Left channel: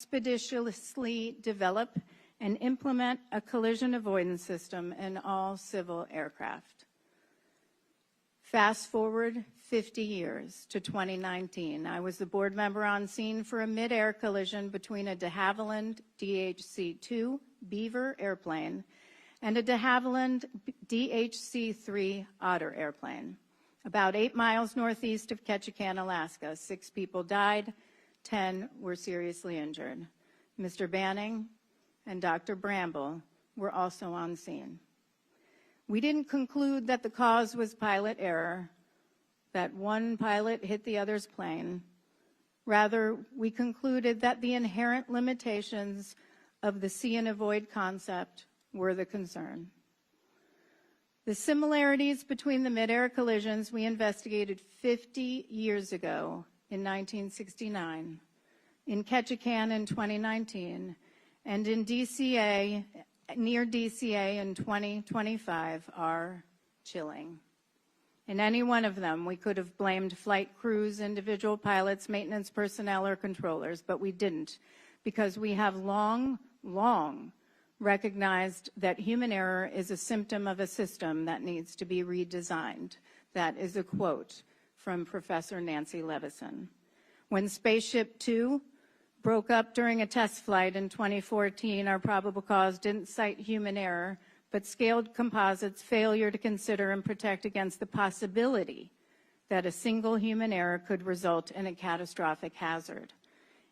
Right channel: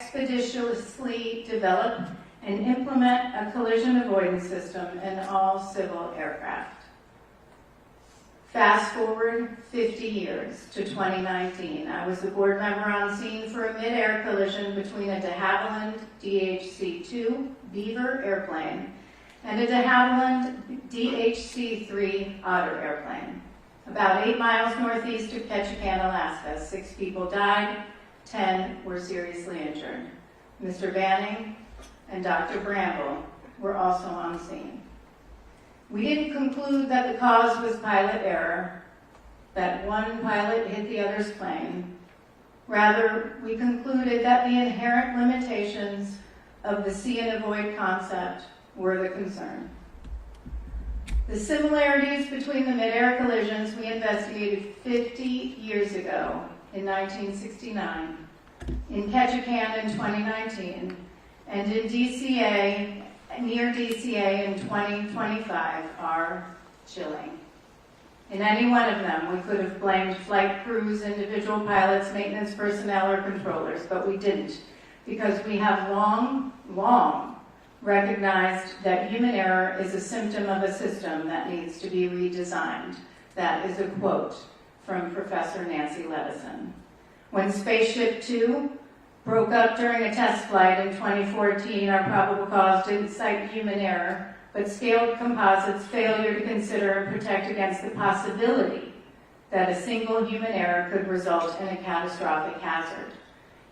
expeditiously develop and implement a collision avoidance system in all civil aircraft. Fast forward 50 years to 2019. I was the board member on scene for a mid-air collision between a de Havilland DHC-2 Beaver airplane and a de Havilland DHC-3 Otter airplane. About 8 miles northeast of Ketchikan, Alaska, 6 people died, 10 were seriously injured. Mr. Banning and Dr. Bramble were also on scene. We didn't conclude that the cause was pilot error, that one pilot hit the other's plane. Rather, we concluded that the inherent limitations of the see and avoid concept were the concern. The similarities between the mid-air collisions we investigated 50 years ago in 1969, in Ketchikan in 2019, and in DCA, near DCA in 2025 are chilling. In any one of them, we could have blamed flight crews, individual pilots, maintenance personnel, or controllers, but we didn't, because we have long recognized that human error is a symptom of a system that needs to be redesigned. That is a quote from Professor Nancy Levison. When Spaceship Two broke up during a test flight in 2014, our probable cause didn't cite human error, but scaled composites' failure to consider and protect against the possibility that a single human error could result in a catastrophic hazard.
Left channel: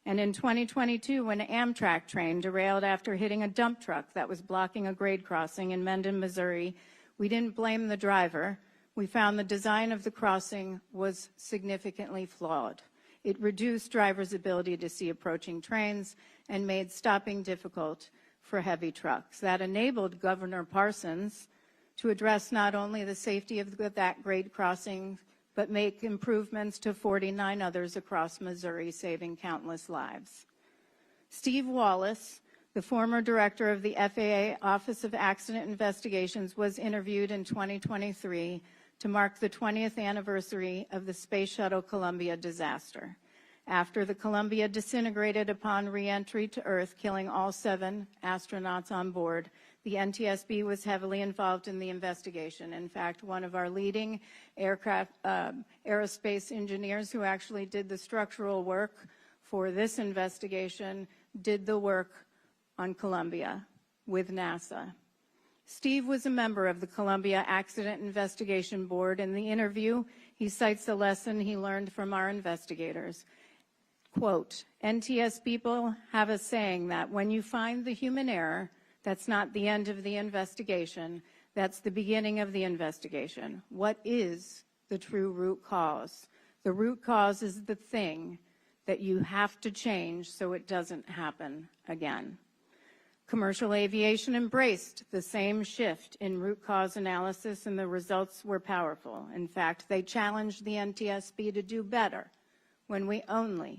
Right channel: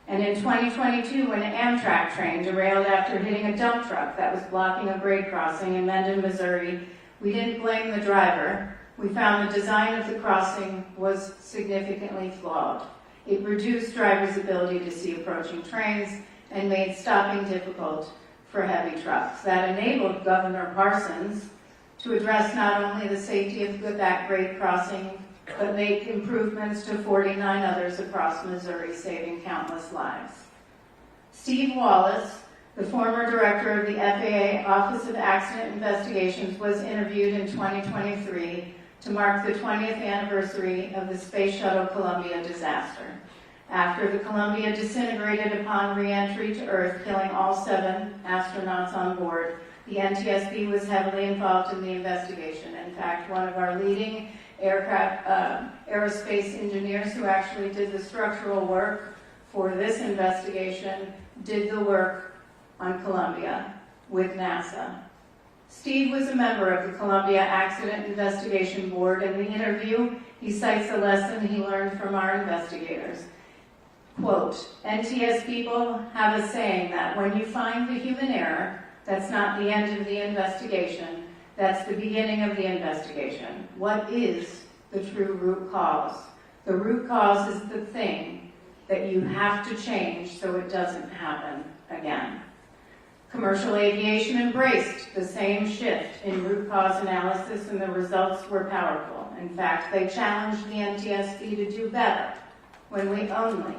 And in 2022, when an Amtrak train derailed after hitting a dump truck that was blocking a grade crossing in Mendon, Missouri, we didn't blame the driver. We found the design of the crossing was significantly flawed. It reduced drivers' ability to see approaching trains and made stopping difficult for heavy trucks. That enabled Governor Parsons to address not only the safety of that grade crossing, but make improvements to 49 others across Missouri, saving countless lives. Steve Wallace, the former director of the FAA Office of Accident Investigations, was interviewed in 2023 to mark the 20th anniversary of the Space Shuttle Columbia disaster. After the Columbia disintegrated upon re-entry to Earth, killing all 7 astronauts on board, the NTSB was heavily involved in the investigation. In fact, one of our leading aerospace engineers who actually did the structural work for this investigation did the work on Columbia with NASA. Steve was a member of the Columbia Accident Investigation Board. In the interview, he cites a lesson he learned from our investigators. Quote, NTS people have a saying that when you find the human error, that's not the end of the investigation, that's the beginning of the investigation. What is the true root cause? The root cause is the thing that you have to change so it doesn't happen again. Commercial aviation embraced the same shift in root cause analysis, and the results were powerful. In fact, they challenged the NTSB to do better when we only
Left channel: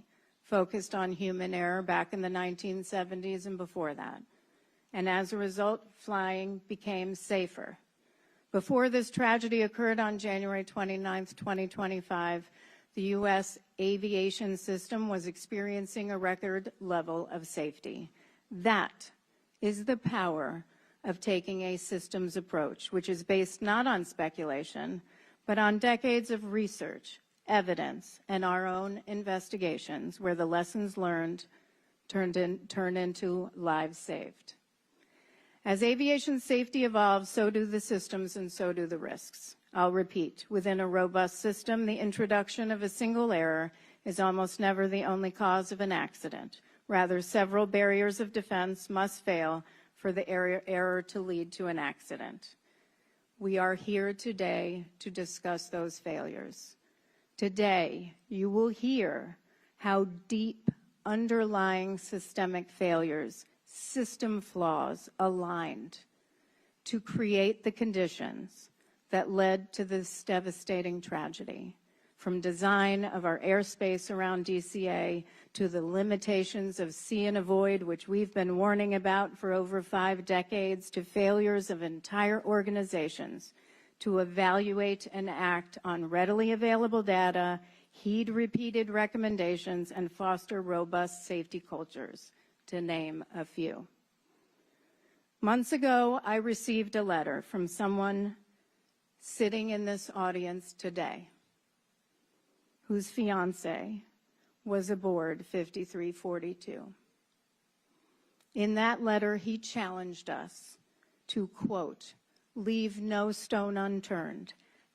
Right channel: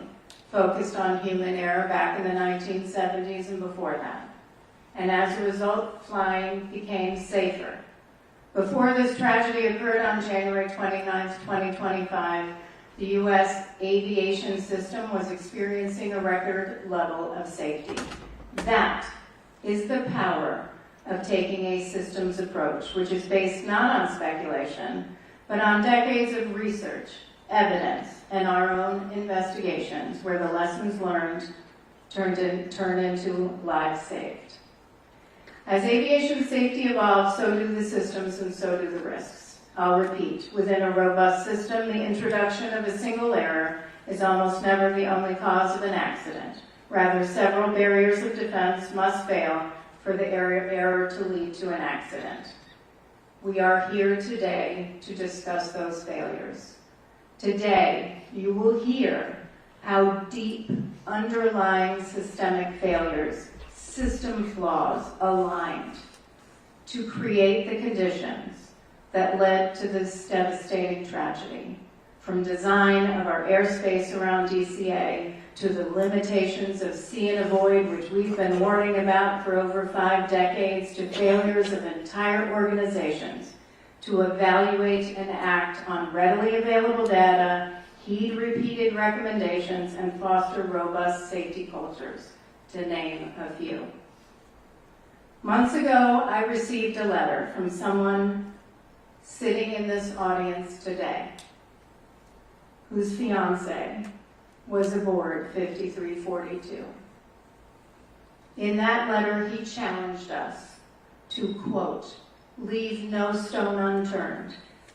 focused on human error back in the 1970s and before that. And as a result, flying became safer. Before this tragedy occurred on January 29, 2025, the U.S. aviation system was experiencing a record level of safety. That is the power of taking a systems approach, which is based not on speculation, but on decades of research, evidence, and our own investigations, where the lessons learned turned into lives saved. As aviation safety evolves, so do the systems and so do the risks. I'll repeat, within a robust system, the introduction of a single error is almost never the only cause of an accident. Rather, several barriers of defense must fail for the error to lead to an accident. We are here today to discuss those failures. Today, you will hear how deep underlying systemic failures, system flaws aligned to create the conditions that led to this devastating tragedy. From design of our airspace around DCA to the limitations of see and avoid, which we've been warning about for over 5 decades, to failures of entire organizations to evaluate and act on readily available data, heed repeated recommendations, and foster robust safety cultures. to name a few. Months ago, I received a letter from someone sitting in this audience today whose fiance was aboard 5342. In that letter, he challenged us to, quote, leave no stone unturned,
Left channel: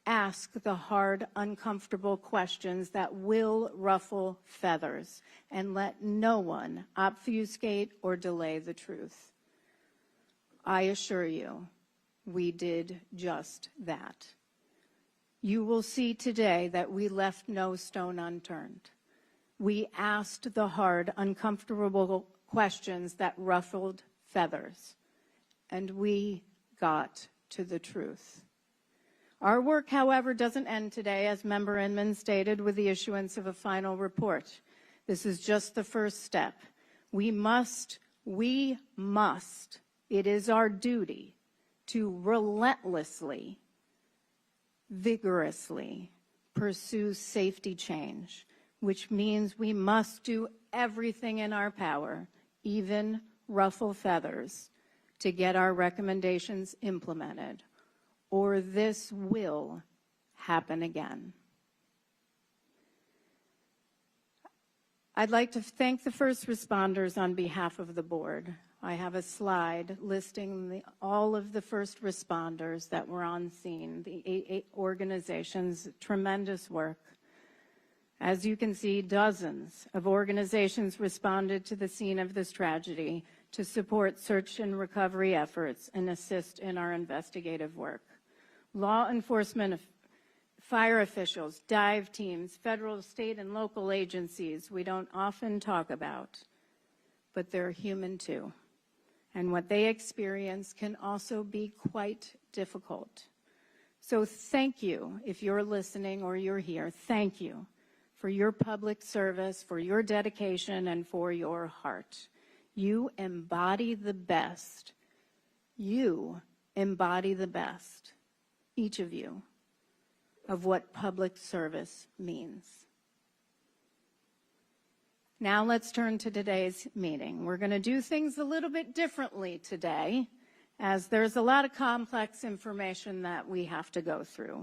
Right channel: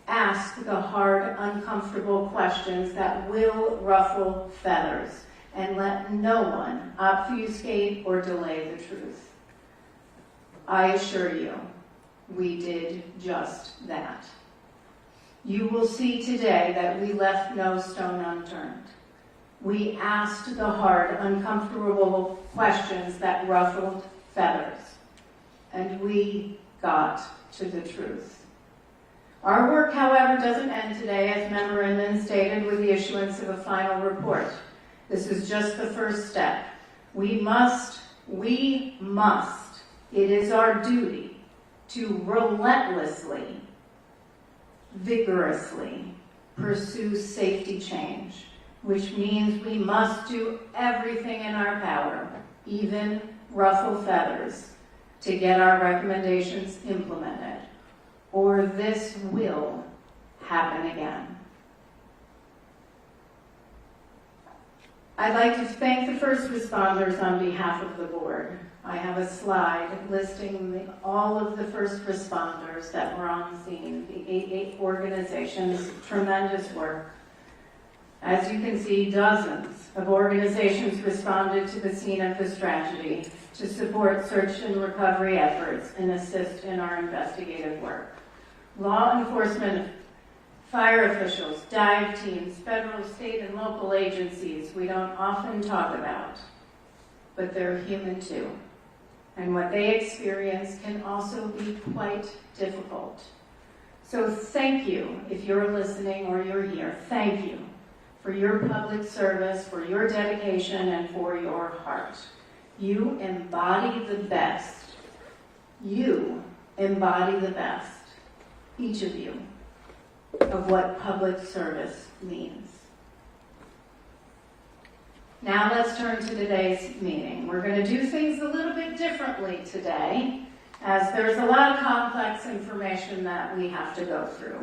ask the hard, uncomfortable questions that will ruffle feathers, and let no one obfuscate or delay the truth. I assure you, we did just that. You will see today that we left no stone unturned. We asked the hard, uncomfortable questions that ruffled feathers, and we got to the truth. Our work, however, doesn't end today, as Member Inman stated, with the issuance of a final report. This is just the first step. We must, it is our duty to relentlessly, vigorously pursue safety change, which means we must do everything in our power, even ruffle feathers, to get our recommendations implemented, or this will happen again. I'd like to thank the first responders on behalf of the board. I have a slide listing all of the first responders that were on scene, the 8 organizations, tremendous work. As you can see, dozens of organizations responded to the scene of this tragedy to support search and recovery efforts and assist in our investigative work. Law enforcement, fire officials, dive teams, federal, state, and local agencies we don't often talk about, but they're human too. And what they experience can also be quite difficult. So thank you, if you're listening or you're here, thank you for your public service, for your dedication, and for your heart. You embody the best. You embody the best, each of you, of what public service means. Now let's turn to today's meeting. We're going to do things a little bit differently today, as there's a lot of complex information that we have to go through.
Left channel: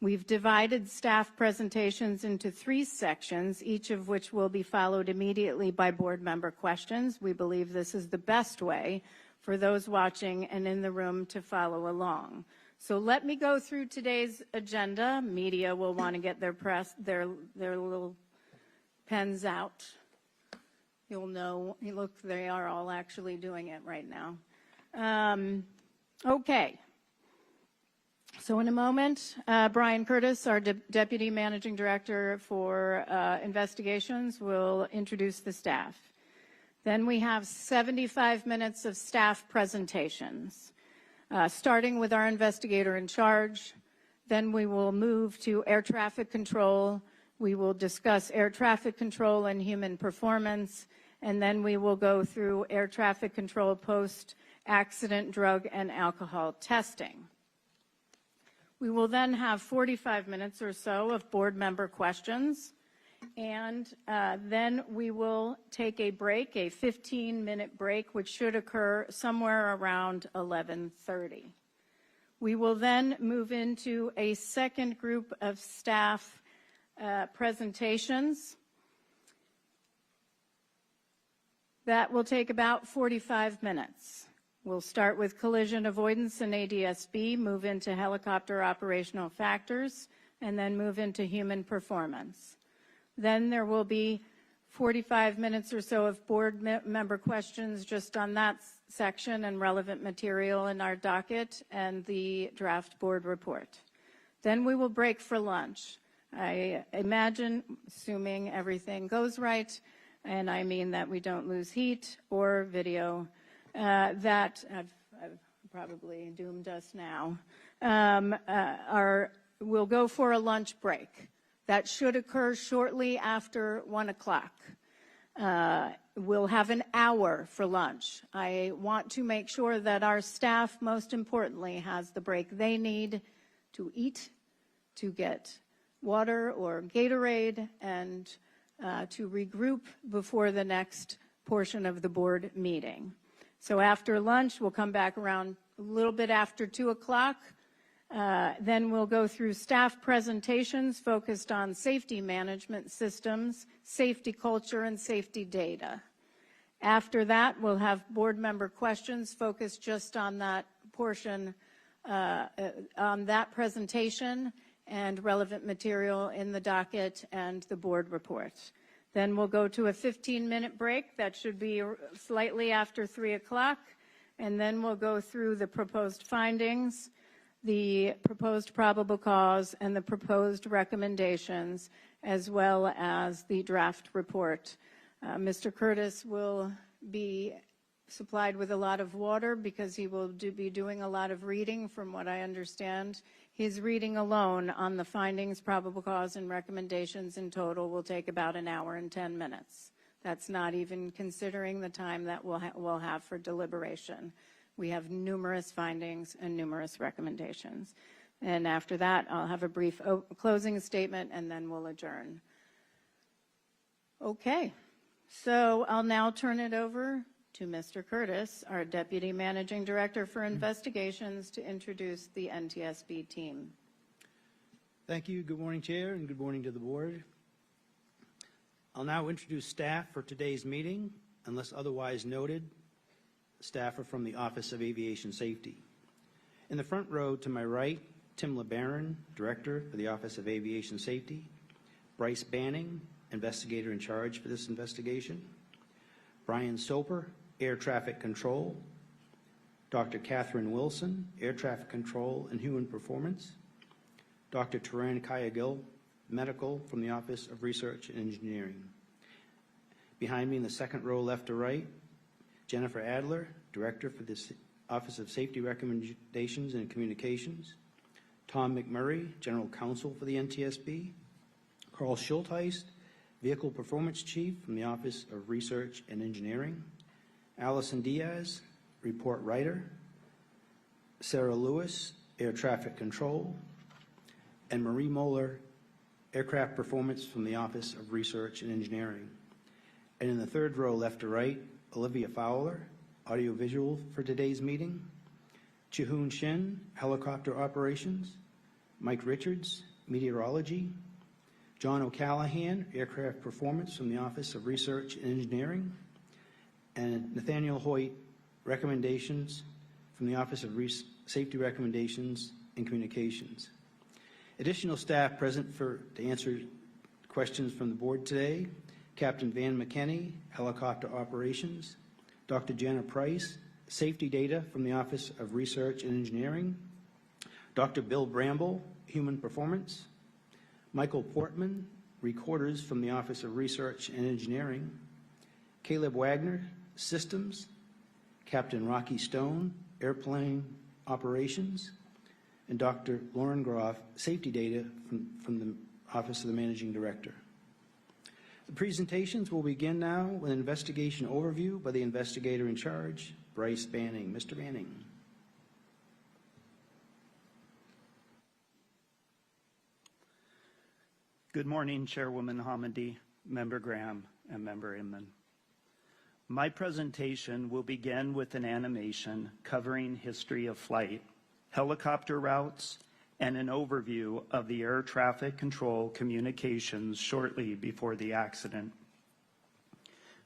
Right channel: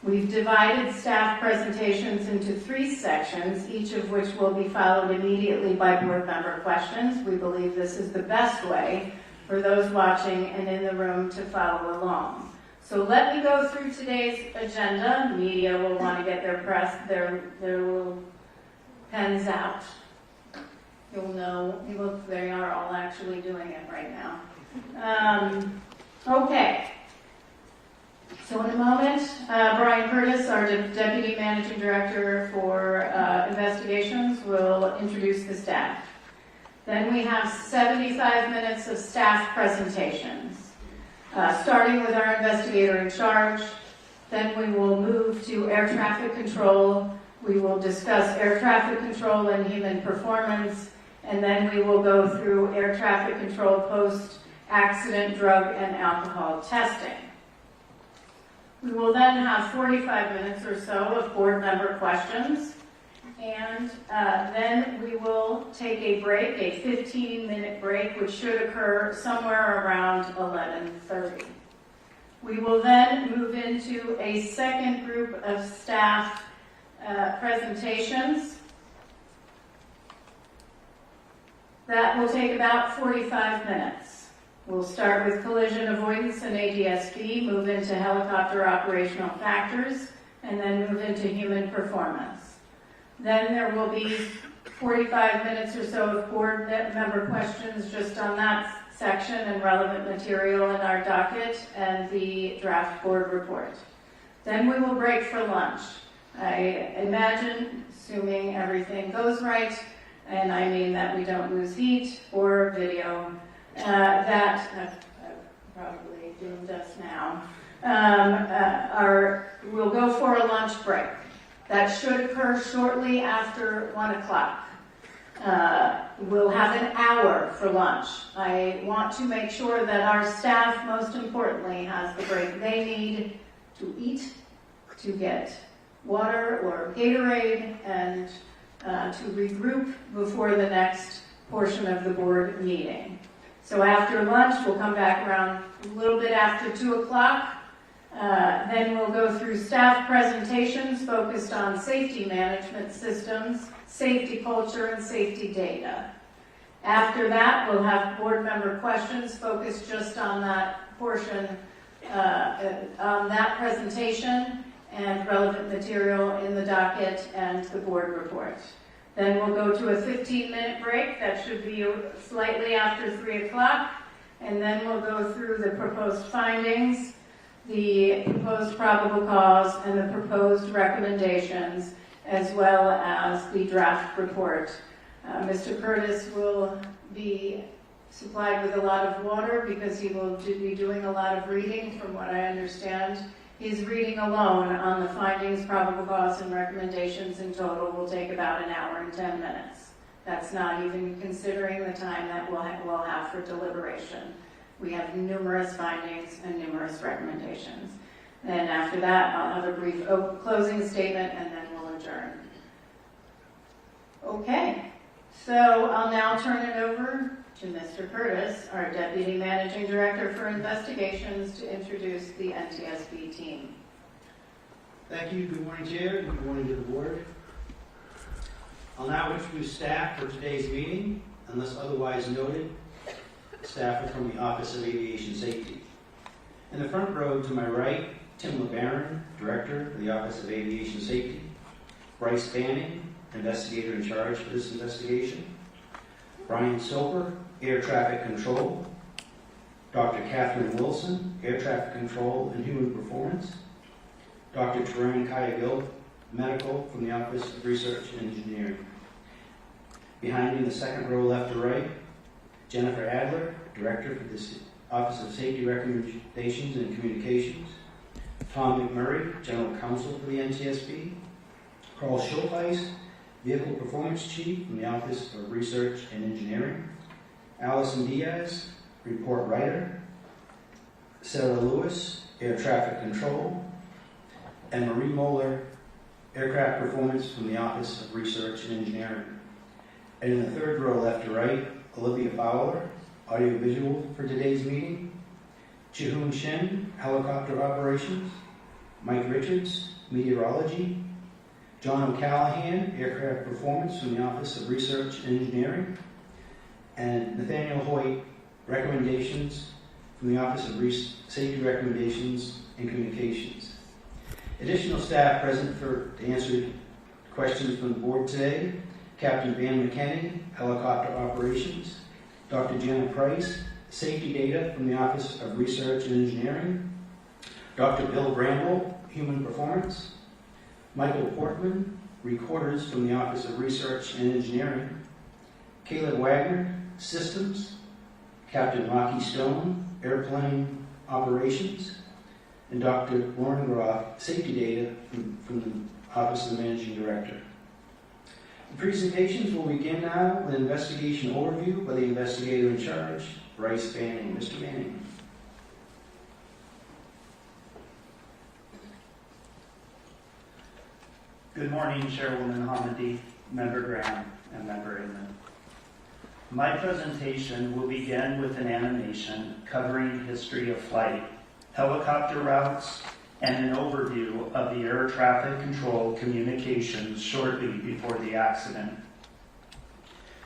We've divided staff presentations into 3 sections, each of which will be followed immediately by board member questions. We believe this is the best way for those watching and in the room to follow along. So let me go through today's agenda. Media will want to get their little pens out. You'll know, look, they are all actually doing it right now. Okay. So in a moment, Brian Curtis, our Deputy Managing Director for Investigations, will introduce the staff. Then we have 75 minutes of staff presentations, starting with our investigator in charge. Then we will move to air traffic control. We will discuss air traffic control and human performance. And then we will go through air traffic control post-accident drug and alcohol testing. We will then have 45 minutes or so of board member questions, and then we will take a break, a 15-minute break, which should occur somewhere around 11:30. We will then move into a second group of staff presentations. That will take about 45 minutes. We'll start with collision avoidance and NTSB, move into helicopter operational factors, and then move into human performance. Then there will be 45 minutes or so of board member questions just on that section and relevant material in our docket and the draft board report. Then we will break for lunch. I imagine, assuming everything goes right, and I mean that we don't lose heat or video, that I'm probably doing just now, we'll go for a lunch break. That should occur shortly after 1 o'clock. We'll have an hour for lunch. I want to make sure that our staff, most importantly, has the break they need to eat, to get water or Gatorade, and to regroup before the next portion of the board meeting. So after lunch, we'll come back around a little bit after 2 o'clock. Then we'll go through staff presentations focused on safety management systems, safety culture, and safety data. After that, we'll have board member questions focused just on that portion, on that presentation and relevant material in the docket and the board report. Then we'll go to a 15-minute break. That should be slightly after 3 o'clock. And then we'll go through the proposed findings, the proposed probable cause, and the proposed recommendations, as well as the draft report. Mr. Curtis will be supplied with a lot of water because he will be doing a lot of reading, from what I understand. His reading alone on the findings, probable cause, and recommendations in total will take about an hour and 10 minutes. That's not even considering the time that we'll have for deliberation. We have numerous findings and numerous recommendations. And after that, I'll have a brief closing statement, and then we'll adjourn. Okay, so I'll now turn it over to Mr. Curtis, our Deputy Managing Director for Investigations, to introduce the NTSB team. Thank you. Good morning, Chair, and good morning to the board. I'll now introduce staff for today's meeting. Unless otherwise noted, staff are from the Office of Aviation Safety. In the front row to my right, Tim LeBaron, Director for the Office of Aviation Safety. Bryce Banning, Investigator in charge for this investigation. Brian Soper, Air Traffic Control. Dr. Catherine Wilson, Air Traffic Control and Human Performance. Dr. Tarang Kayagil, Medical from the Office of Research and Engineering. Behind me in the second row, left to right, Jennifer Adler, Director for the Office of Safety Recommendations and Communications. Tom McMurray, General Counsel for the NTSB. Carl Schultheis, Vehicle Performance Chief from the Office of Research and Engineering. Allison Diaz, Report Writer. Sarah Lewis, Air Traffic Control. And Marie Moeller, Aircraft Performance from the Office of Research and Engineering. And in the third row, left to right, Olivia Fowler, Audiovisual for today's meeting. Chihoon Shin, Helicopter Operations. Mike Richards, Meteorology. John O'Callahan, Aircraft Performance from the Office of Research and Engineering. And Nathaniel Hoyt, Recommendations from the Office of Safety Recommendations and Communications. Additional staff present to answer questions from the board today: Captain Van McKinney, Helicopter Operations. Dr. Janet Price, Safety Data from the Office of Research and Engineering. Dr. Bill Bramble, Human Performance. Michael Portman, Recorders from the Office of Research and Engineering. Caleb Wagner, Systems. Captain Rocky Stone, Airplane Operations. And Dr. Lauren Groff, Safety Data from the Office of the Managing Director. The presentations will begin now with an investigation overview by the investigator in charge, Bryce Banning. Mr. Banning. Good morning, Chairwoman Hamady, Member Graham, and Member Inman. My presentation will begin with an animation covering history of flight, helicopter routes, and an overview of the air traffic control communications shortly before the accident.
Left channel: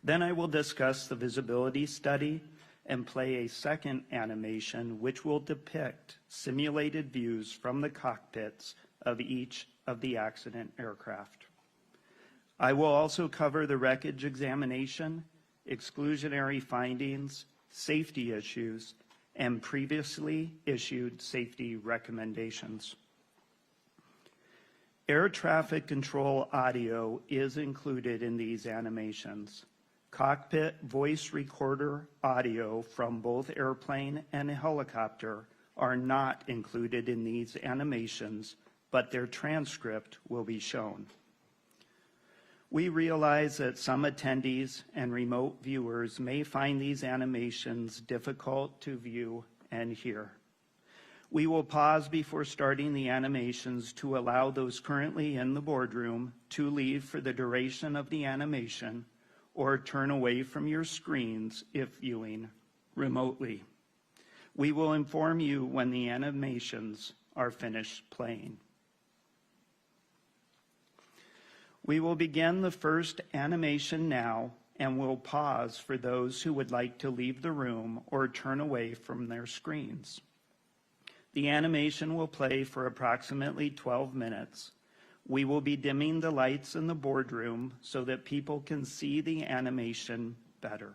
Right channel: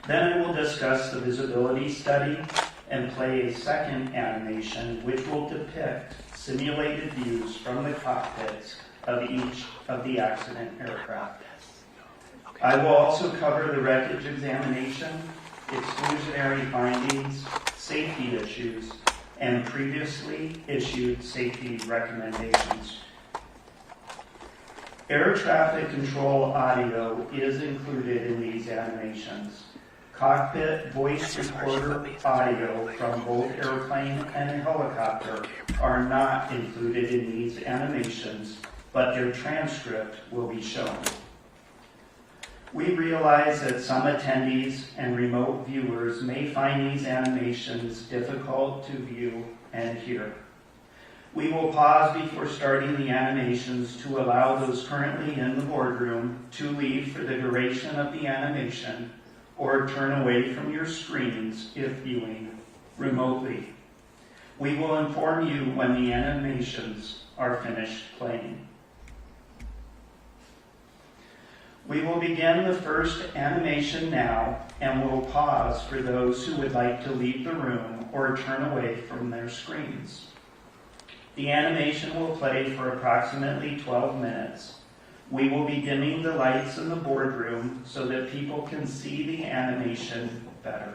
Then I will discuss the visibility study and play a second animation which will depict simulated views from the cockpits of each of the accident aircraft. I will also cover the wreckage examination, exclusionary findings, safety issues, and previously issued safety recommendations. Air traffic control audio is included in these animations. Cockpit voice recorder audio from both airplane and helicopter are not included in these animations, but their transcript will be shown. We realize that some attendees and remote viewers may find these animations difficult to view and hear. We will pause before starting the animations to allow those currently in the boardroom to leave for the duration of the animation, or turn away from your screens if viewing remotely. We will inform you when the animations are finished playing. We will begin the first animation now and will pause for those who would like to leave the room or turn away from their screens. The animation will play for approximately 12 minutes. We will be dimming the lights in the boardroom so that people can see the animation better.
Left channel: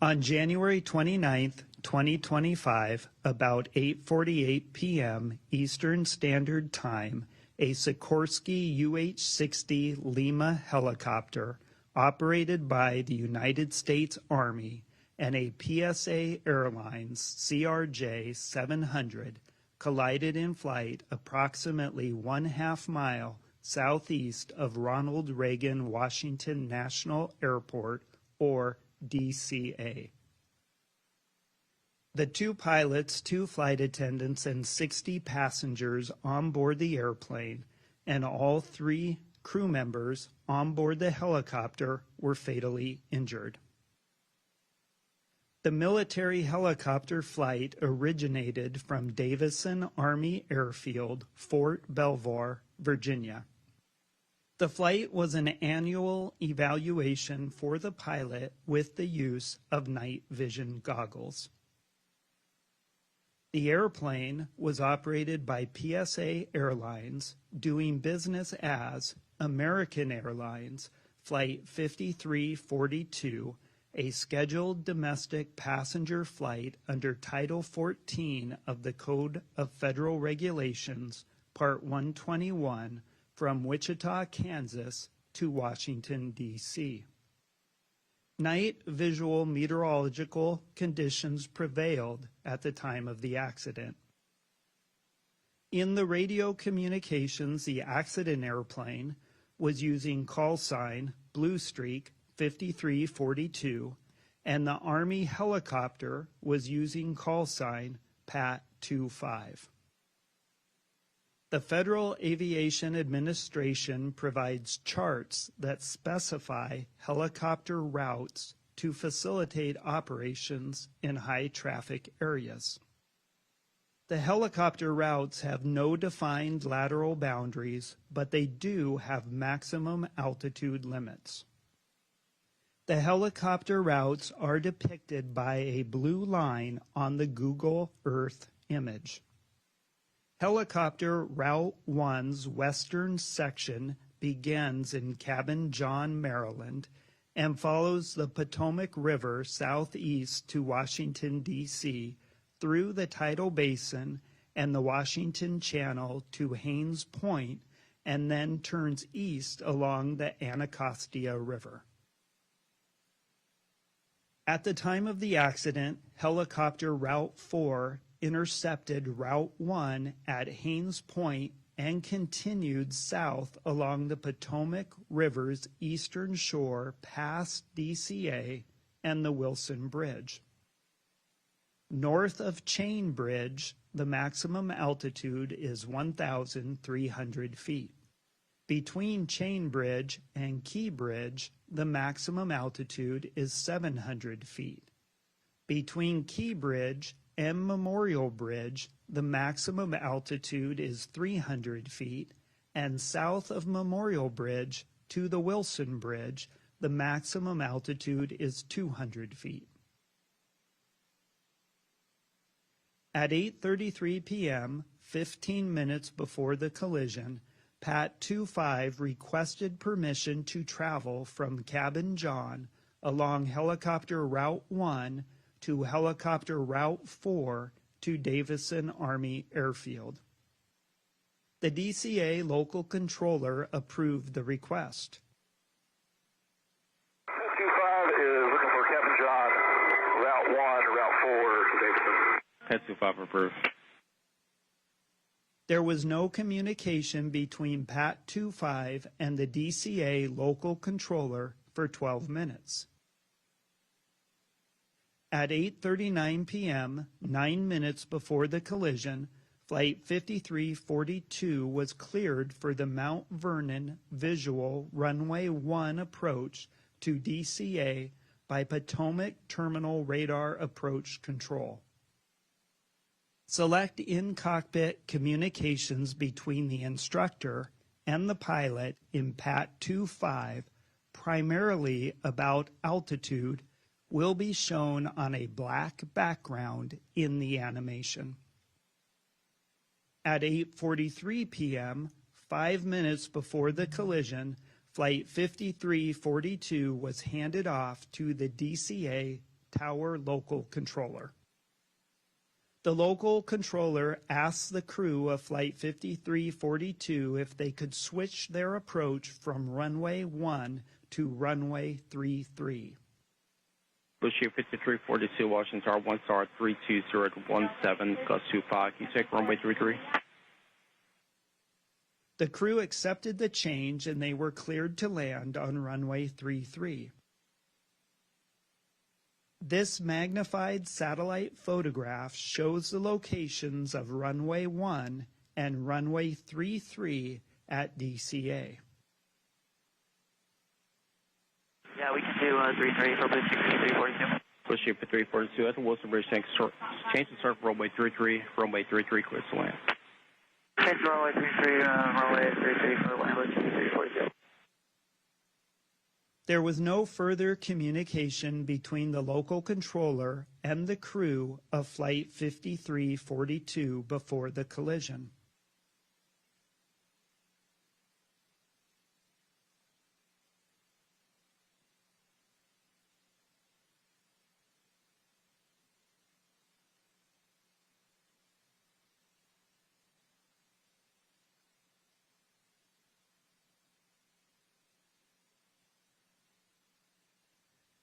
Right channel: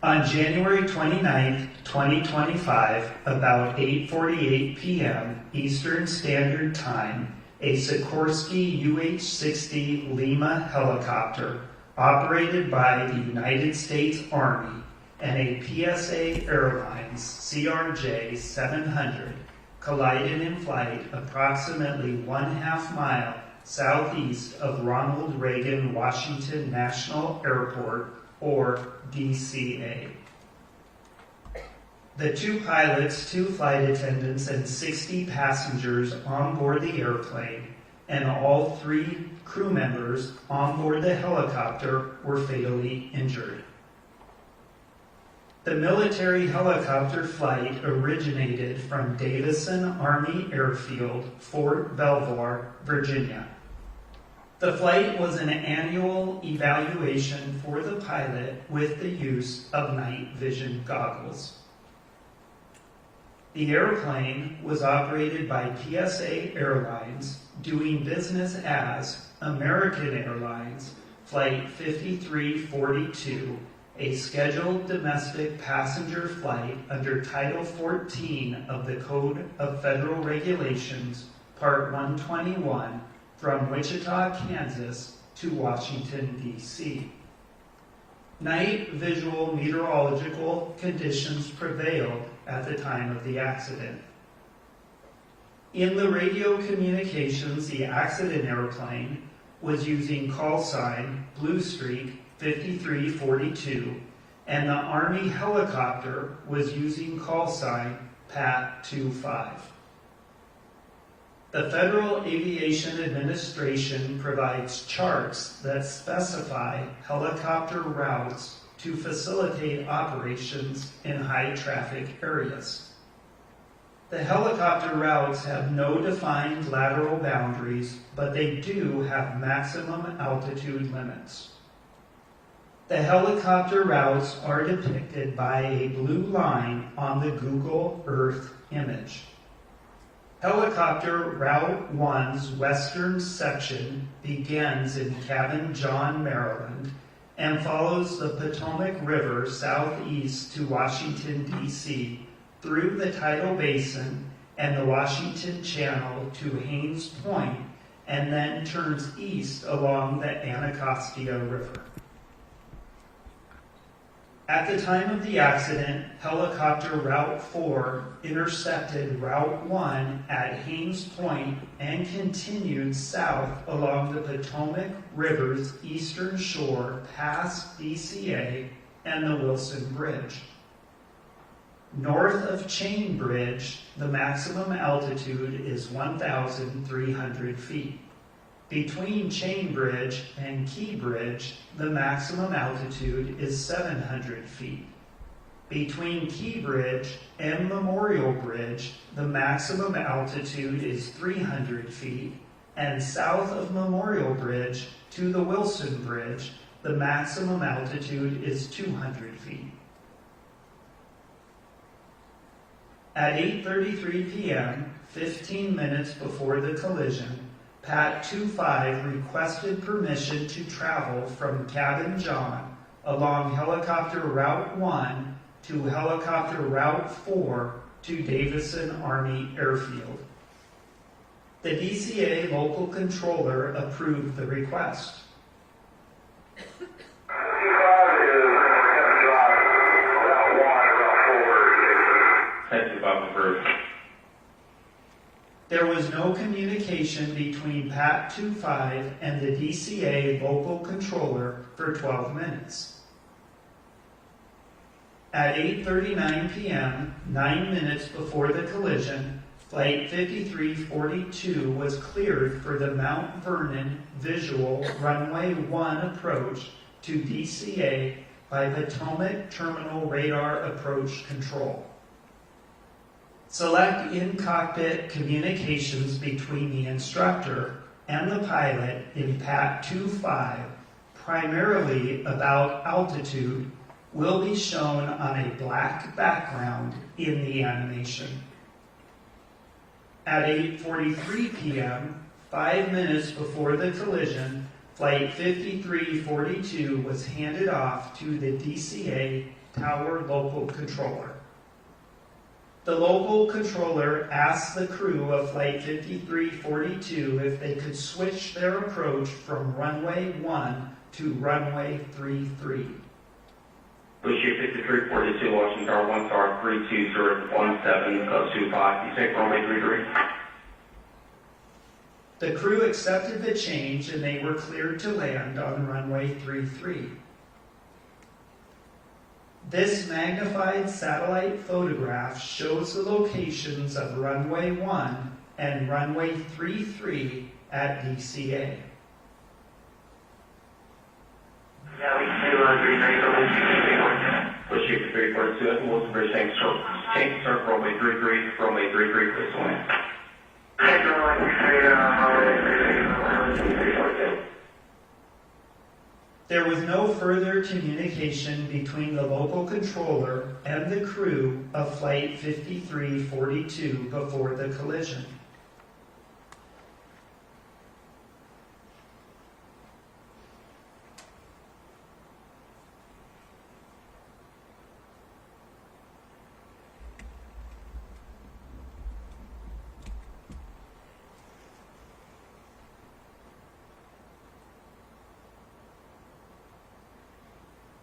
On January 29, 2025, about 8:48 p.m. Eastern Standard Time, a Sikorsky UH-60 Lima helicopter operated by the United States Army and a PSA Airlines CRJ-700 collided in flight approximately 1/2 mile southeast of Ronald Reagan Washington National Airport, or DCA. The 2 pilots, 2 flight attendants, and 60 passengers on board the airplane, and all 3 crew members on board the helicopter were fatally injured. The military helicopter flight originated from Davison Army Airfield, Fort Belvoir, Virginia. The flight was an annual evaluation for the pilot with the use of night vision goggles. The airplane was operated by PSA Airlines, doing business as American Airlines Flight 5342, a scheduled domestic passenger flight under Title 14 of the Code of Federal Regulations, Part 121, from Wichita, Kansas to Washington, D.C. Night visual meteorological conditions prevailed at the time of the accident. In the radio communications, the accident airplane was using call sign Blue Streak 5342, and the Army helicopter was using call sign Pat 25. The Federal Aviation Administration provides charts that specify helicopter routes to facilitate operations in high-traffic areas. The helicopter routes have no defined lateral boundaries, but they do have maximum altitude limits. The helicopter routes are depicted by a blue line on the Google Earth image. Helicopter Route 1's western section begins in Cabin John, Maryland, and follows the Potomac River southeast to Washington, D.C., through the Tidal Basin and the Washington Channel to Haines Point, and then turns east along the Anacostia River. At the time of the accident, helicopter Route 4 intersected Route 1 at Haines Point and continued south along the Potomac River's eastern shore past DCA and the Wilson Bridge. North of Chain Bridge, the maximum altitude is 1,300 feet. Between Chain Bridge and Key Bridge, the maximum altitude is 700 feet. Between Key Bridge and Memorial Bridge, the maximum altitude is 300 feet, and south of Memorial Bridge to the Wilson Bridge, the maximum altitude is 200 feet. At 8:33 p.m., 15 minutes before the collision, Pat 25 requested permission to travel from Cabin John along Helicopter Route 1 to Helicopter Route 4 to Davison Army Airfield. The DCA local controller approved the request. Head to Bob first. There was no communication between Pat 25 and the DCA local controller for 12 minutes. At 8:39 p.m., 9 minutes before the collision, Flight 5342 was cleared for the Mount Vernon Visual Runway 1 approach to DCA by Potomac Terminal Radar Approach Control. Select in-cockpit communications between the instructor and the pilot in PAT 25, primarily about altitude, will be shown on a black background in the animation. At 8:43 p.m., 5 minutes before the collision, Flight 5342 was handed off to the DCA Tower Local Controller. The local controller asked the crew of Flight 5342 if they could switch their approach from runway 1 to runway 33. Bushir 5342, Washington Tower 1 star 32017, you take runway 33. The crew accepted the change and they were cleared to land on runway 33. This magnified satellite photograph shows the locations of runway 1 and runway 33 at DCA. Yeah, we can do runway 33. Bushir 5342, and Wilson Bridge, change start runway 33, runway 33, please land. Take runway 33, runway 33. There was no further communication between the local controller and the crew of Flight 5342 before the collision.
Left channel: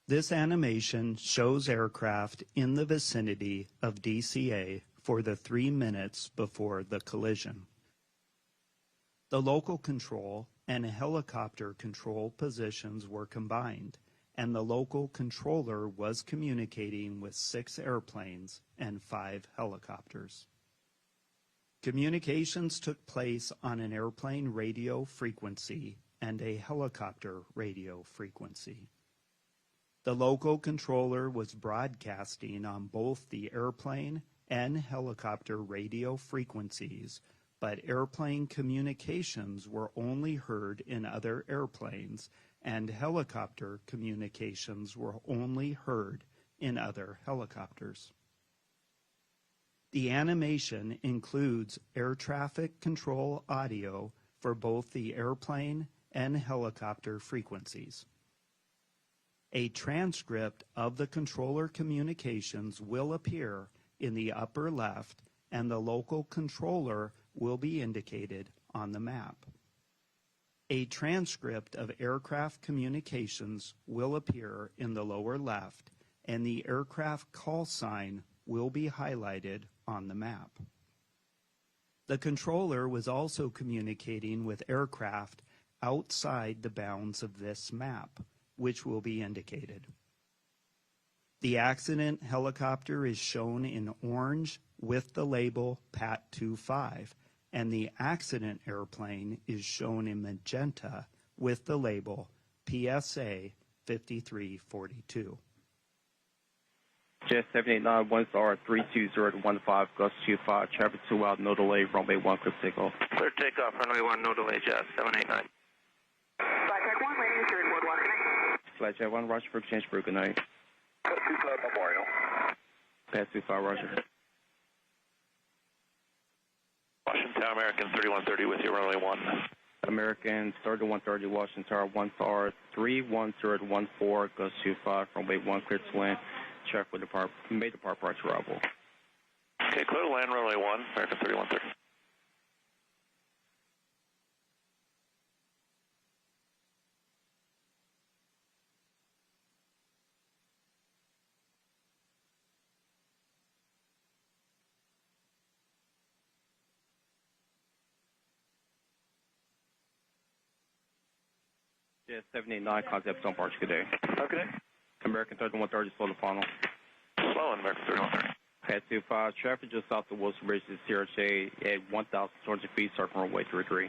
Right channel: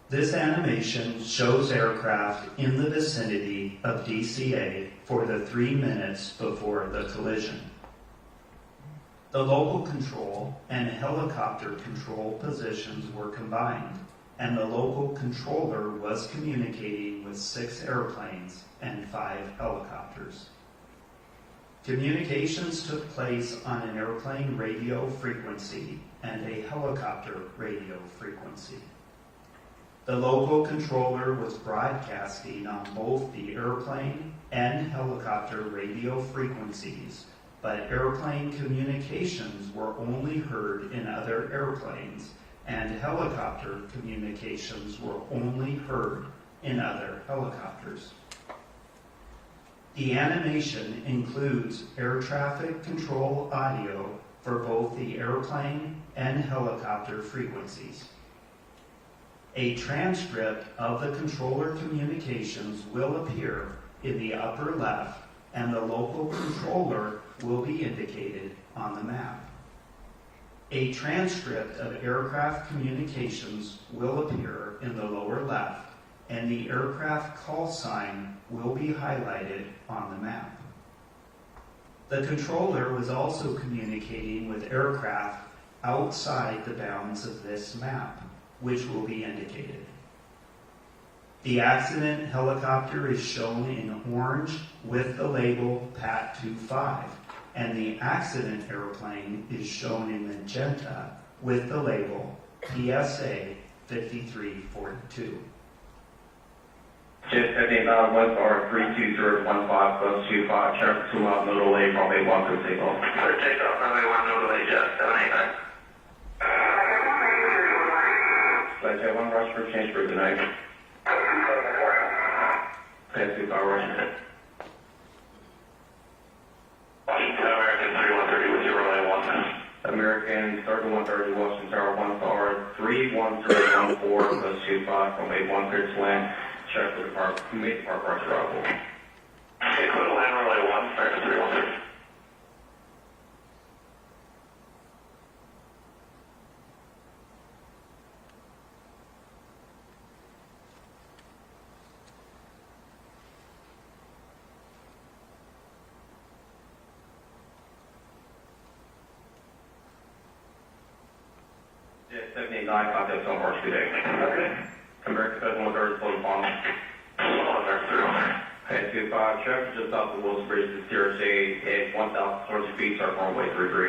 This animation shows aircraft in the vicinity of DCA for the 3 minutes before the collision. The local control and helicopter control positions were combined, and the local controller was communicating with 6 airplanes and 5 helicopters. Communications took place on an airplane radio frequency and a helicopter radio frequency. The local controller was broadcasting on both the airplane and helicopter radio frequencies, but airplane communications were only heard in other airplanes, and helicopter communications were only heard in other helicopters. The animation includes air traffic control audio for both the airplane and helicopter frequencies. A transcript of the controller communications will appear in the upper left, and the local controller will be indicated on the map. A transcript of aircraft communications will appear in the lower left, and the aircraft call sign will be highlighted on the map. The controller was also communicating with aircraft outside the bounds of this map, which will be indicated. The accident helicopter is shown in orange with the label PAT 25, and the accident airplane is shown in magenta with the label PSA 5342. Jet 17,000, 1 star 32015, traffic 2 miles, no delay, runway 1 for signal. Clear takeoff, runway 1, no delay, Jet 789. Flight Jet 1, rush for change for good night. Flight 25, Washington. Washington, American 3130 with your runway 1. American, starting 130, Washington Tower 1 star 31014, plus 25, runway 1, clear to land. Check for the car, make the car approach arrival. Okay, clear to land, runway 1, starting 313. 789, contact on March, good day. Okay. American 7130, full upon. Head 25, traffic just off the Wilson Bridge to CRJ at 1,040 feet, start runway 33.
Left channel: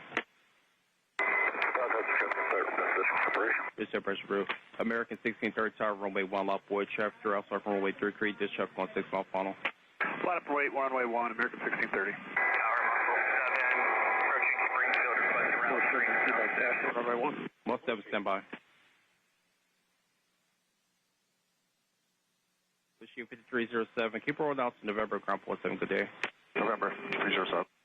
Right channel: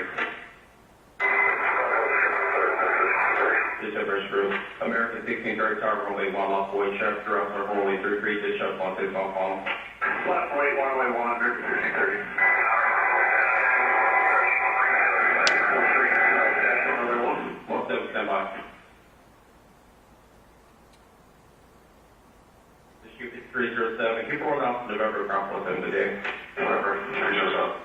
Just up our screw. American 1630, tower runway 1 off Boyd, traffic around start runway 33, just up on 6 on phone. Left right, runway 1, American 1630. Most of stand by. Issue 5307, keep rolling out to November, ground floor 7 today. November 307.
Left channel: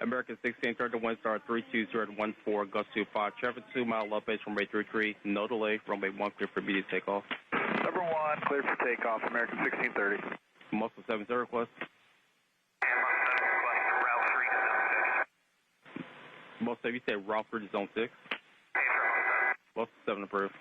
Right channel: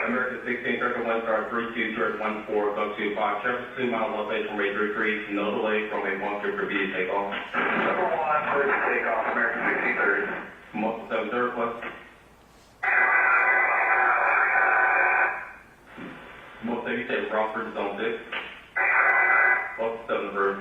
American 1631, star 32014, go to 5, traffic 2 mile elevation, rate 33, no delay from a 1 for immediate takeoff. Number 1, ready to take off, American 1630. Most 70 plus. Most of you said Rockford zone 6. Most 7 bird.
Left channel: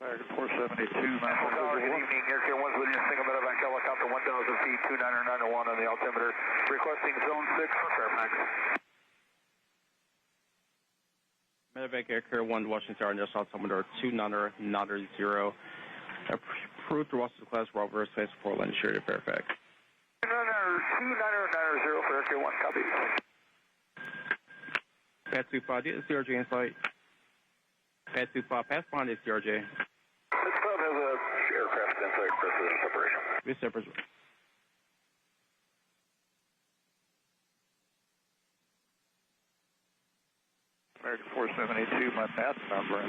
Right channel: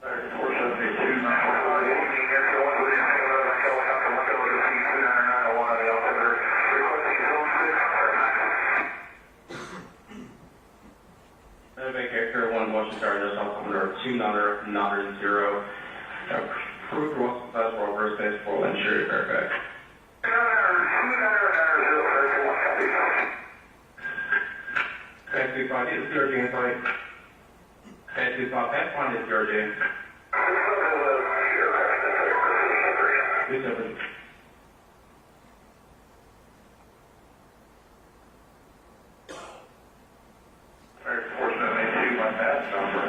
American 472, 911, looking at the one with the helicopter, look over to P2991 on the altimeter, requesting zone 6. Medevac Air 1 Washington Tower, there's altimeter 2990. Approved Russell Class for reverse base for insured Fairfax. Taxi 5, is CRJ in flight? Taxi 5, Pathfinder is CRJ. Yes, sir. American 472, my pass number.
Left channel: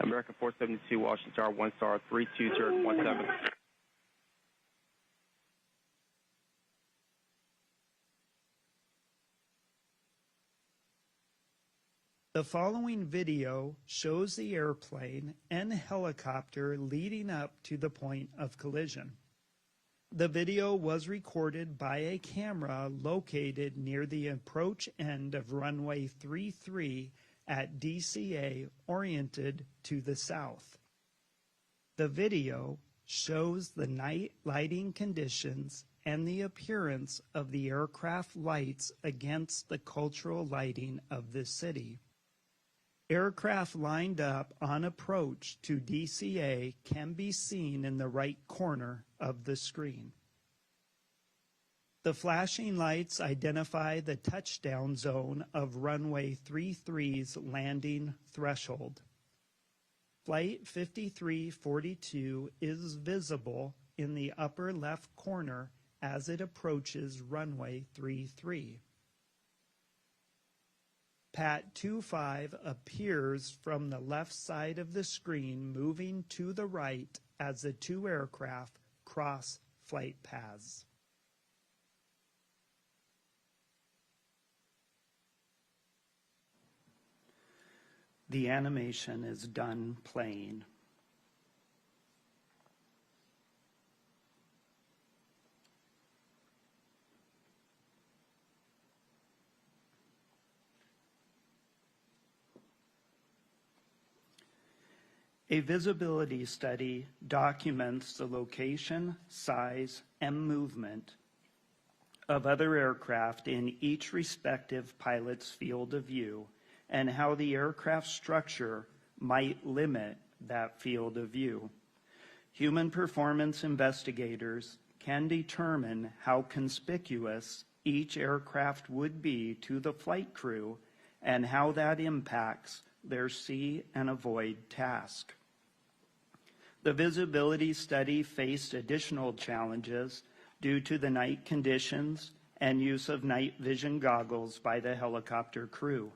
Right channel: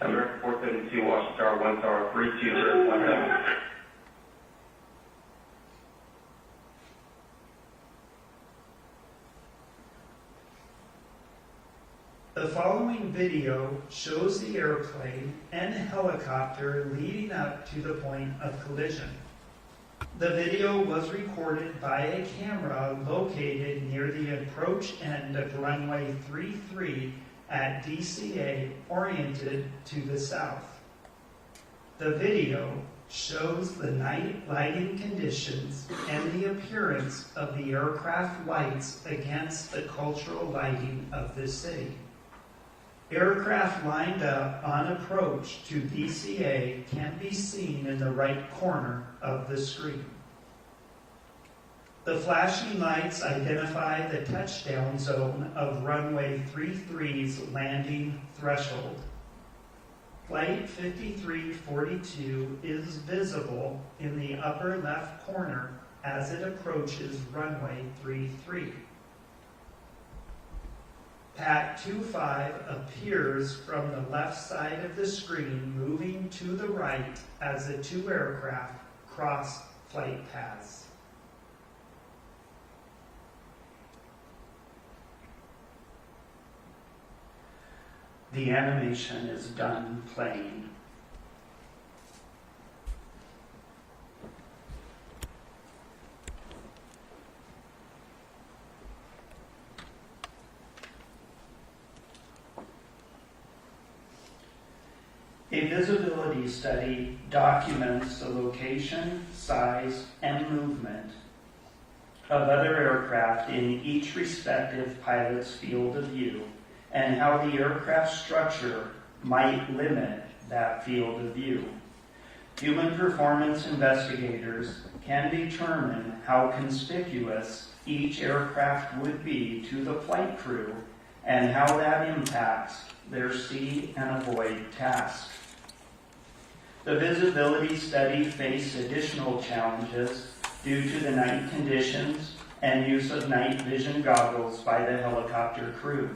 American 472, Washington Tower, 1 star, 32017. The following video shows the airplane and helicopter leading up to the point of collision. The video was recorded by a camera located near the approach end of runway 33 at DCA, oriented to the south. The video shows the night lighting conditions and the appearance of the aircraft lights against the cultural lighting of the city. Aircraft lined up on approach to DCA can be seen in the right corner of the screen. The flashing lights identify the touchdown zone of runway 33's landing threshold. Flight 5342 is visible in the upper left corner as it approaches runway 33. Pat 25 appears from the left side of the screen, moving to the right as the two aircraft cross flight paths. The animation is done playing. A visibility study documents the location, size, and movement of other aircraft in each respective pilot's field of view, and how the aircraft structure might limit that field of view. Human performance investigators can determine how conspicuous each aircraft would be to the flight crew and how that impacts their see and avoid task. The visibility study faced additional challenges due to the night conditions and use of night vision goggles by the helicopter crew.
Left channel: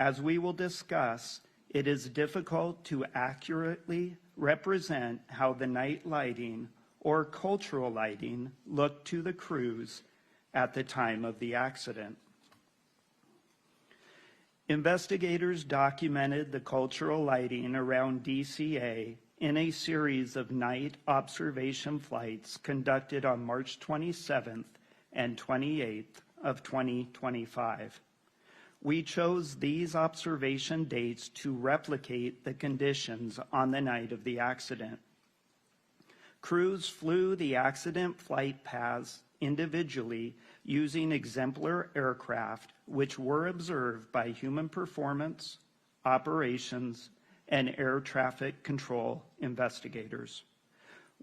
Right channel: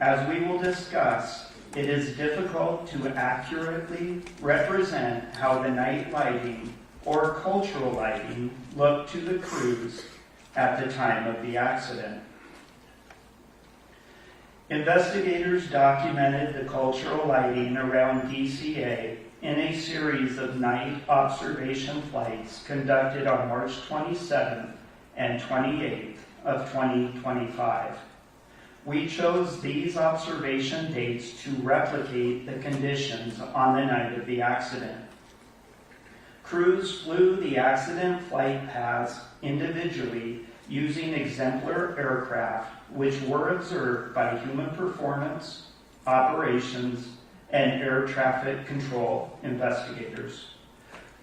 As we will discuss, it is difficult to accurately represent how the night lighting or cultural lighting looked to the crews at the time of the accident. Investigators documented the cultural lighting around DCA in a series of night observation flights conducted on March 27th and 28th of 2025. We chose these observation dates to replicate the conditions on the night of the accident. Crews flew the accident flight paths individually using exemplar aircraft, which were observed by human performance, operations, and air traffic control investigators.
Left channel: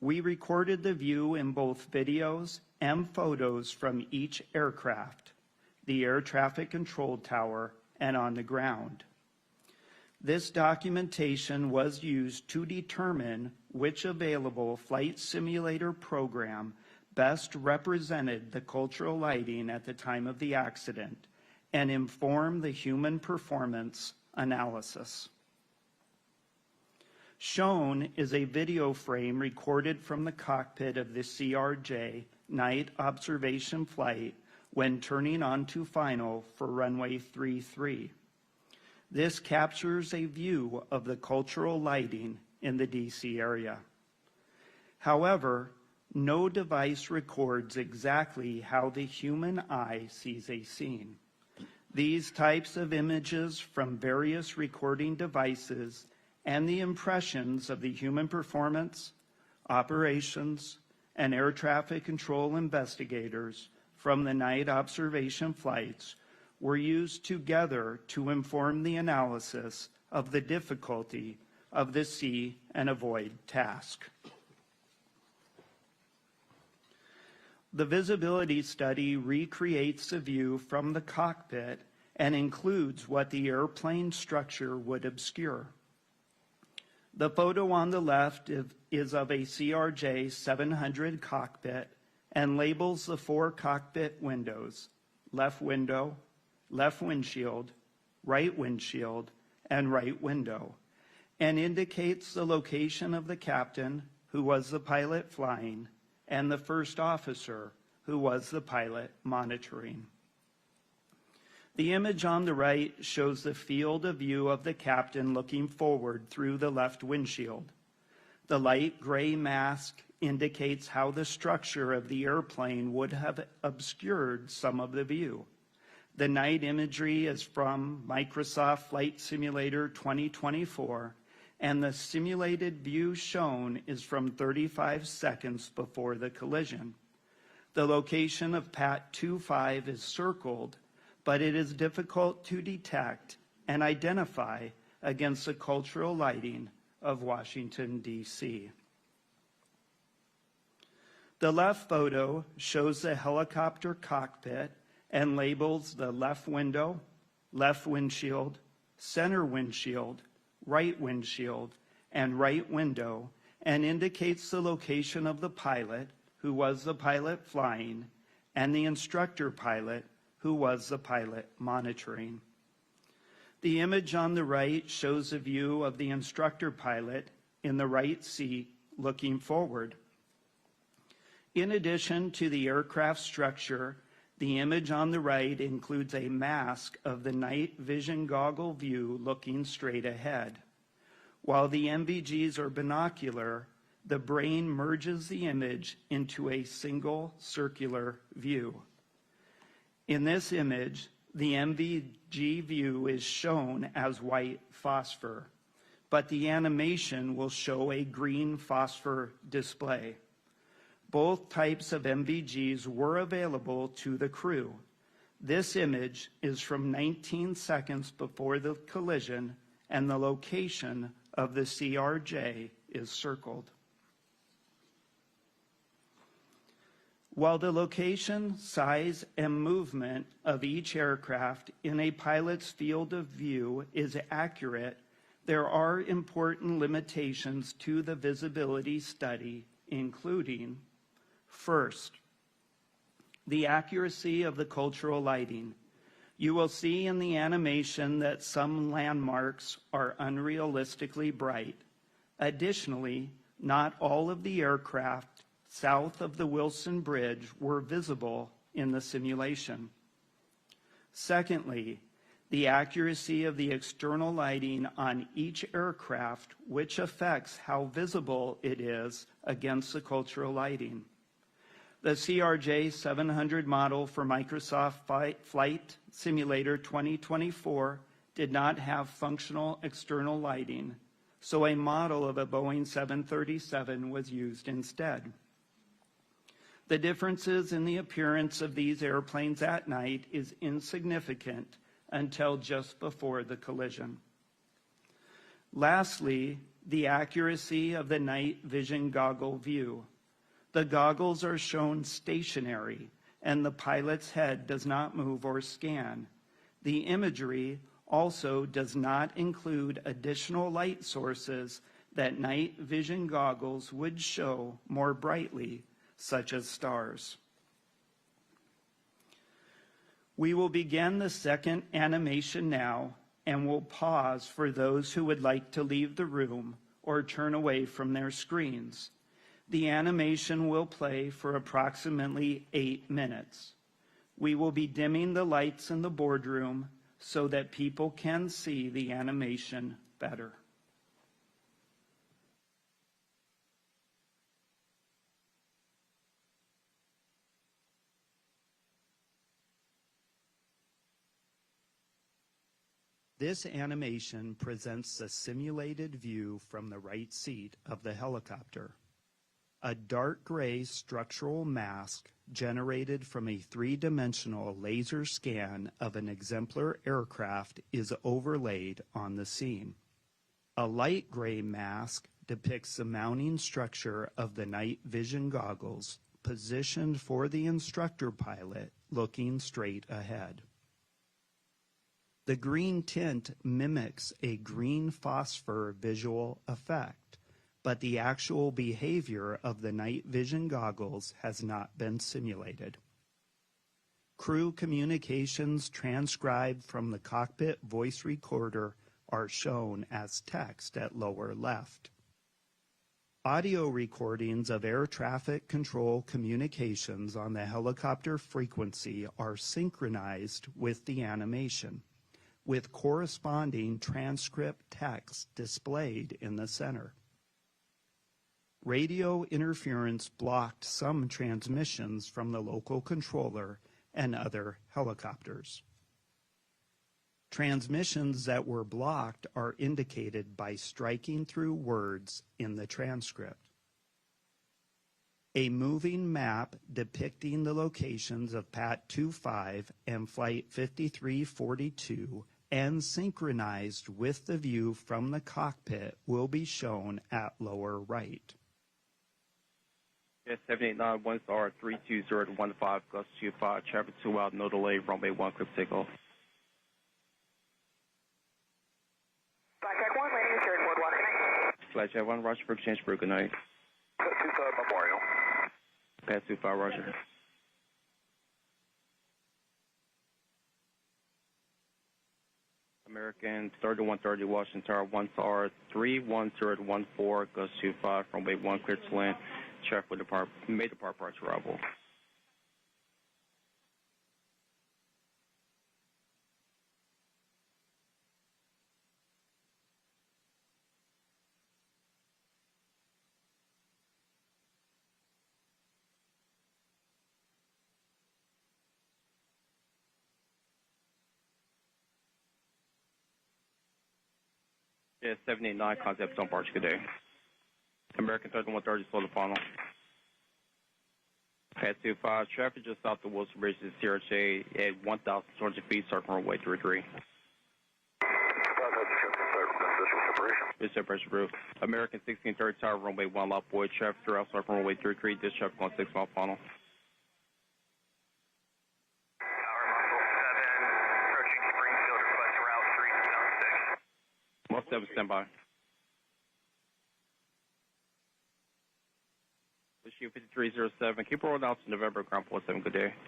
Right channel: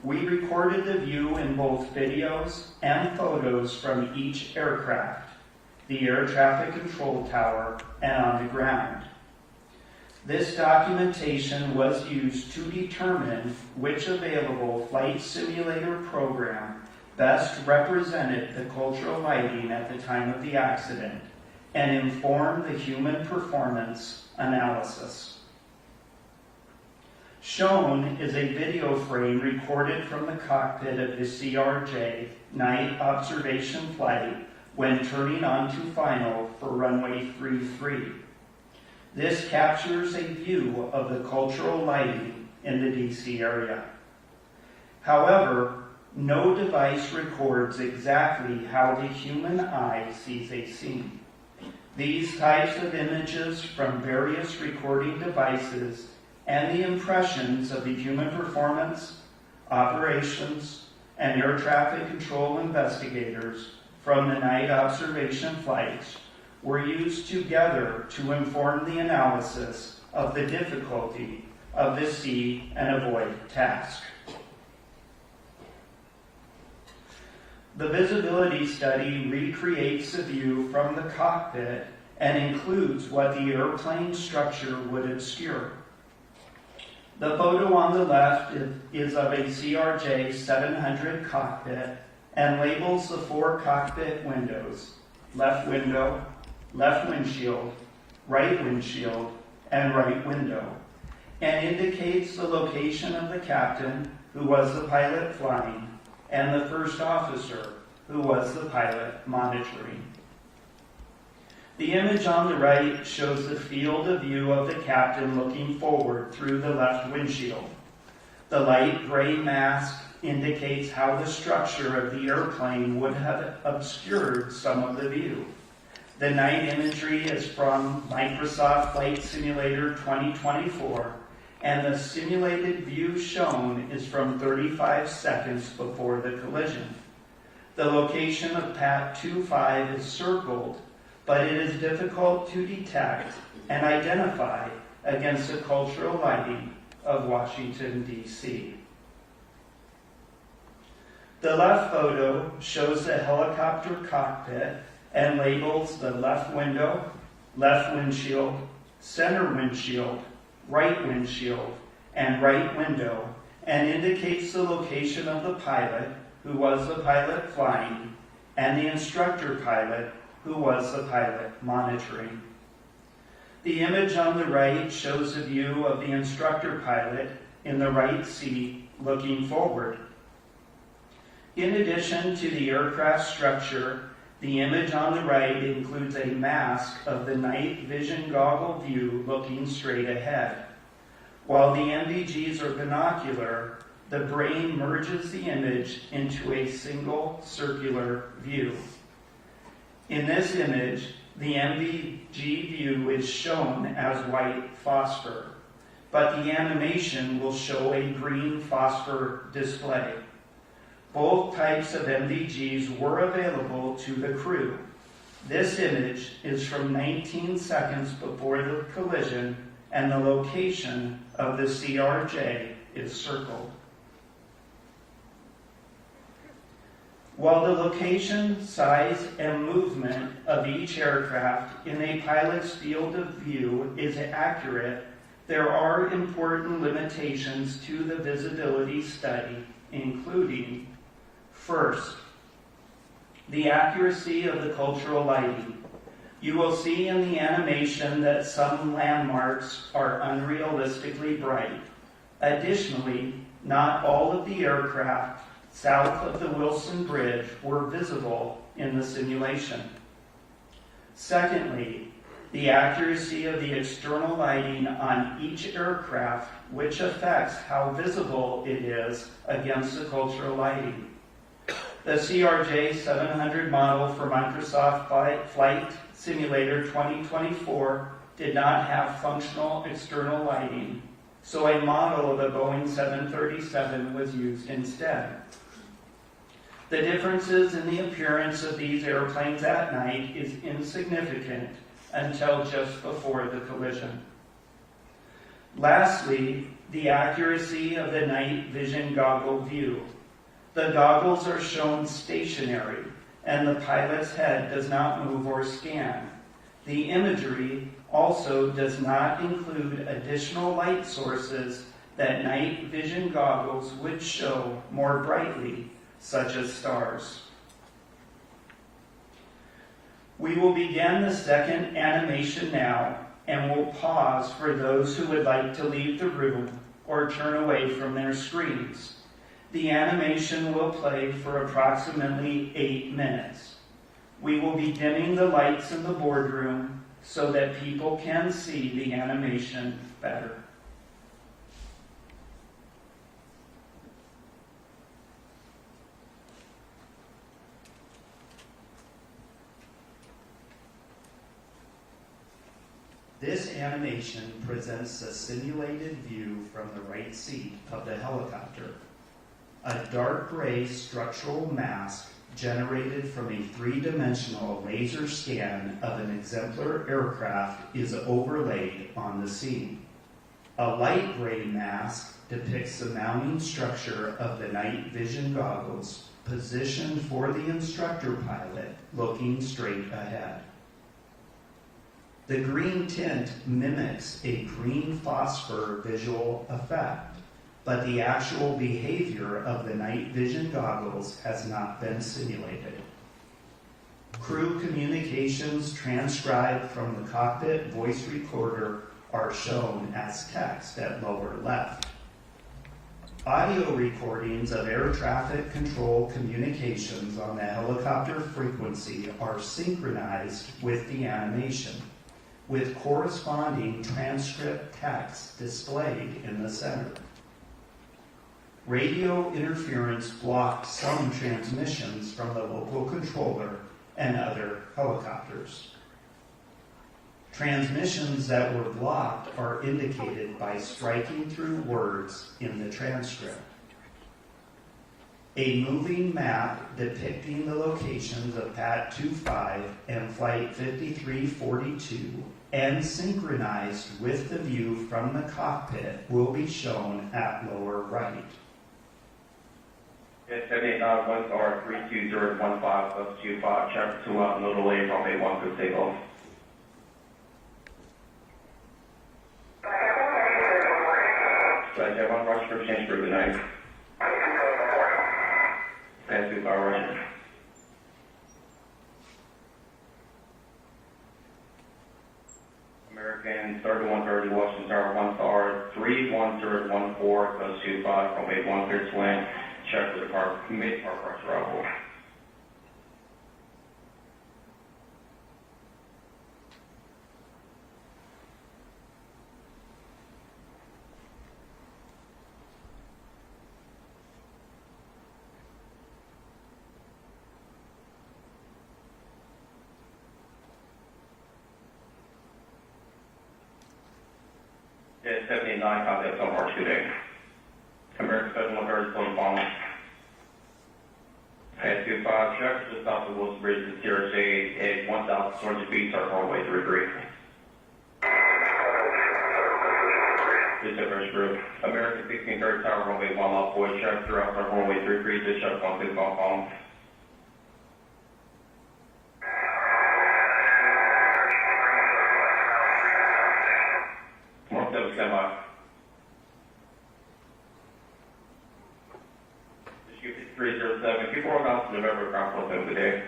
We recorded the view in both videos and photos from each aircraft, the air traffic control tower, and on the ground. This documentation was used to determine which available flight simulator program best represented the cultural lighting at the time of the accident and informed the human performance analysis. Shown is a video frame recorded from the cockpit of the CRJ night observation flight when turning onto final for runway 33. This captures a view of the cultural lighting in the DC area. However, no device records exactly how the human eye sees a scene. These types of images from various recording devices and the impressions of the human performance, operations, and air traffic control investigators from the night observation flights were used together to inform the analysis of the difficulty of the see and avoid task. The visibility study recreates the view from the cockpit and includes what the airplane structure would obscure. The photo on the left is of a CRJ 700 cockpit and labels the 4 cockpit windows: left window, left windshield, right windshield, and right window, and indicates the location of the captain, who was the pilot flying, and the first officer, who was the pilot monitoring. The image on the right shows the field of view of the captain looking forward through the left windshield. The light gray mask indicates how the structure of the airplane would have obscured some of the view. The night imagery is from Microsoft Flight Simulator 2024, and the simulated view shown is from 35 seconds before the collision. The location of PAT 25 is circled, but it is difficult to detect and identify against the cultural lighting of Washington, D.C. The left photo shows the helicopter cockpit and labels the left window, left windshield, center windshield, right windshield, and right window, and indicates the location of the pilot, who was the pilot flying, and the instructor pilot, who was the pilot monitoring. The image on the right shows a view of the instructor pilot in the right seat looking forward. In addition to the aircraft structure, the image on the right includes a mask of the night vision goggle view looking straight ahead. While the NVGs are binocular, the brain merges the image into a single circular view. In this image, the NVG view is shown as white phosphor, but the animation will show a green phosphor display. Both types of NVGs were available to the crew. This image is from 19 seconds before the collision, and the location of the CRJ is circled. While the location, size, and movement of each aircraft in a pilot's field of view is accurate, there are important limitations to the visibility study, including: first, the accuracy of the cultural lighting. You will see in the animation that some landmarks are unrealistically bright. Additionally, not all of the aircraft south of the Wilson Bridge were visible in the simulation. Secondly, the accuracy of the external lighting on each aircraft, which affects how visible it is against the cultural lighting. The CRJ 700 model for Microsoft Flight Simulator 2024 did not have functional external lighting, so a model of a Boeing 737 was used instead. The differences in the appearance of these airplanes at night is insignificant until just before the collision. Lastly, the accuracy of the night vision goggle view. The goggles are shown stationary, and the pilot's head does not move or scan. The imagery also does not include additional light sources that night vision goggles would show more brightly, such as stars. We will begin the second animation now, and will pause for those who would like to leave the room or turn away from their screens. The animation will play for approximately 8 minutes. We will be dimming the lights in the boardroom so that people can see the animation better. This animation presents a simulated view from the right seat of the helicopter. A dark gray structural mask generated from a three-dimensional laser scan of an exemplar aircraft is overlaid on the scene. A light gray mask depicts the mounting structure of the night vision goggles positioned for the instructor pilot looking straight ahead. The green tint mimics a green phosphor visual effect, but the actual behavior of the night vision goggles has not been simulated. Crew communications transcribed from the cockpit voice recorder are shown as text at lower left. Audio recordings of air traffic control communications on the helicopter frequency are synchronized with the animation, with corresponding transcript text displayed in the center. Radio interference blocked some transmissions from the local controller and other helicopters. Transmissions that were blocked are indicated by striking through words in the transcript. A moving map depicting the locations of PAT 25 and Flight 5342 and synchronized with the view from the cockpit will be shown at lower right. 78 1 star 32015 plus 25, check 2 out, no delay, runway 1 for takeoff. Flight 1 rush for change for good night. And 25 rush. American 3130 Washington Tower 1 star 31014 plus 25, runway 1 clear to land. Check with the car, mid park rush arrival. Yeah, 79, contact on March today. American 7130 close phone. Head 25, check, just off the Wilson Bridge to CRJ at 1,200 feet, start runway 33. This is Fresh Group. American 1630 Tower, runway 1 left, boy, check, throughout start runway 33, this check 16 phone. Mark 7, stand by. Issue 5307, keep rolling out to November ground floor 7 today.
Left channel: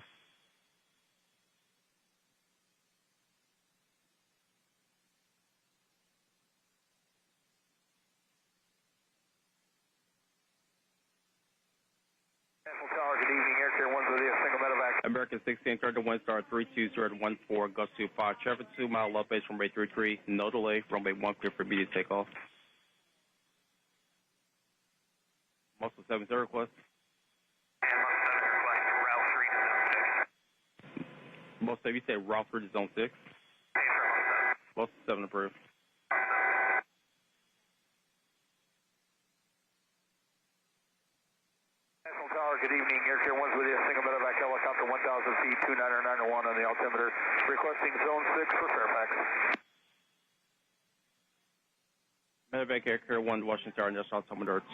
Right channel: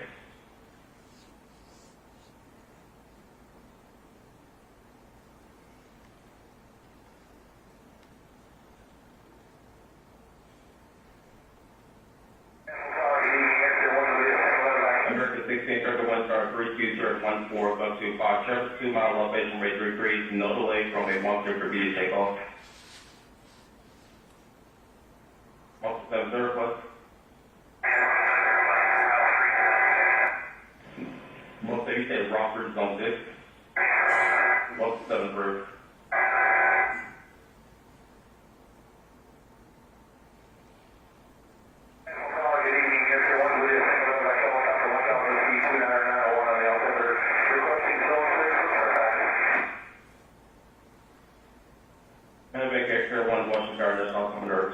American 1631 star 32014 bus 25, Trevor 2 mile elevation rate 33, no delay from a 1 clear for B to take off. 1 7 surplus.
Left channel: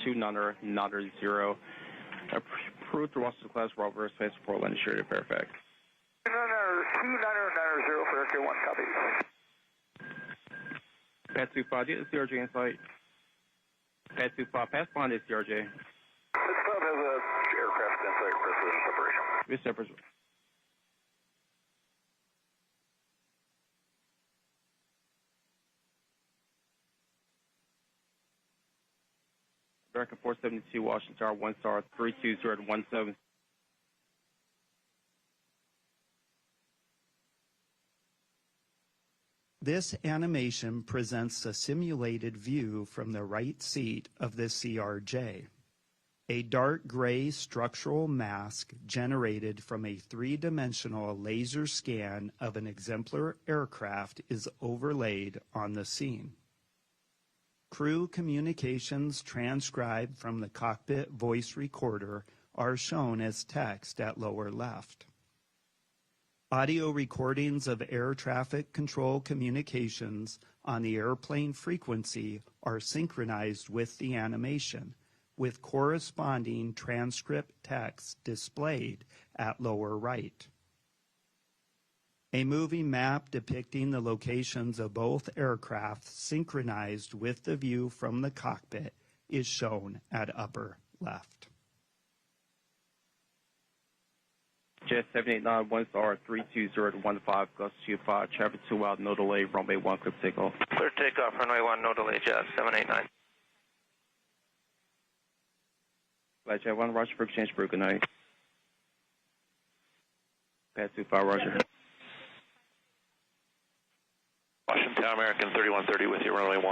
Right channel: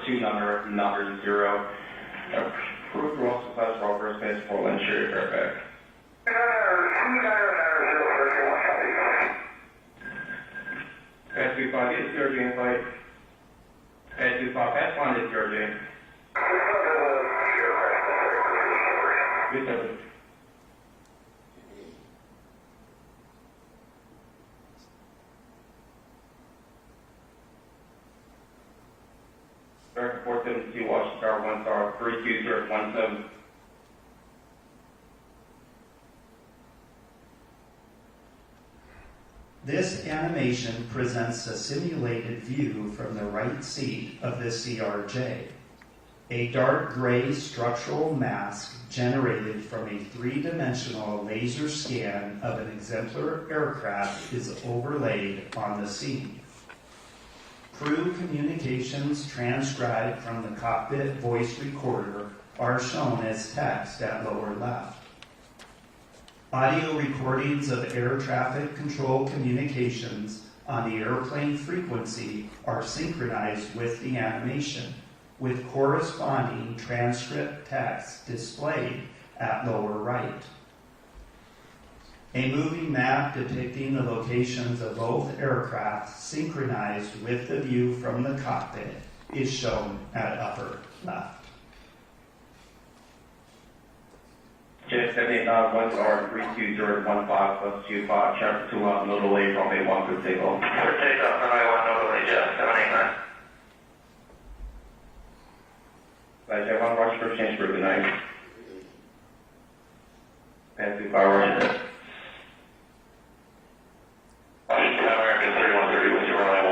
290. Approved Ross Class Rover Space for Lynn Sherry Fairfax. 290, 290, 25, is DRJ invite. 25, F1 is DRJ. Yes, sir. Director 472, Washington Tower, 1 star, 32017. This animation presents a simulated view from the right seat of the CRJ. A dark gray structural mask generated from a three-dimensional laser scan of an exemplar aircraft is overlaid on the scene. Crew communications transcribed from the cockpit voice recorder are shown as text at lower left. Audio recordings of air traffic control communications on the airplane frequency are synchronized with the animation, with corresponding transcript text displayed at lower right. A moving map depicting the locations of both aircraft synchronized with the view from the cockpit is shown at upper left. Jet 78 1 star, 32015 plus 25, traffic 2 miles, no delay, runway 1 for single. Clear takeoff, runway 1, no delay, Jet 789. Flight Jet 1, rush for change for good night. Pass 25, Washington. Washington, American 3130 with you, runway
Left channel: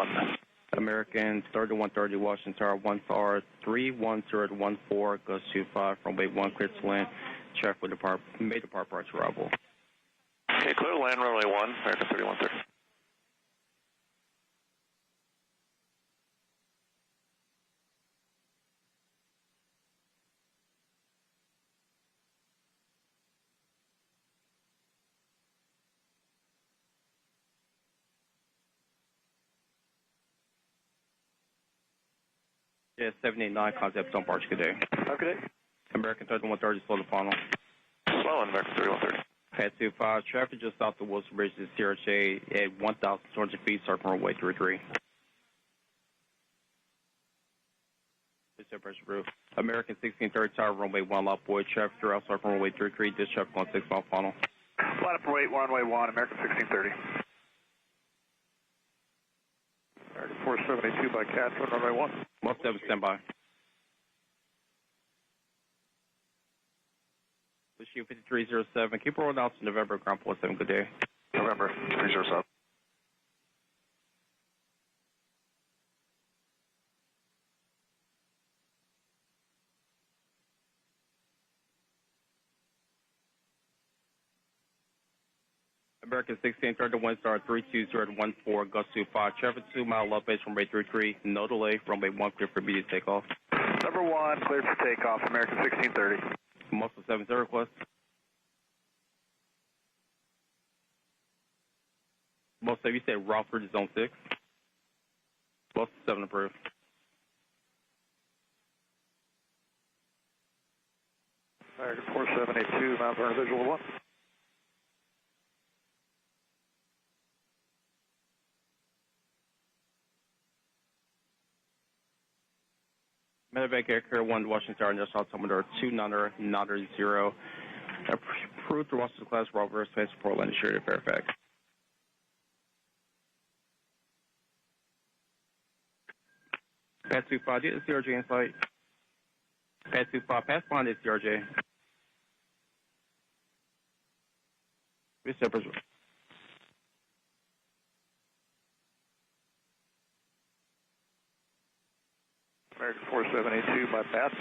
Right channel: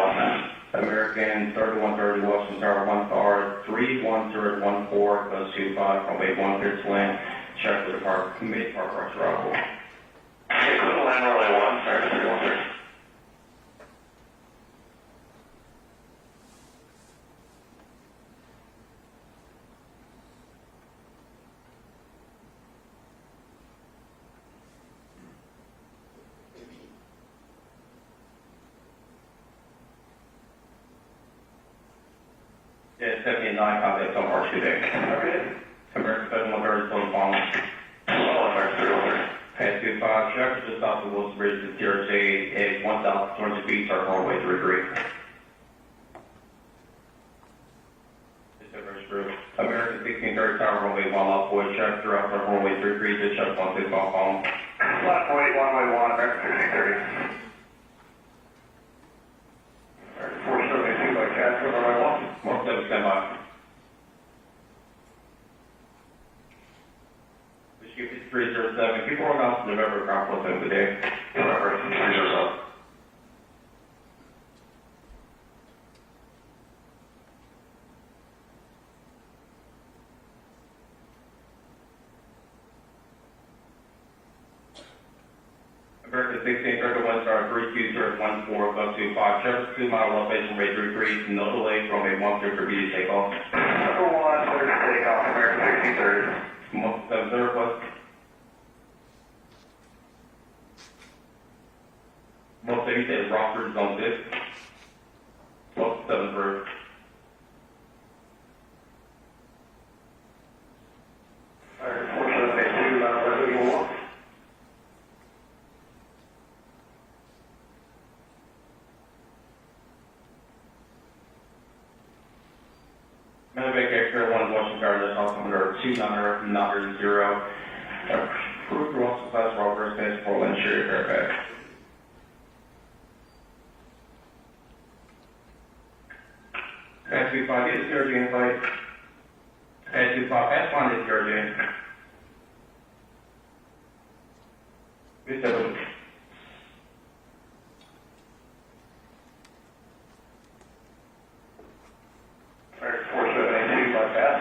1. American 3130, Washington Tower, 1 star, 31014 plus 25, runway 1 clear to land. Check with the park, mid park rush arrival. Okay, clear to land, runway 1, American 3130. Jet 79, contact on March 2 day. Okay. American 7130, close phone. Well, American 3130. Pass 25, traffic just off the Wilson Bridge to TRJ at 1,200 feet, start runway 33. American 1630, tower runway 1, left void, traffic throughout start runway 33, just check 16 phone. Left wait, runway 1, American 1630. 472 by Castro, runway 1. 17, stand by. This is 5307, keep rolling out to November, ground 17 today. November 307. American 1631, star 32014, plus 25, traffic 2 mile elevation, runway 33, no delay, runway 1 clear for B to take off. Number 1, clear to take off, American 1630. 17 plus. Most of you said Rockford zone 6. 7 for. American 4782, residual 1. Medevac Air 1 Washington Tower, that's all coming to 290. Approved Ross Class Rover Space for Lynn Sherry Fairfax. Pass 25, is DRJ invite. Pass 25, F1 is DRJ. Yes, sir. American 4782 by pass,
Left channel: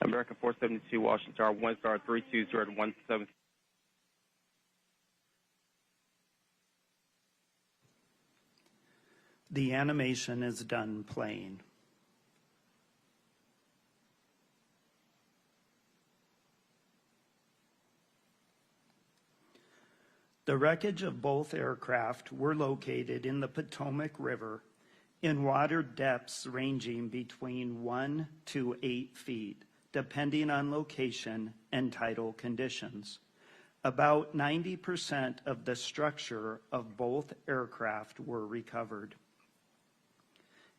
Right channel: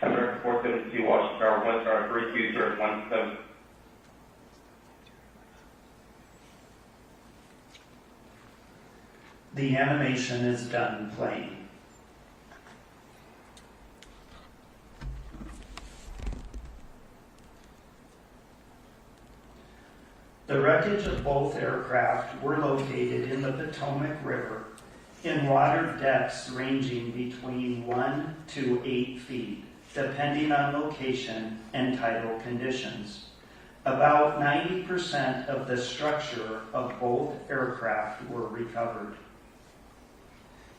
American 472, Washington Tower, 1 star, 32017. The animation is done playing. The wreckage of both aircraft were located in the Potomac River in water depths ranging between 1 to 8 feet, depending on location and tidal conditions. About 90% of the structure of both aircraft were recovered.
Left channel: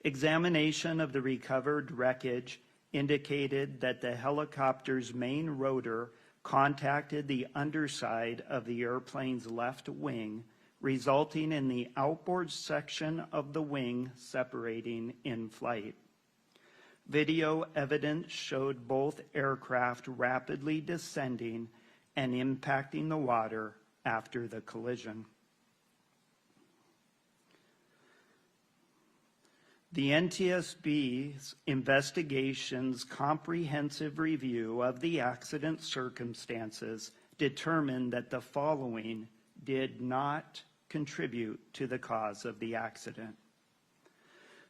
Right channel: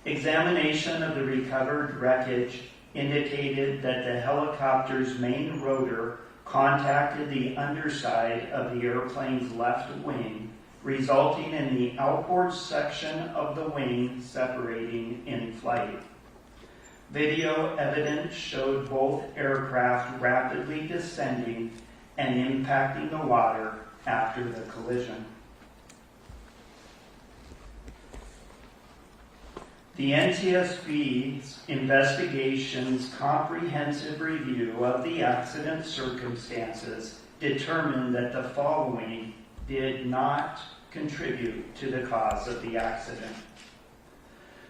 Examination of the recovered wreckage indicated that the helicopter's main rotor contacted the underside of the airplane's left wing, resulting in the outboard section of the wing separating in flight. Video evidence showed both aircraft rapidly descending and impacting the water after the collision. The NTSB's investigation's comprehensive review of the accident circumstances determined that the following did not contribute to the cause of the accident.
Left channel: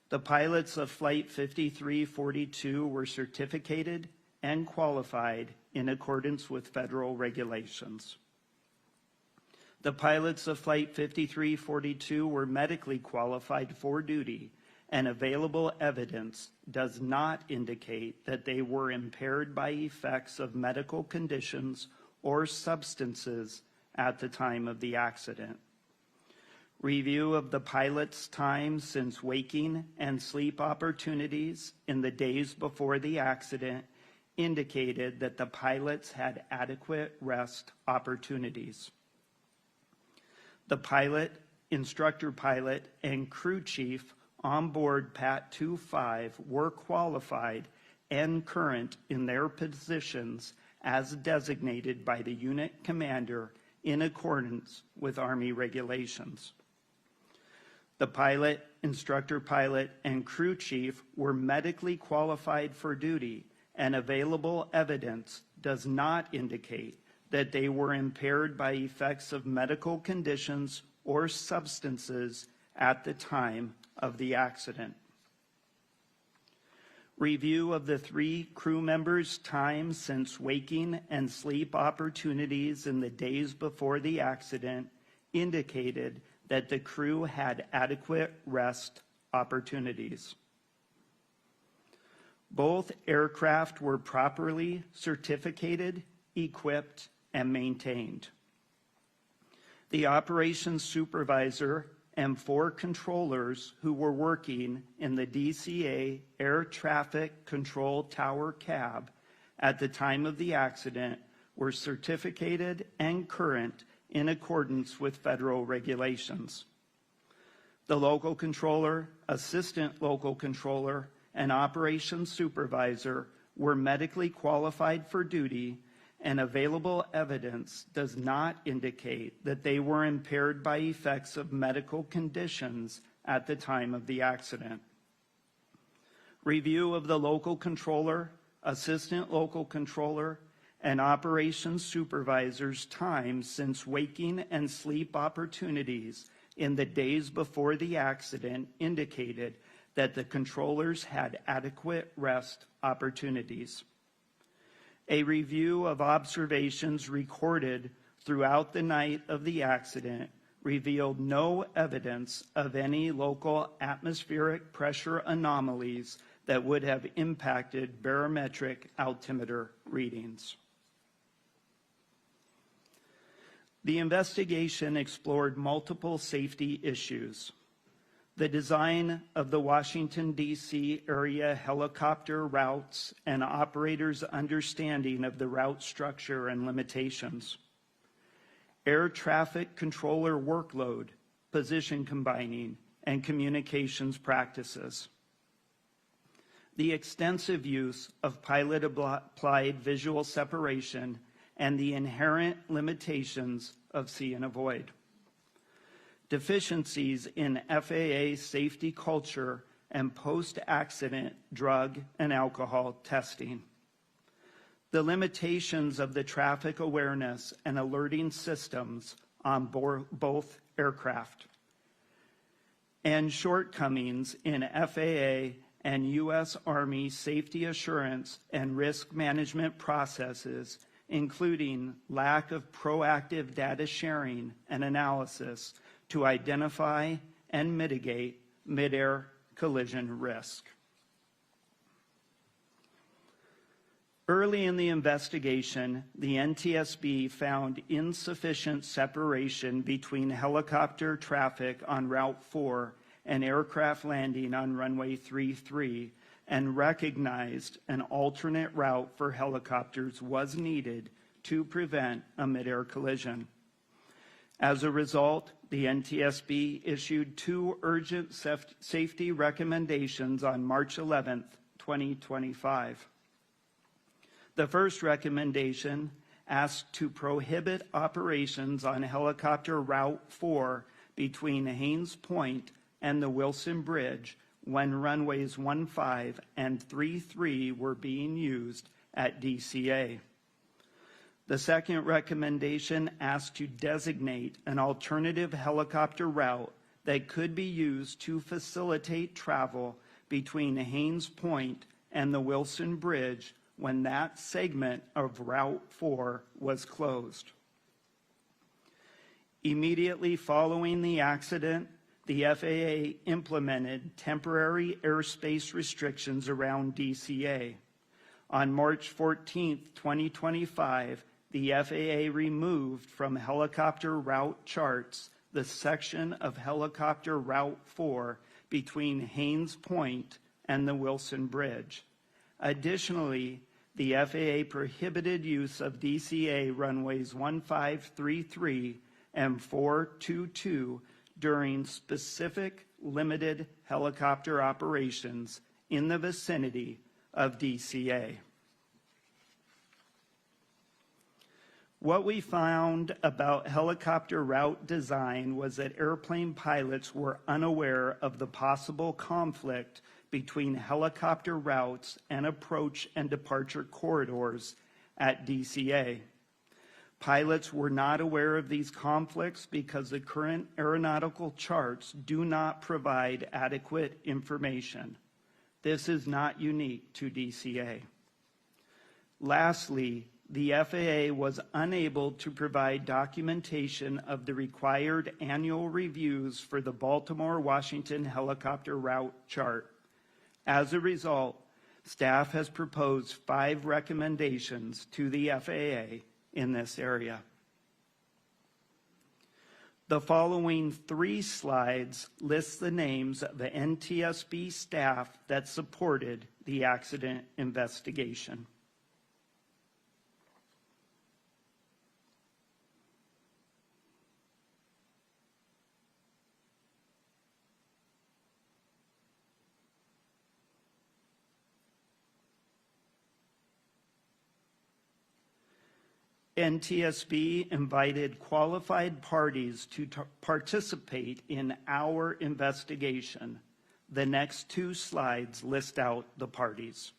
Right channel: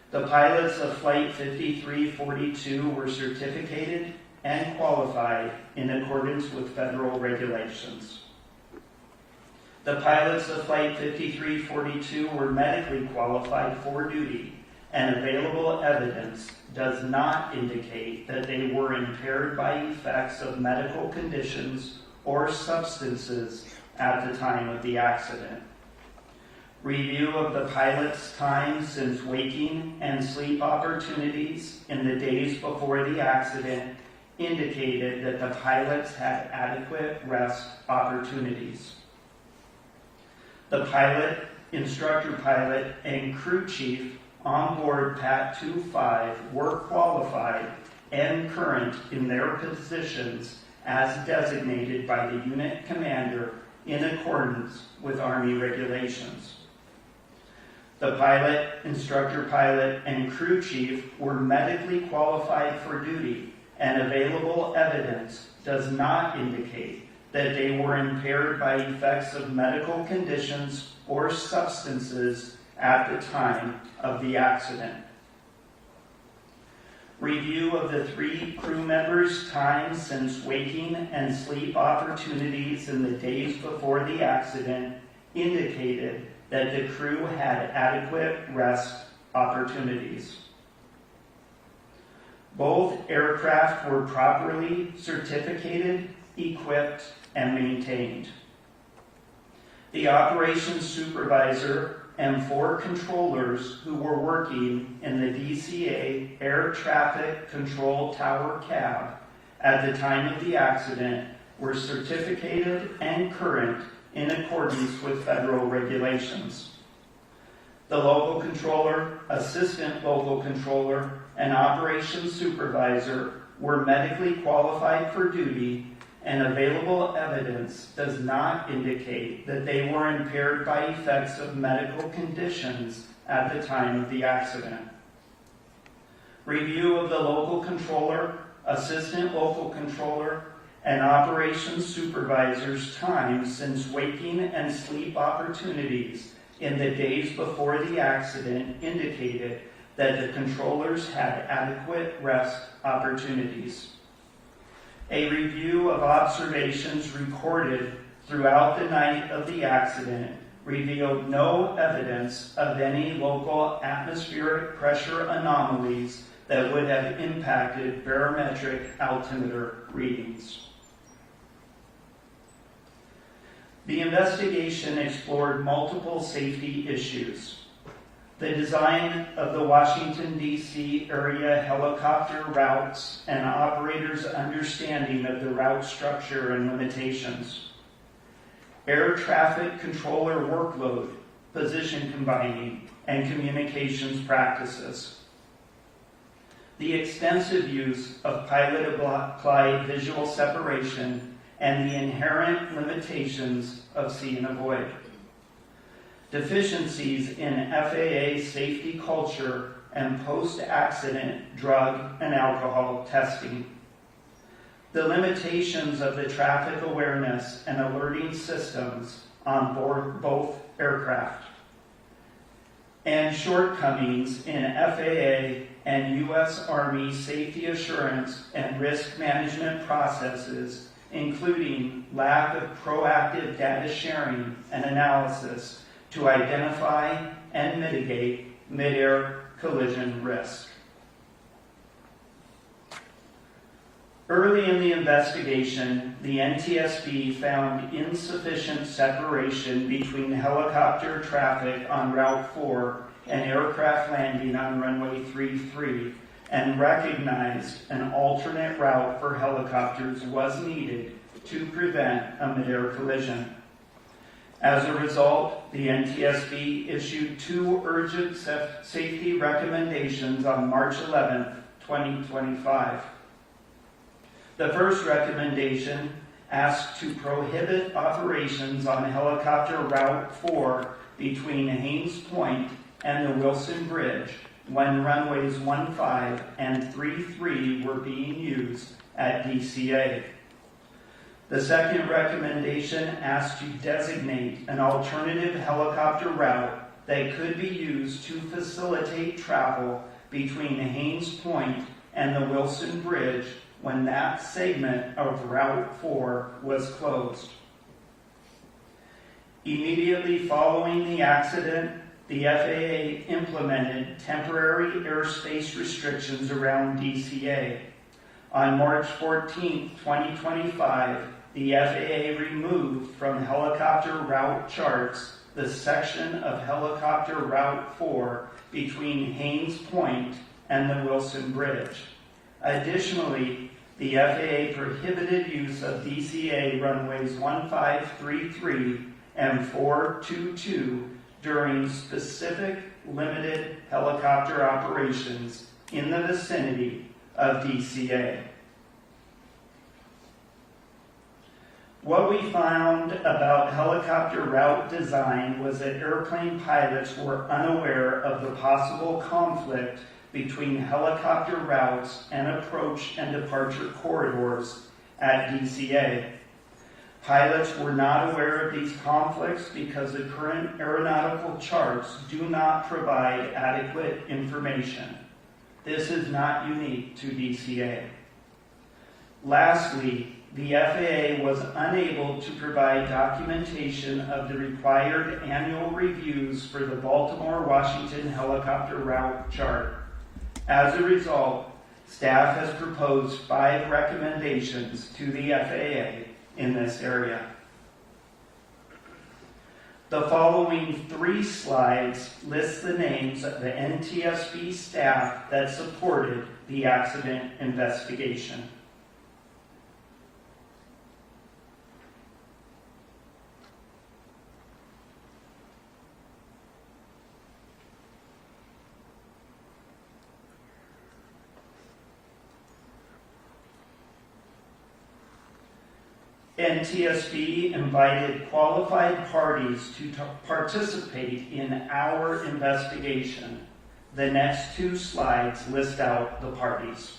The pilots of Flight 5342 were certificated and qualified in accordance with federal regulations. The pilots of Flight 5342 were medically qualified for duty, and available evidence does not indicate that they were impaired by effects of medical conditions or substances at the time of the accident. Review of the pilot's time since waking and sleep opportunities in the days before the accident indicated that the pilots had adequate rest opportunities. The pilot, instructor pilot, and crew chief on board PAT 25 were qualified and current in their positions as designated by the unit commander in accordance with Army regulations. The pilot, instructor pilot, and crew chief were medically qualified for duty, and available evidence does not indicate that they were impaired by effects of medical conditions or substances at the time of the accident. Review of the 3 crew members' time since waking and sleep opportunities in the days before the accident indicated that the crew had adequate rest opportunities. Both aircraft were properly certificated, equipped, and maintained. The operations supervisor and 4 controllers who were working in the DCA Air Traffic Control Tower cab at the time of the accident were certificated and current in accordance with federal regulations. The local controller, assistant local controller, and operations supervisor were medically qualified for duty, and available evidence does not indicate that they were impaired by effects of medical conditions at the time of the accident. Review of the local controller, assistant local controller, and operations supervisor's time since waking and sleep opportunities in the days before the accident indicated that the controllers had adequate rest opportunities. A review of observations recorded throughout the night of the accident revealed no evidence of any local atmospheric pressure anomalies that would have impacted barometric altimeter readings. The investigation explored multiple safety issues. The design of the Washington, D.C. area helicopter routes and operators' understanding of the route structure and limitations. Air traffic controller workload, position combining, and communications practices. The extensive use of pilot-applied visual separation and the inherent limitations of see and avoid. Deficiencies in FAA safety culture and post-accident drug and alcohol testing. The limitations of the traffic awareness and alerting systems on board both aircraft. And shortcomings in FAA and U.S. Army safety assurance and risk management processes, including lack of proactive data sharing and analysis to identify and mitigate mid-air collision risk. Early in the investigation, the NTSB found insufficient separation between helicopter traffic on Route 4 and aircraft landing on runway 33 and recognized an alternate route for helicopters was needed to prevent a mid-air collision. As a result, the NTSB issued 2 urgent safety recommendations on March 11, 2025. The first recommendation asked to prohibit operations on helicopter Route 4 between Haynes Point and the Wilson Bridge when runways 15 and 33 were being used at DCA. The second recommendation asked to designate an alternative helicopter route that could be used to facilitate travel between Haynes Point and the Wilson Bridge when that segment of Route 4 was closed. Immediately following the accident, the FAA implemented temporary airspace restrictions around DCA. On March 14, 2025, the FAA removed from helicopter route charts the section of helicopter Route 4 between Haynes Point and the Wilson Bridge. Additionally, the FAA prohibited use of DCA runways 1533 and 422 during specific limited helicopter operations in the vicinity of DCA. What we found about helicopter route design was that airplane pilots were unaware of the possible conflict between helicopter routes and approach and departure corridors at DCA. Pilots were not aware of these conflicts because the current aeronautical charts do not provide adequate information. This is not unique to DCA. Lastly, the FAA was unable to provide documentation of the required annual reviews for the Baltimore-Washington helicopter route chart. As a result, staff has proposed 5 recommendations to the FAA in this area. The following 3 slides list the names of the NTSB staff that supported the accident investigation. NTSB invited qualified parties to participate in our investigation. The next 2 slides list out the parties.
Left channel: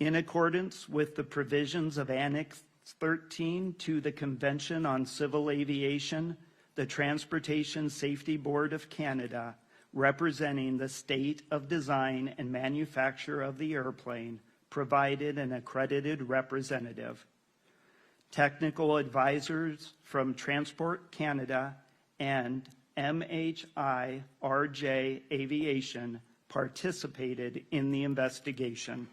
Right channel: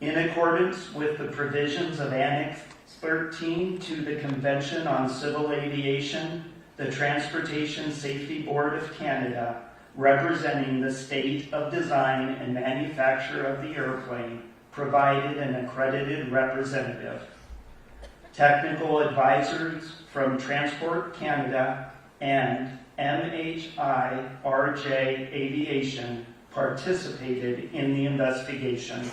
In accordance with the provisions of Annex 13 to the Convention on Civil Aviation, the Transportation Safety Board of Canada, representing the state of design and manufacture of the airplane, provided an accredited representative. Technical advisors from Transport Canada and MHIRJ Aviation participated in the investigation.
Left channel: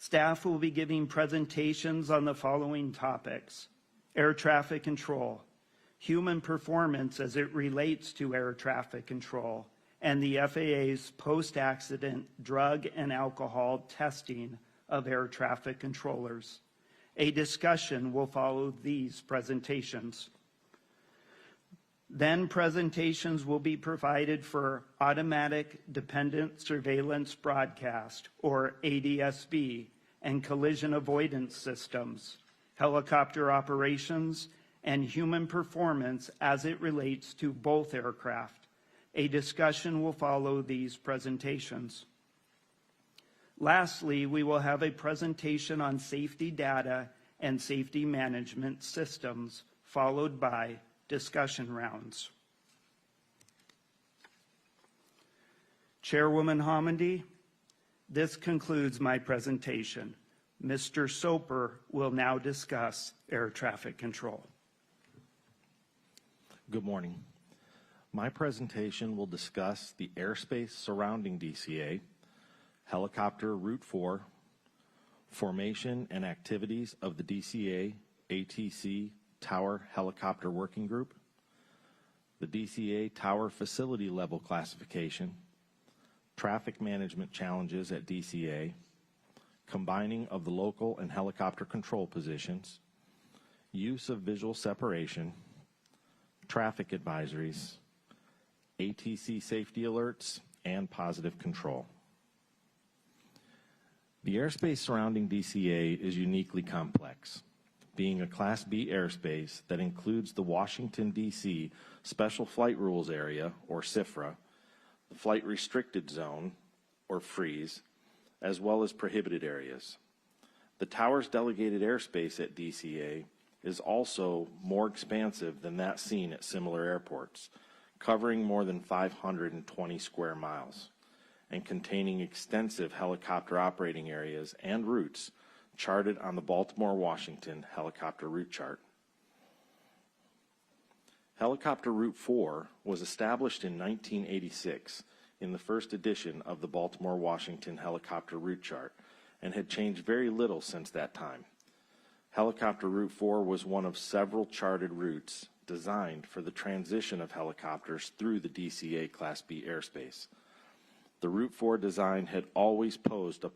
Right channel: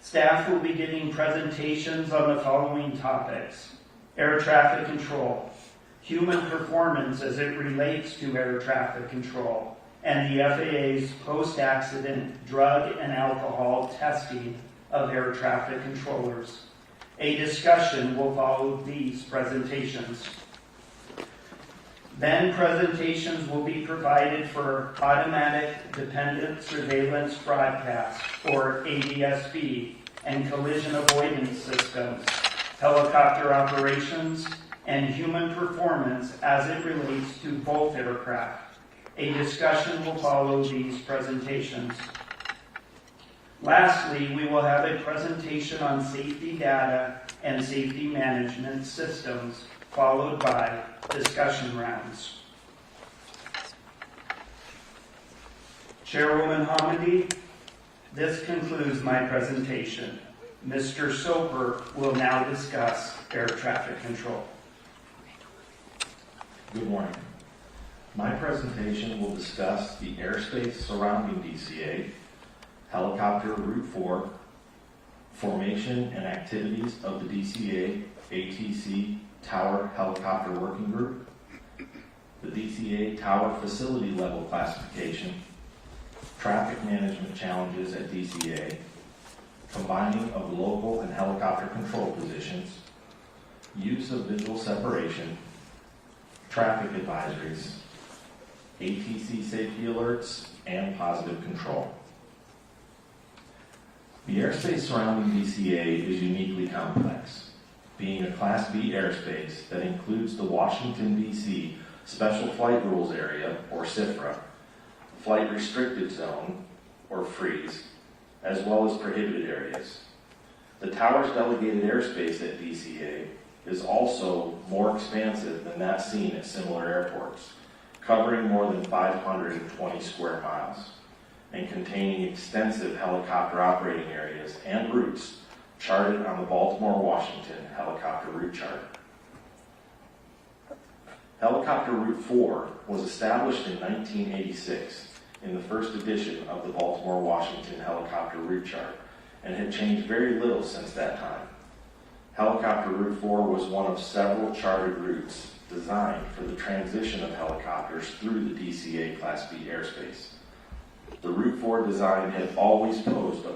Staff will be giving presentations on the following topics: air traffic control, human performance as it relates to air traffic control, and the FAA's post-accident drug and alcohol testing of air traffic controllers. A discussion will follow these presentations. Then presentations will be provided for automatic dependent surveillance broadcast, or ADSB, and collision avoidance systems, helicopter operations, and human performance as it relates to both aircraft. A discussion will follow these presentations. Lastly, we will have a presentation on safety data and safety management systems, followed by discussion rounds. Chairwoman Hamidi, This concludes my presentation. Mr. Soper will now discuss air traffic control. Good morning. My presentation will discuss the airspace surrounding DCA, helicopter Route 4, formation and activities of the DCA ATC Tower Helicopter Working Group, the DCA Tower Facility Level Classification, traffic management challenges at DCA, combining of local and helicopter control positions, use of visual separation, traffic advisories, ATC safety alerts, and positive control. The airspace surrounding DCA is uniquely complex, being a Class B airspace that includes the Washington, D.C. Special Flight Rules Area, or SFRA, Flight Restricted Zone, or FREEZE, as well as prohibited areas. The tower's delegated airspace at DCA is also more expansive than that seen at similar airports, covering more than 520 square miles and containing extensive helicopter operating areas and routes charted on the Baltimore-Washington helicopter route chart. Helicopter Route 4 was established in 1986 in the first edition of the Baltimore-Washington helicopter route chart and had changed very little since that time. Helicopter Route 4 was one of several chartered routes designed for the transition of helicopters through the DCA Class B airspace. The Route 4 design had always posed a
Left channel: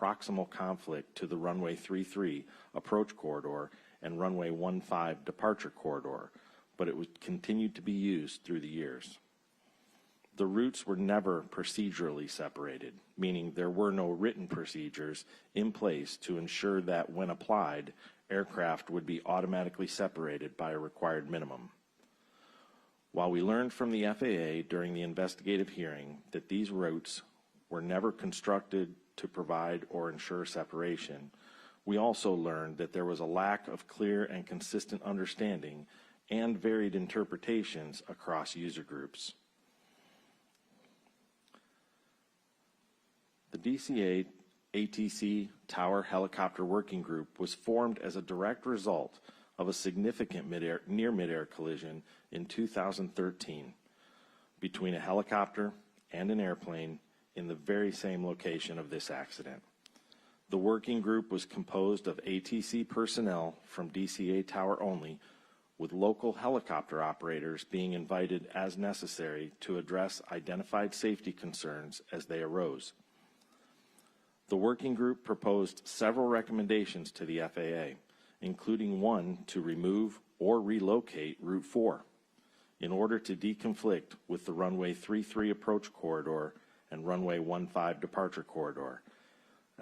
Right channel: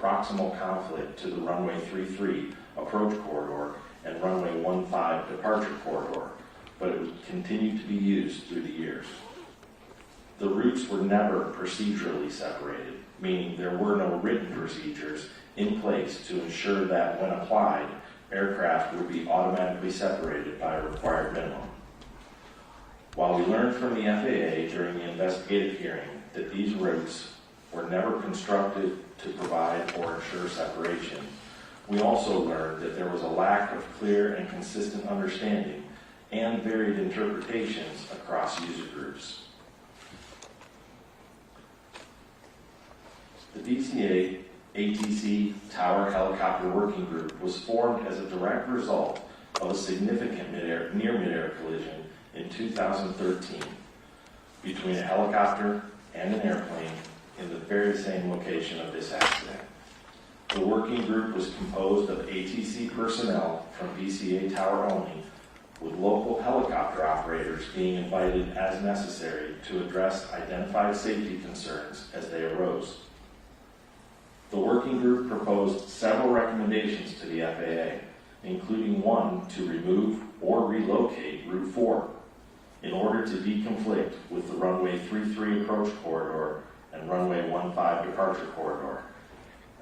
proximal conflict to the runway 33 approach corridor and runway 15 departure corridor, but it would continue to be used through the years. The routes were never procedurally separated, meaning there were no written procedures in place to ensure that when applied, aircraft would be automatically separated by a required minimum. While we learned from the FAA during the investigative hearing that these routes were never constructed to provide or ensure separation, we also learned that there was a lack of clear and consistent understanding and varied interpretations across user groups. The DCA ATC Tower Helicopter Working Group was formed as a direct result of a significant near-mid-air collision in 2013 between a helicopter and an airplane in the very same location of this accident. The working group was composed of ATC personnel from DCA Tower only, with local helicopter operators being invited as necessary to address identified safety concerns as they arose. The working group proposed several recommendations to the FAA, including one to remove or relocate Route 4 in order to deconflict with the runway 33 approach corridor and runway 15 departure corridor,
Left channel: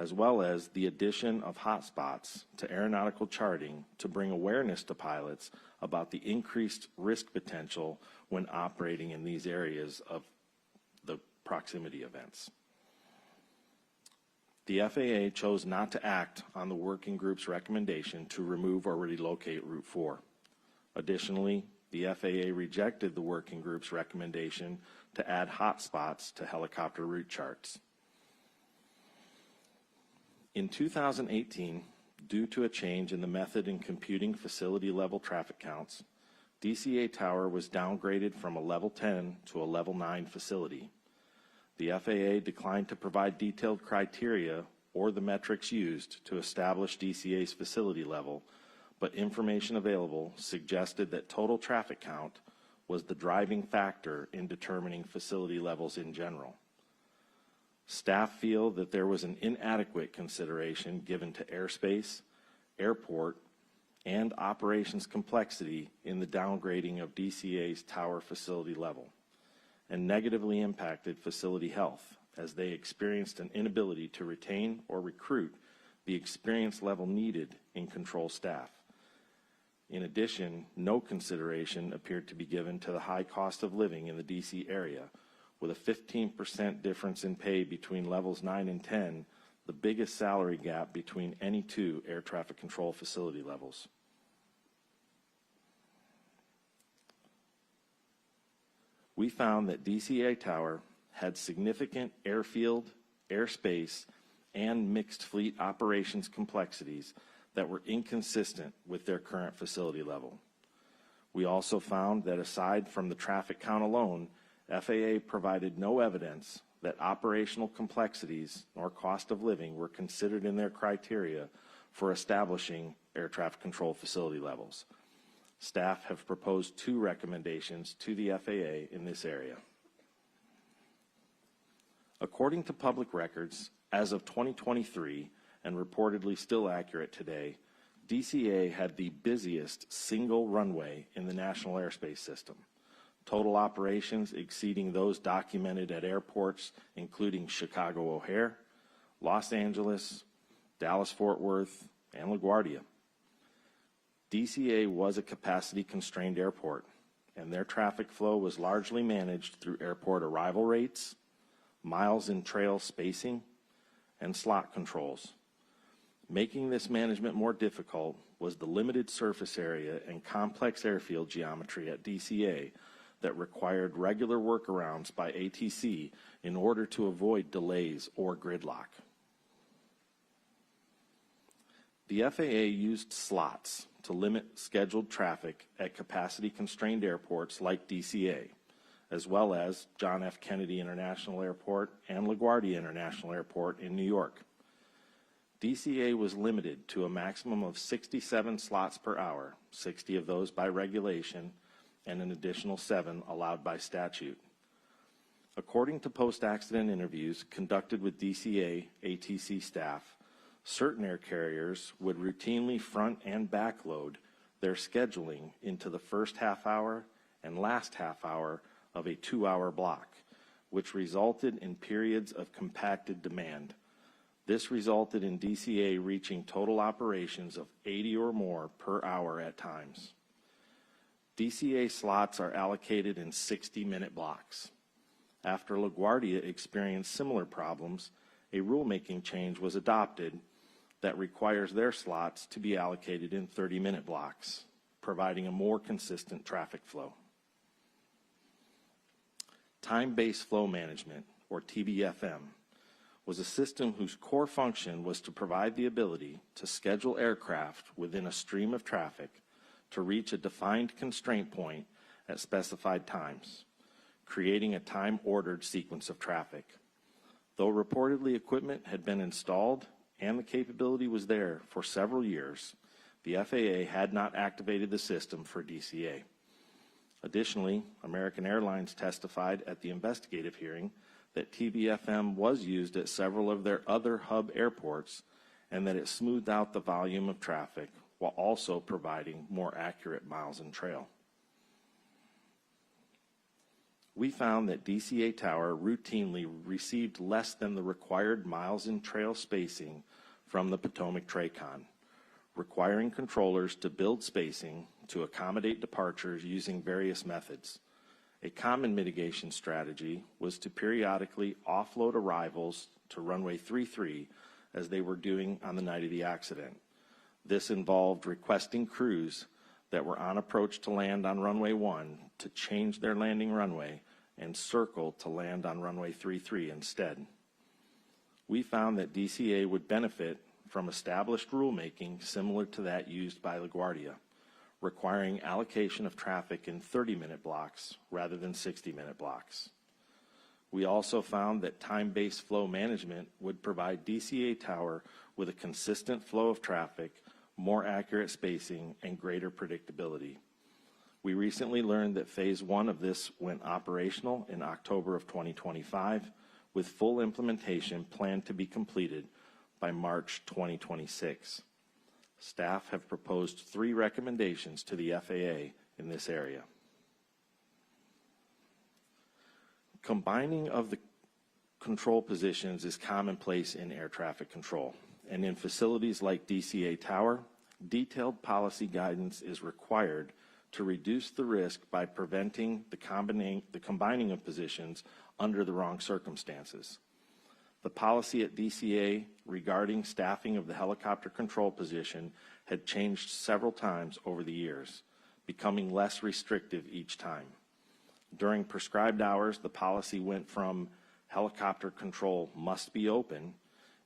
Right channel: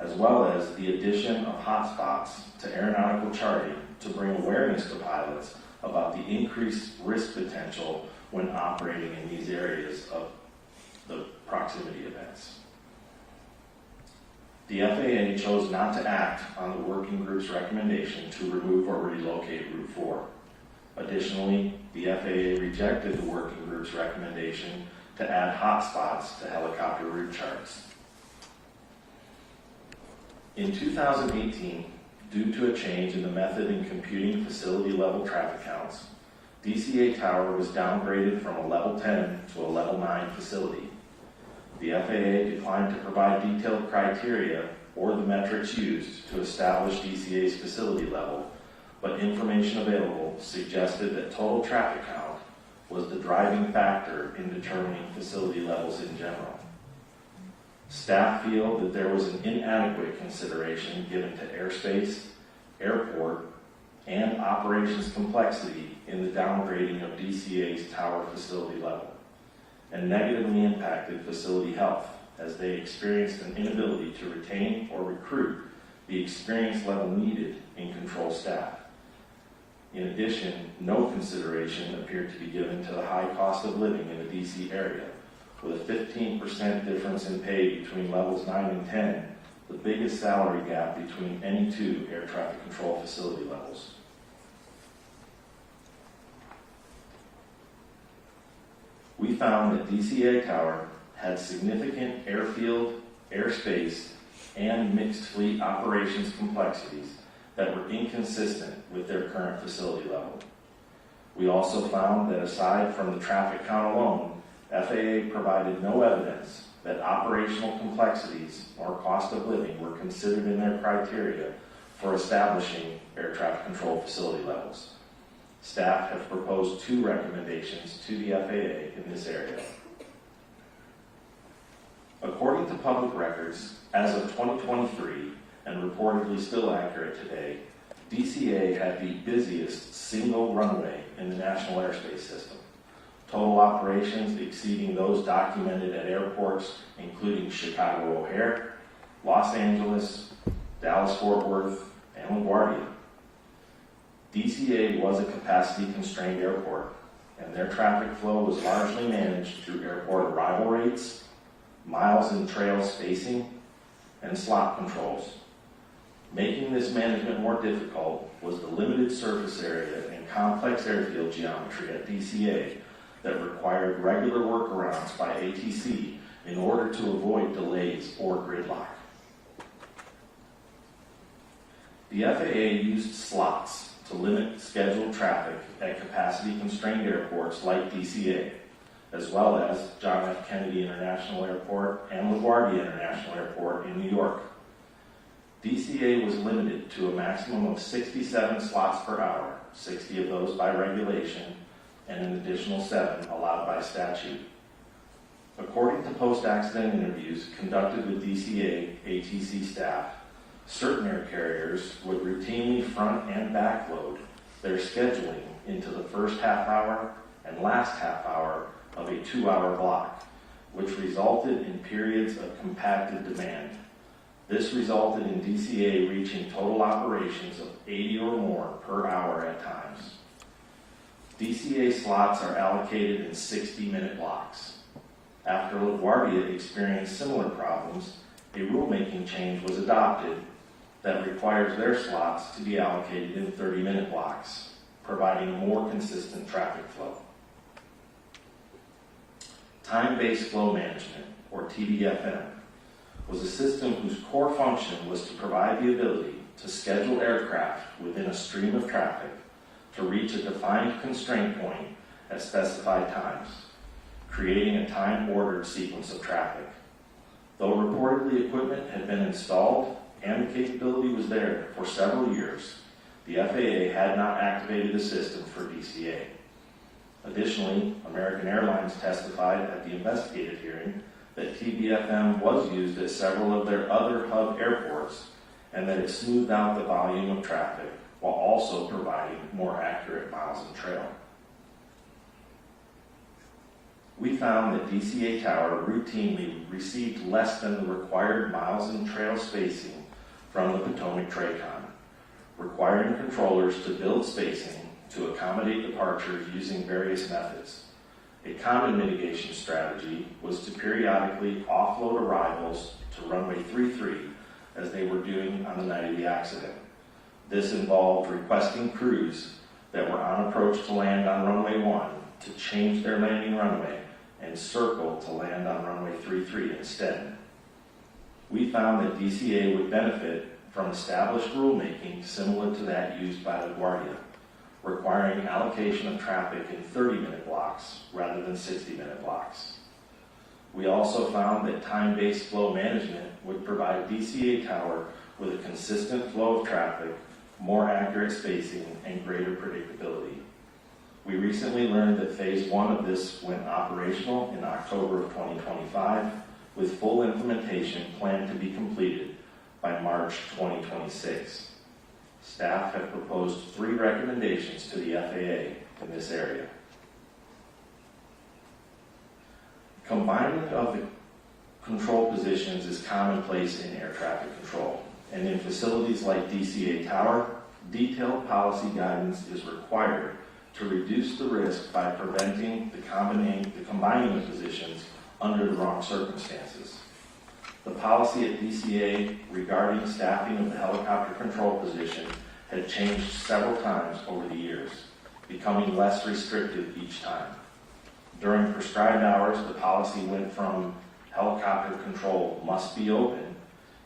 as well as the addition of hotspots to aeronautical charting to bring awareness to pilots about the increased risk potential when operating in these areas of the proximity events. The FAA chose not to act on the working group's recommendation to remove or relocate Route 4. Additionally, the FAA rejected the working group's recommendation to add hotspots to helicopter route charts. In 2018, due to a change in the method in computing facility-level traffic counts, DCA Tower was downgraded from a Level 10 to a Level 9 facility. The FAA declined to provide detailed criteria or the metrics used to establish DCA's facility level, but information available suggested that total traffic count was the driving factor in determining facility levels in general. Staff feel that there was an inadequate consideration given to airspace, airport, and operations complexity in the downgrading of DCA's tower facility level, and negatively impacted facility health as they experienced an inability to retain or recruit the experience level needed in control staff. In addition, no consideration appeared to be given to the high cost of living in the DC area, with a 15% difference in pay between levels 9 and 10, the biggest salary gap between any two air traffic control facility levels. We found that DCA Tower had significant airfield airspace, and mixed fleet operations complexities that were inconsistent with their current facility level. We also found that aside from the traffic count alone, FAA provided no evidence that operational complexities or cost of living were considered in their criteria for establishing air traffic control facility levels. Staff have proposed 2 recommendations to the FAA in this area. According to public records, as of 2023, and reportedly still accurate today, DCA had the busiest single runway in the national airspace system. Total operations exceeding those documented at airports including Chicago O'Hare, Los Angeles, Dallas-Fort Worth, and LaGuardia. DCA was a capacity-constrained airport, and their traffic flow was largely managed through airport arrival rates, miles and trail spacing, and slot controls. Making this management more difficult was the limited surface area and complex airfield geometry at DCA that required regular workarounds by ATC in order to avoid delays or gridlock. The FAA used slots to limit scheduled traffic at capacity-constrained airports like DCA, as well as John F. Kennedy International Airport and LaGuardia International Airport in New York. DCA was limited to a maximum of 67 slots per hour, 60 of those by regulation, and an additional 7 allowed by statute. According to post-accident interviews conducted with DCA ATC staff, certain air carriers would routinely front and back load their scheduling into the first half hour and last half hour of a 2-hour block, which resulted in periods of compacted demand. This resulted in DCA reaching total operations of 80 or more per hour at times. DCA slots are allocated in 60-minute blocks. After LaGuardia experienced similar problems, a rulemaking change was adopted that requires their slots to be allocated in 30-minute blocks, providing a more consistent traffic flow. Time-based flow management, or TBFM, was a system whose core function was to provide the ability to schedule aircraft within a stream of traffic to reach a defined constraint point at specified times, creating a time-ordered sequence of traffic. Though reportedly equipment had been installed and the capability was there for several years, the FAA had not activated the system for DCA. Additionally, American Airlines testified at the investigative hearing that TBFM was used at several of their other hub airports and that it smoothed out the volume of traffic while also providing more accurate miles and trail. We found that DCA Tower routinely received less than the required miles and trail spacing from the Potomac TRACON, requiring controllers to build spacing to accommodate departures using various methods. A common mitigation strategy was to periodically offload arrivals to runway 33 as they were doing on the night of the accident. This involved requesting crews that were on approach to land on runway 1 to change their landing runway and circle to land on runway 33 instead. We found that DCA would benefit from established rulemaking similar to that used by LaGuardia, requiring allocation of traffic in 30-minute blocks rather than 60-minute blocks. We also found that time-based flow management would provide DCA Tower with a consistent flow of traffic, more accurate spacing, and greater predictability. We recently learned that Phase 1 of this went operational in October of 2025, with full implementation planned to be completed by March 2026. Staff have proposed 3 recommendations to the FAA in this area. Combining of the control positions is commonplace in air traffic control, and in facilities like DCA Tower, detailed policy guidance is required to reduce the risk by preventing the combining of positions under the wrong circumstances. The policy at DCA regarding staffing of the helicopter control position had changed several times over the years, becoming less restrictive each time. During prescribed hours, the policy went from helicopter control must be open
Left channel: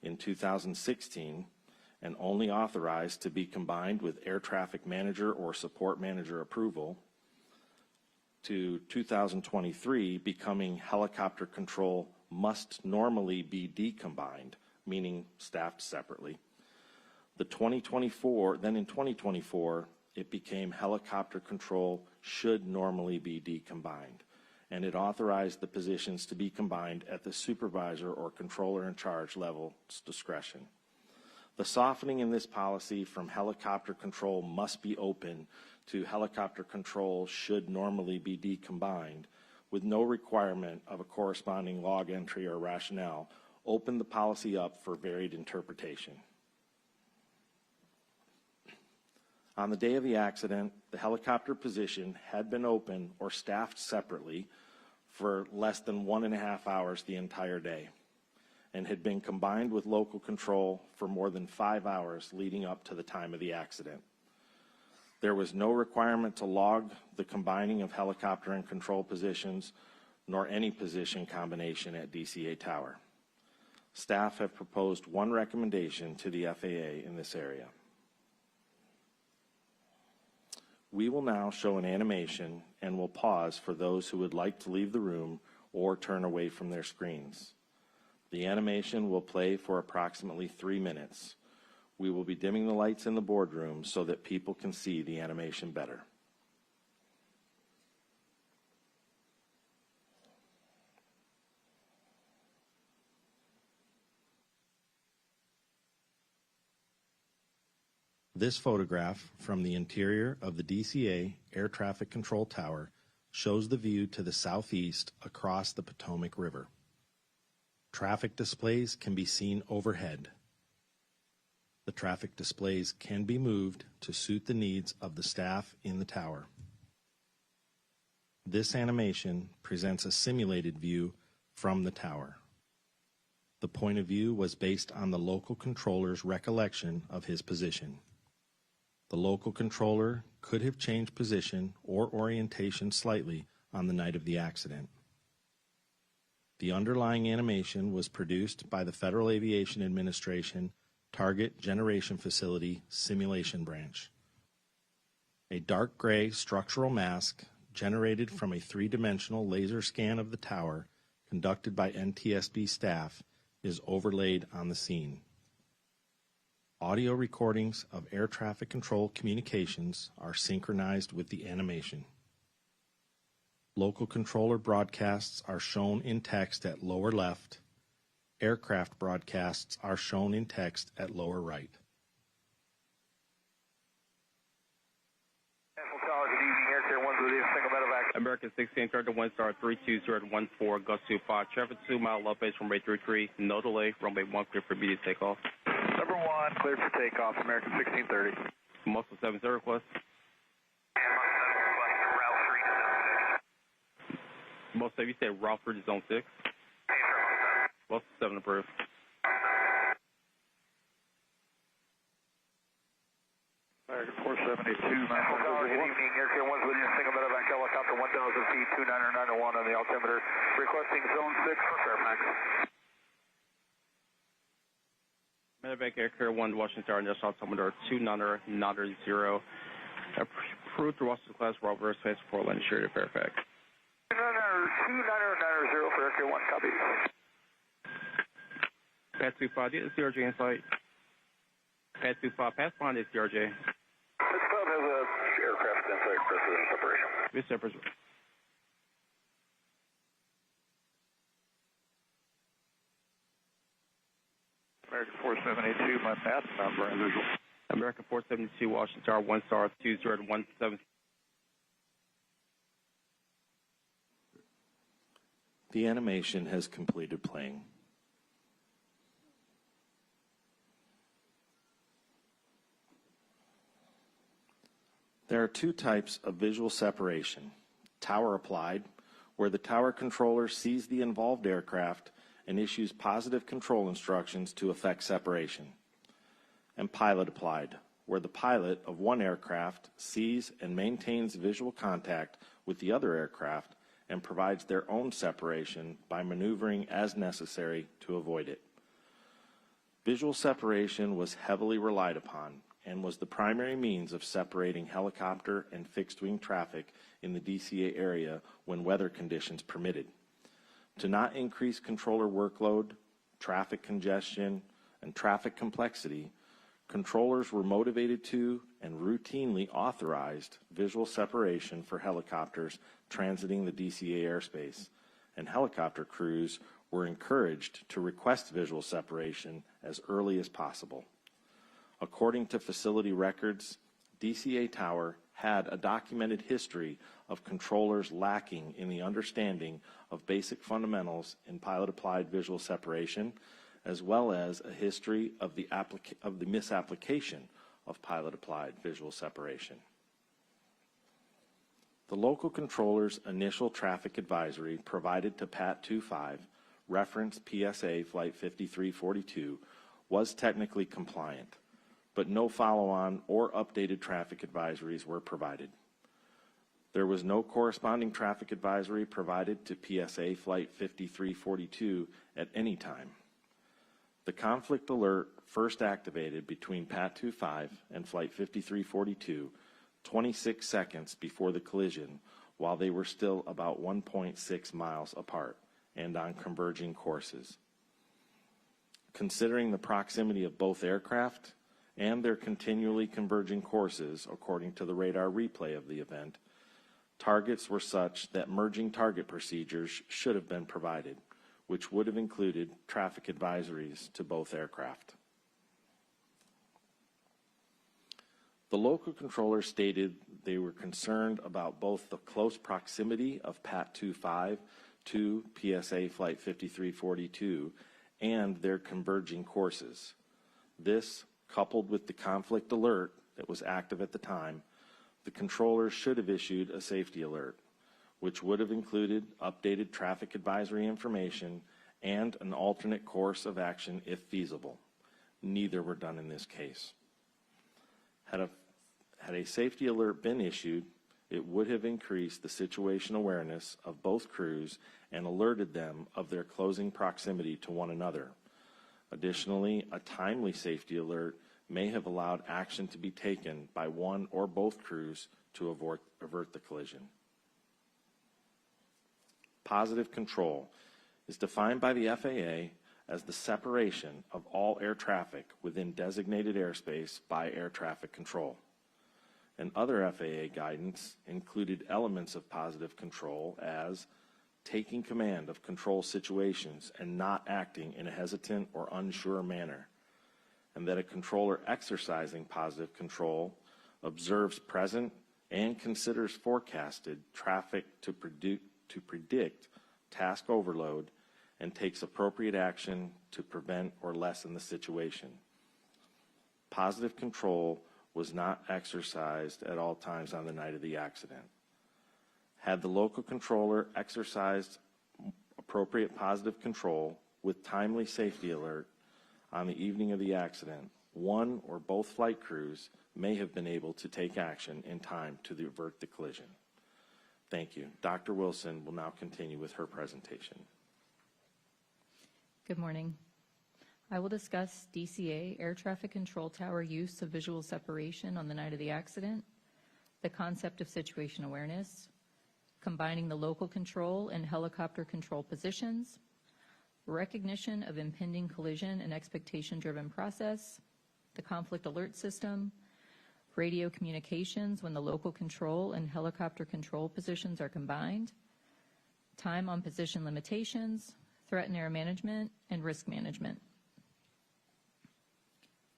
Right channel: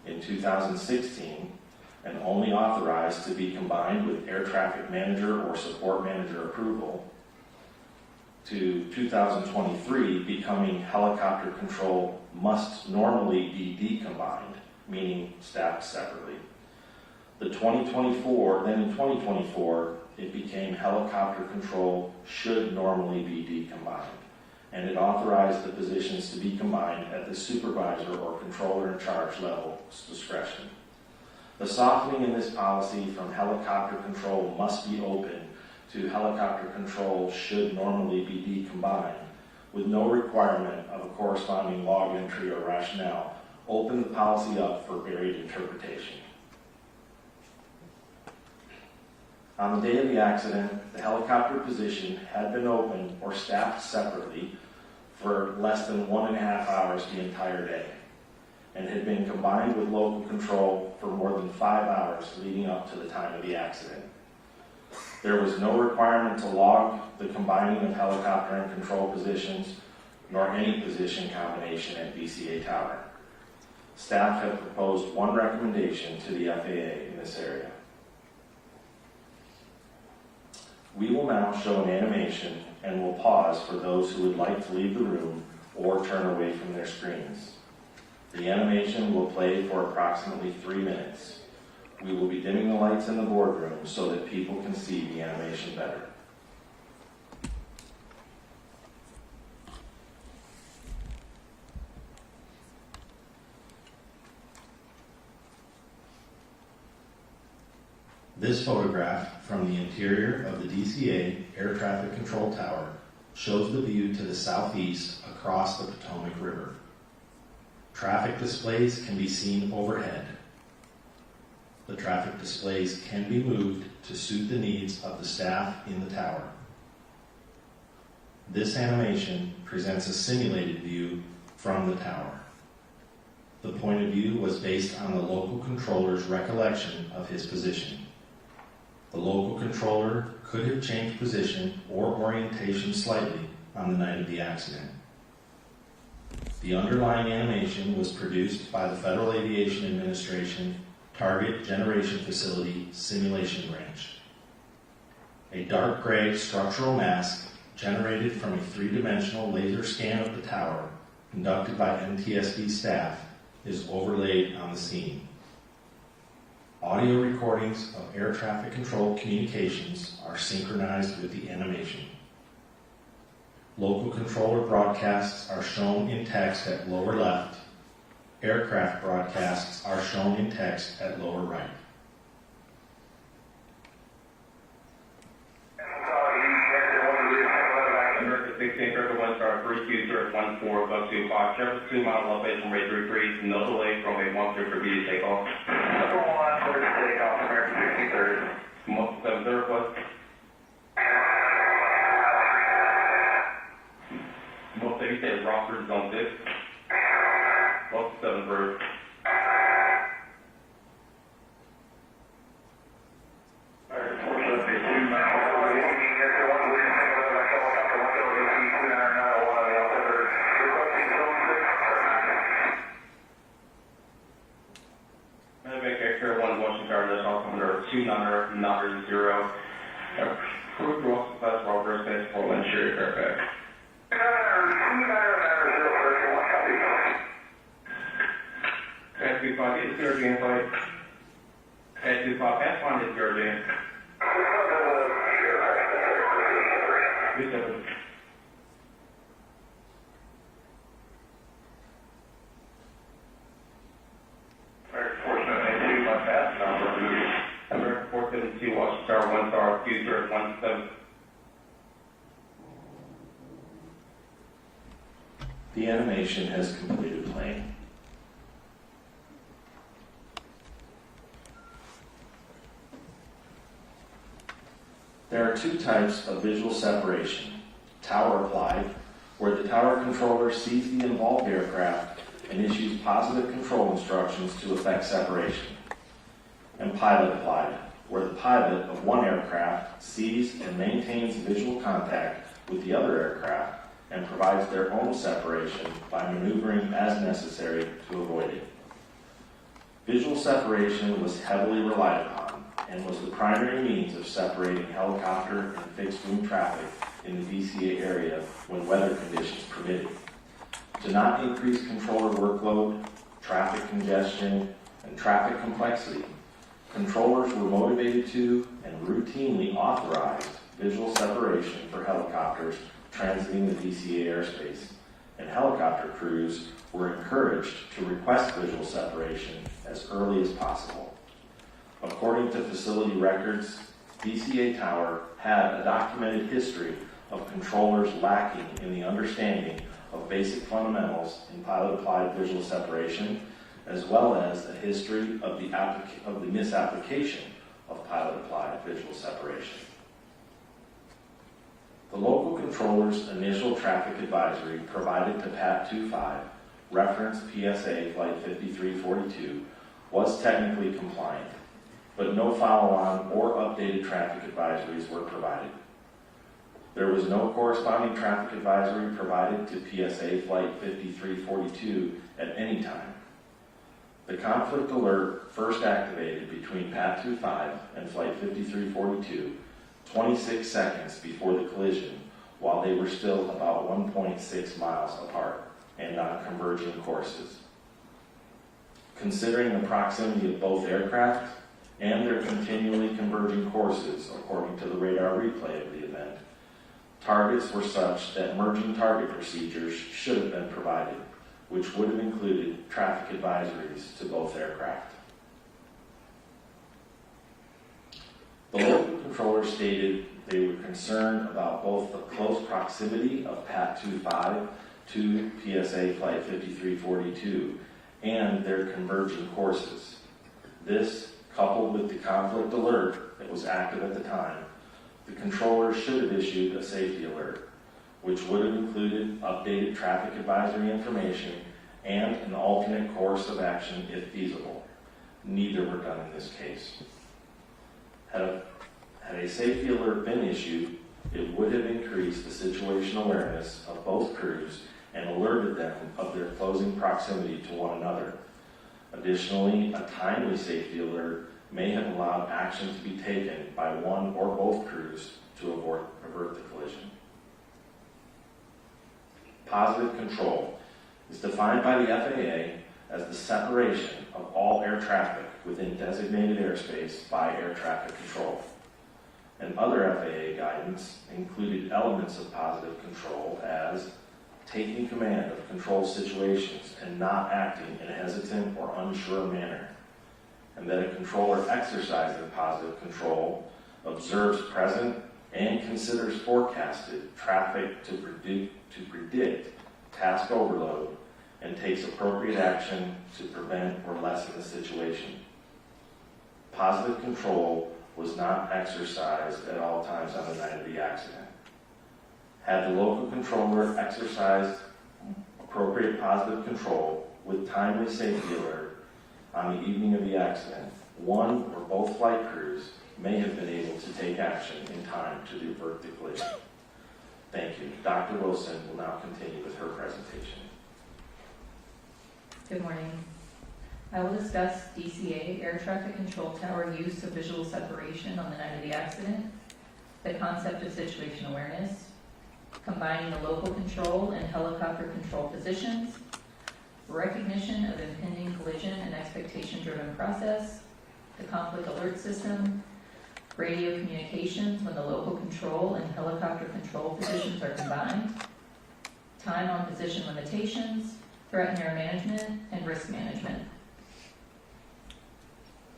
in 2016 and only authorized to be combined with air traffic manager or support manager approval, to 2023 becoming helicopter control must normally be decombined, meaning staffed separately. Then in 2024, it became helicopter control should normally be decombined, and it authorized the positions to be combined at the supervisor or controller in charge level's discretion. The softening in this policy from helicopter control must be open to helicopter control should normally be decombined, with no requirement of a corresponding log entry or rationale, open the policy up for varied interpretation. On the day of the accident, the helicopter position had been open or staffed separately for less than 1.5 hours the entire day, and had been combined with local control for more than 5 hours leading up to the time of the accident. There was no requirement to log the combining of helicopter and control positions, nor any position combination at DCA Tower. Staff have proposed one recommendation to the FAA in this area. We will now show an animation and will pause for those who would like to leave the room or turn away from their screens. The animation will play for approximately 3 minutes. We will be dimming the lights in the boardroom so that people can see the animation better. This photograph from the interior of the DCA Air Traffic Control Tower shows the view to the southeast across the Potomac River. Traffic displays can be seen overhead. The traffic displays can be moved to suit the needs of the staff in the tower. This animation presents a simulated view from the tower. The point of view was based on the local controller's recollection of his position. The local controller could have changed position or orientation slightly on the night of the accident. The underlying animation was produced by the Federal Aviation Administration Target Generation Facility Simulation Branch. A dark gray structural mask generated from a 3-dimensional laser scan of the tower conducted by NTSB staff is overlaid on the scene. Audio recordings of air traffic control communications are synchronized with the animation. Local controller broadcasts are shown in text at lower left. Aircraft broadcasts are shown in text at lower right. American 16, Circle 1 Star 3214, bus 25, traffic 2 miles elevation, rate 33, no delay from a 1 for B to take off. Circle 1, clear to take off, American 1630. Most 7 request. Most 30 said Rockford Zone 6. Most 7 approved. American 472, Washington, that's all coming under 2990. Approved Ross Class Robert Space for Lynn Sherry Fairfax. Pass 25, get the CRJ in flight. Pass 25, pass find the CRJ. Yes, sir. Number 472, Washington Tower 1 Star 2 The animation has completed playing. There are 2 types of visual separation. Tower applied, where the tower controller sees the involved aircraft and issues positive control instructions to effect separation. And pilot applied, where the pilot of one aircraft sees and maintains visual contact with the other aircraft and provides their own separation by maneuvering as necessary to avoid it. Visual separation was heavily relied upon and was the primary means of separating helicopter and fixed-wing traffic in the DCA area when weather conditions permitted. To not increase controller workload, traffic congestion, and traffic complexity, controllers were motivated to and routinely authorized visual separation for helicopters transiting the DCA airspace, and helicopter crews were encouraged to request visual separation as early as possible. According to facility records, DCA Tower had a documented history of controllers lacking in the understanding of basic fundamentals in pilot-applied visual separation, as well as a history of the misapplication of pilot-applied visual separation. The local controller's initial traffic advisory provided to PAT 25, referenced PSA Flight 5342, was technically compliant, but no follow-on or updated traffic advisories were provided. There was no corresponding traffic advisory provided to PSA Flight 5342 at any time. The conflict alert first activated between PAT 25 and Flight 5342 26 seconds before the collision, while they were still about 1.6 miles apart and on converging courses. Considering the proximity of both aircraft and their continually converging courses, according to the radar replay of the event, targets were such that merging target procedures should have been provided, which would have included traffic advisories to both aircraft. The local controller stated they were concerned about both the close proximity of PAT 25 to PSA Flight 5342 and their converging courses. This, coupled with the conflict alert that was active at the time, the controller should have issued a safety alert, which would have included updated traffic advisory information and an alternate course of action if feasible. Neither were done in this case. Had a safety alert been issued, it would have increased the situational awareness of both crews and alerted them of their closing proximity to one another. Additionally, a timely safety alert may have allowed action to be taken by one or both crews to avert the collision. Positive control is defined by the FAA as the separation of all air traffic within designated airspace by air traffic control. And other FAA guidance included elements of positive control as taking command of control situations and not acting in a hesitant or unsure manner, and that a controller exercising positive control observes present and considers forecasted traffic to predict task overload and takes appropriate action to prevent or lessen the situation. Positive control was not exercised at all times on the night of the accident. Had the local controller exercised appropriate positive control with timely safety alert on the evening of the accident, one or both flight crews may have been able to take action in time to divert the collision. Thank you. Dr. Wilson will now continue with her presentation. Good morning. I will discuss DCA air traffic control tower use of visual separation on the night of the accident, the concept of situation awareness, combining the local control and helicopter control positions, recognition of impending collision and expectation-driven process, the conflict alert system, radio communications when the local control and helicopter control positions are combined, time on position limitations, threat and air management, and risk management.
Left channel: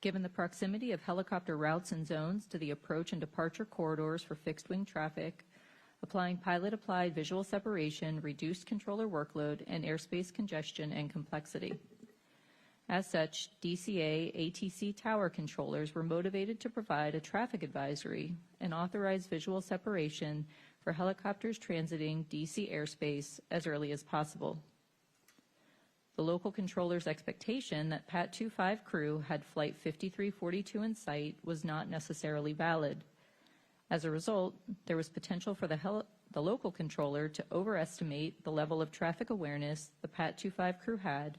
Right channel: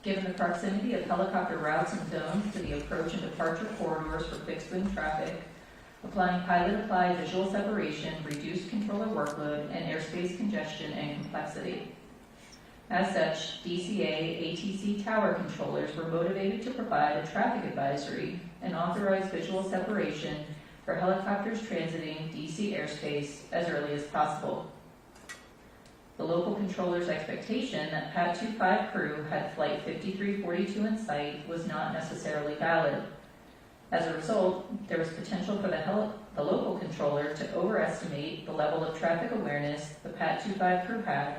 Given the proximity of helicopter routes and zones to the approach and departure corridors for fixed-wing traffic, applying pilot-applied visual separation reduced controller workload and airspace congestion and complexity. As such, DCA ATC tower controllers were motivated to provide a traffic advisory and authorize visual separation for helicopters transiting DC airspace as early as possible. The local controller's expectation that PAT 25 crew had Flight 5342 in sight was not necessarily valid, As a result, there was potential for the local controller to overestimate the level of traffic awareness the PAT 25 crew had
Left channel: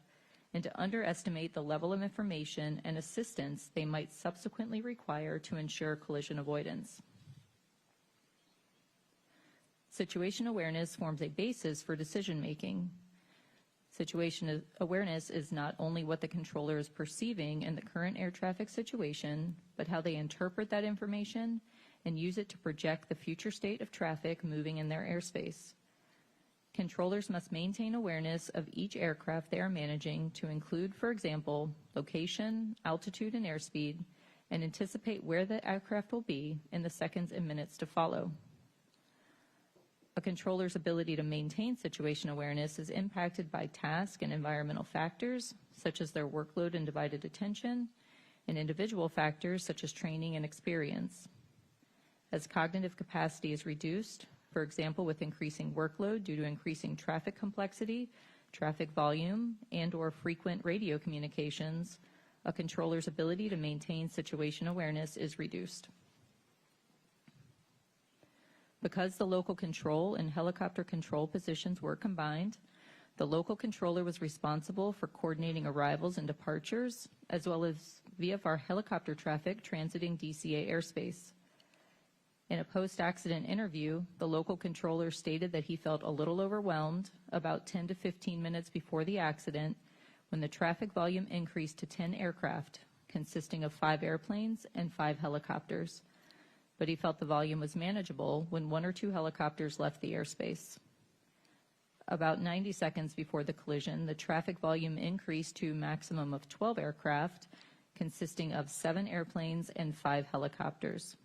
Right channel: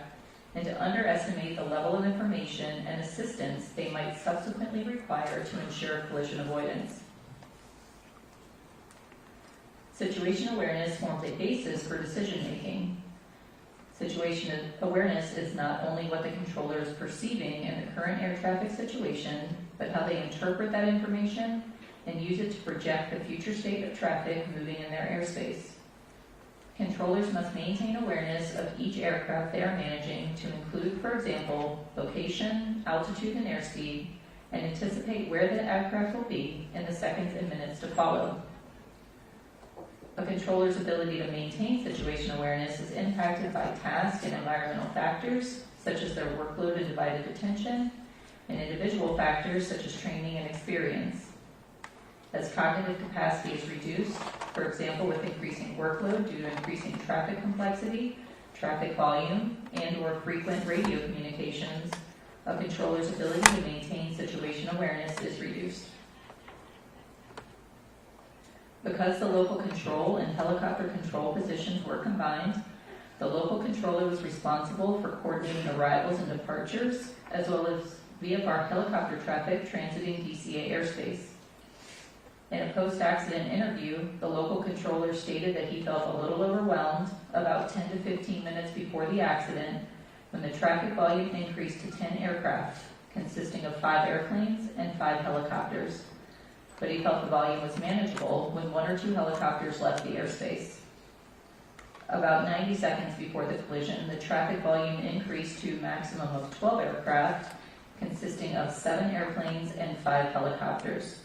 and to underestimate the level of information and assistance they might subsequently require to ensure collision avoidance. Situation awareness forms a basis for decision making. Situation awareness is not only what the controller is perceiving in the current air traffic situation, but how they interpret that information and use it to project the future state of traffic moving in their airspace. Controllers must maintain awareness of each aircraft they are managing to include, for example, location, altitude, and airspeed, and anticipate where the aircraft will be in the seconds and minutes to follow. A controller's ability to maintain situation awareness is impacted by task and environmental factors, such as their workload and divided attention, and individual factors such as training and experience. As cognitive capacity is reduced, for example with increasing workload due to increasing traffic complexity, traffic volume, and/or frequent radio communications, a controller's ability to maintain situation awareness is reduced. Because the local control and helicopter control positions were combined, the local controller was responsible for coordinating arrivals and departures, as well as VFR helicopter traffic transiting DCA airspace. In a post-accident interview, the local controller stated that he felt a little overwhelmed about 10 to 15 minutes before the accident when the traffic volume increased to 10 aircraft, consisting of 5 airplanes and 5 helicopters. But he felt the volume was manageable when 1 or 2 helicopters left the airspace. About 90 seconds before the collision, the traffic volume increased to a maximum of 12 aircraft, consisting of 7 airplanes and 5 helicopters.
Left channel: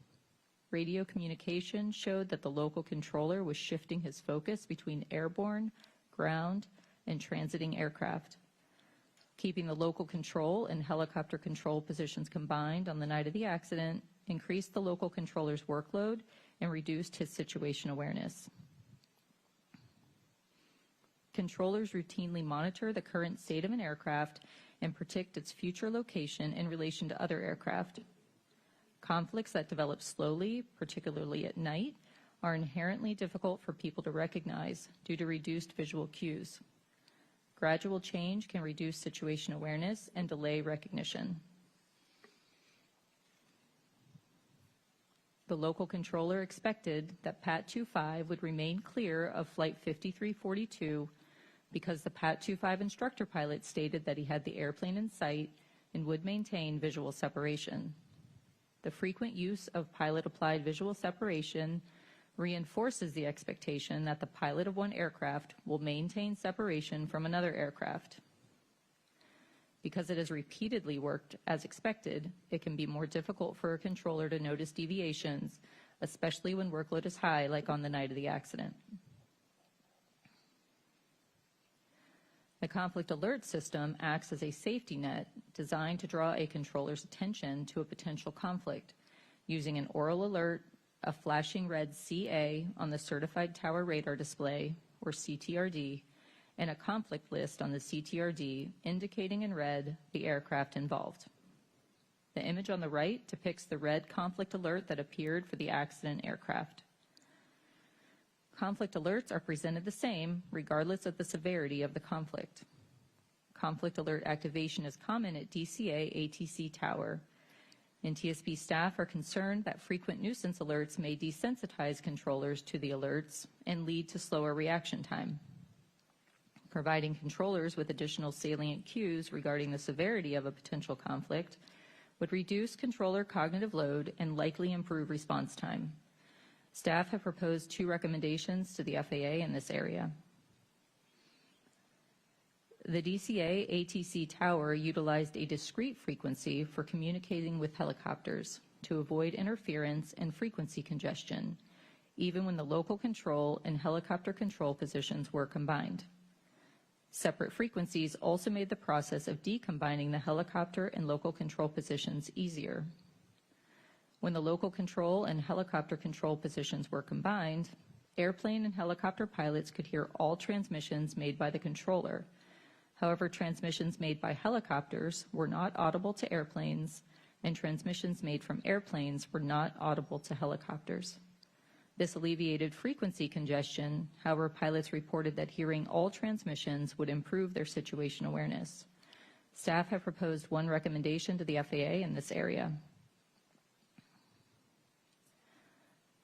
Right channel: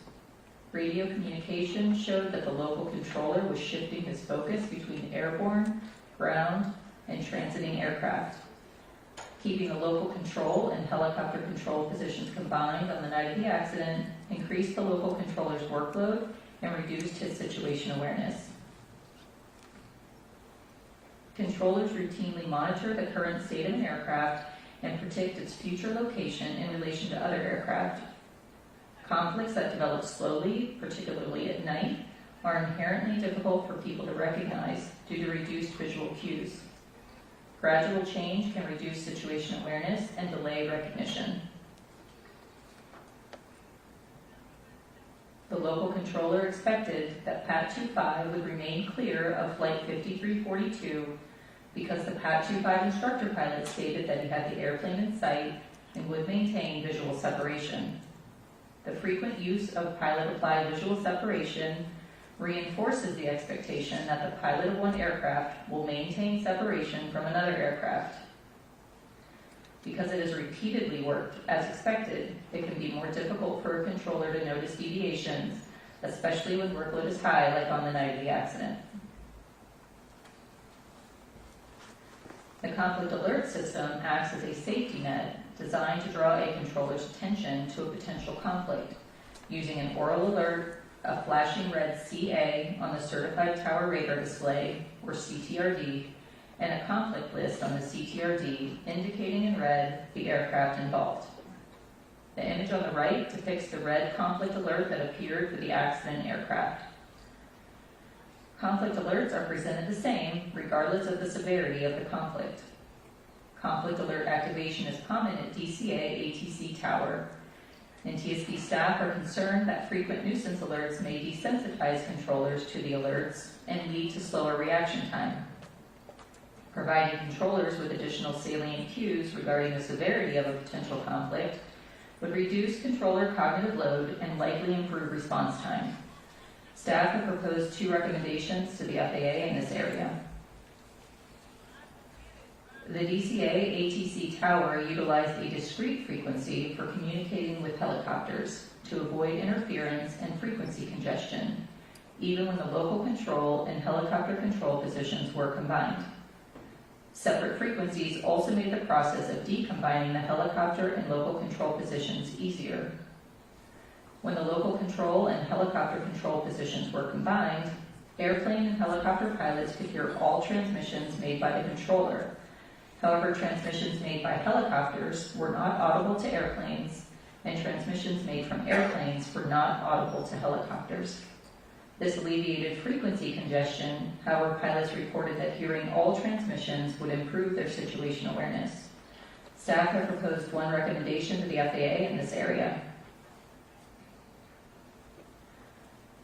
Radio communication showed that the local controller was shifting his focus between airborne, ground, and transiting aircraft. Keeping the local control and helicopter control positions combined on the night of the accident increased the local controller's workload and reduced his situation awareness. Controllers routinely monitor the current state of an aircraft and predict its future location in relation to other aircraft. Conflicts that develop slowly, particularly at night, are inherently difficult for people to recognize due to reduced visual cues. Gradual change can reduce situation awareness and delay recognition. The local controller expected that PAT 25 would remain clear of Flight 5342 because the PAT 25 instructor pilot stated that he had the airplane in sight and would maintain visual separation. The frequent use of pilot-applied visual separation reinforces the expectation that the pilot of one aircraft will maintain separation from another aircraft. Because it is repeatedly worked as expected, it can be more difficult for a controller to notice deviations, especially when workload is high, like on the night of the accident. The conflict alert system acts as a safety net designed to draw a controller's attention to a potential conflict, using an oral alert, a flashing red CA on the Certified Tower Radar Display, or CTRD, and a conflict list on the CTRD indicating in red the aircraft involved. The image on the right depicts the red conflict alert that appeared for the accident aircraft. Conflict alerts are presented the same regardless of the severity of the conflict. Conflict alert activation is common at DCA ATC Tower. NTSB staff are concerned that frequent nuisance alerts may desensitize controllers to the alerts and lead to slower reaction time. Providing controllers with additional salient cues regarding the severity of a potential conflict would reduce controller cognitive load and likely improve response time. Staff have proposed 2 recommendations to the FAA in this area. The DCA ATC Tower utilized a discrete frequency for communicating with helicopters to avoid interference and frequency congestion, even when the local control and helicopter control positions were combined. Separate frequencies also made the process of decombining the helicopter and local control positions easier. When the local control and helicopter control positions were combined, airplane and helicopter pilots could hear all transmissions made by the controller. However, transmissions made by helicopters were not audible to airplanes, and transmissions made from airplanes were not audible to helicopters. This alleviated frequency congestion. However, pilots reported that hearing all transmissions would improve their situation awareness. Staff have proposed one recommendation to the FAA in this area.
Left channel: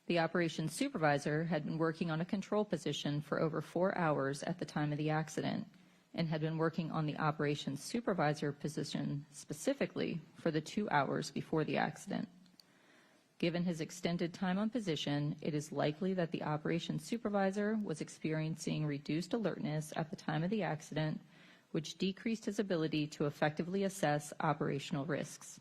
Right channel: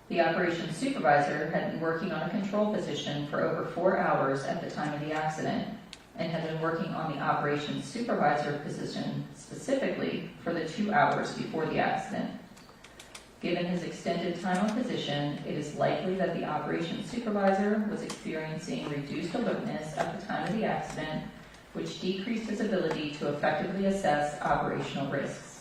The operations supervisor had been working on a control position for over 4 hours at the time of the accident and had been working on the operations supervisor position specifically for the 2 hours before the accident. Given his extended time on position, it is likely that the operations supervisor was experiencing reduced alertness at the time of the accident, which decreased his ability to effectively assess operational risks.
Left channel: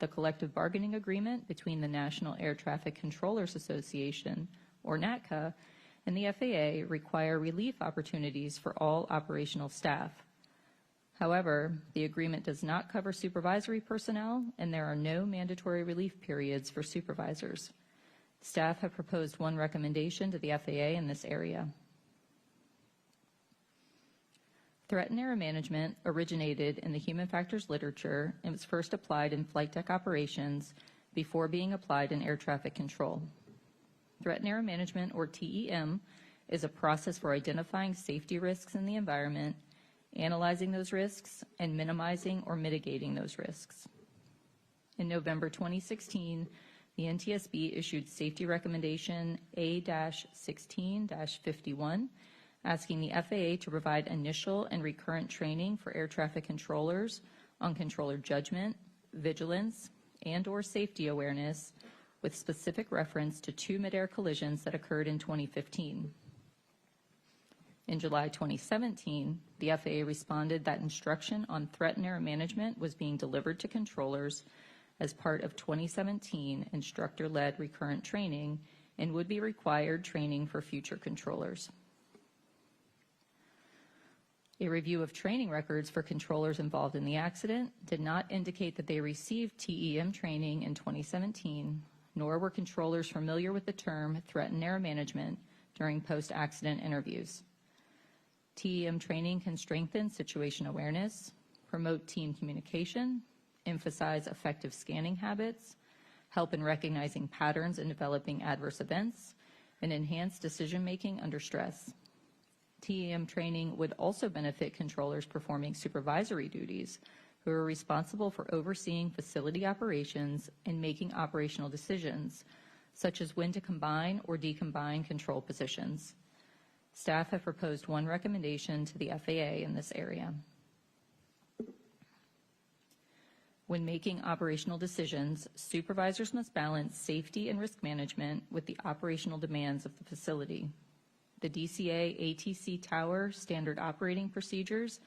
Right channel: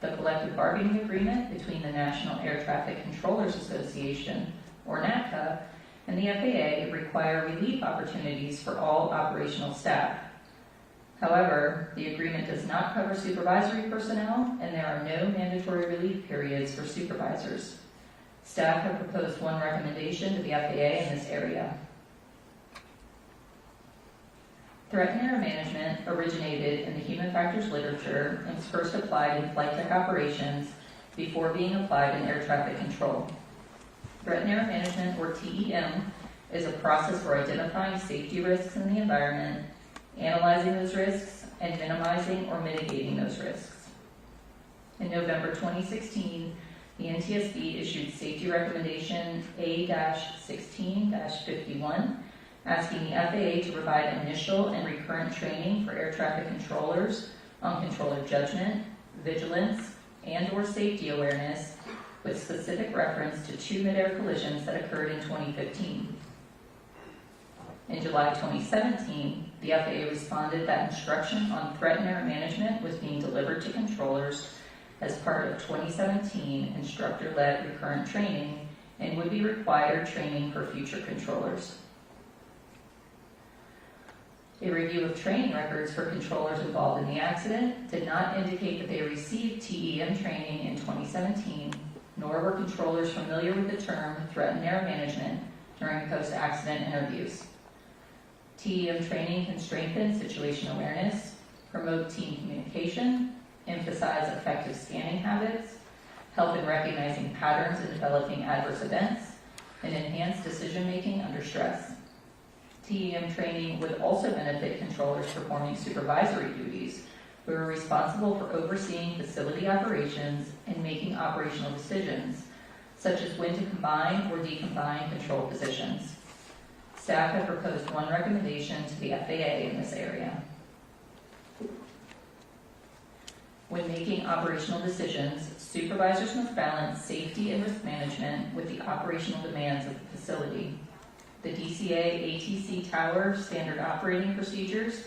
The collective bargaining agreement between the National Air Traffic Controllers Association, or NATCA, and the FAA require relief opportunities for all operational staff. However, the agreement does not cover supervisory personnel, and there are no mandatory relief periods for supervisors. Staff have proposed one recommendation to the FAA in this area. Threat and error management originated in the human factors literature and was first applied in flight tech operations before being applied in air traffic control. Threat and error management, or TEM, is a process for identifying safety risks in the environment, analyzing those risks, and minimizing or mitigating those risks. In November 2016, the NTSB issued Safety Recommendation A-16-51, asking the FAA to provide initial and recurrent training for air traffic controllers on controller judgment, vigilance, and/or safety awareness, with specific reference to 2 mid-air collisions that occurred in 2015. In July 2017, the FAA responded that instruction on threat and error management was being delivered to controllers as part of 2017 instructor-led recurrent training and would be required training for future controllers. A review of training records for controllers involved in the accident did not indicate that they received TEM training in 2017, nor were controllers familiar with the term threat and error management during post-accident interviews. TEM training can strengthen situation awareness, promote team communication, emphasize effective scanning habits, help in recognizing patterns and developing adverse events, and enhance decision-making under stress. TEM training would also benefit controllers performing supervisory duties who are responsible for overseeing facility operations and making operational decisions, such as when to combine or decombine control positions. Staff have proposed one recommendation to the FAA in this area. When making operational decisions, supervisors must balance safety and risk management with the operational demands of the facility. The DCA ATC Tower Standard Operating Procedures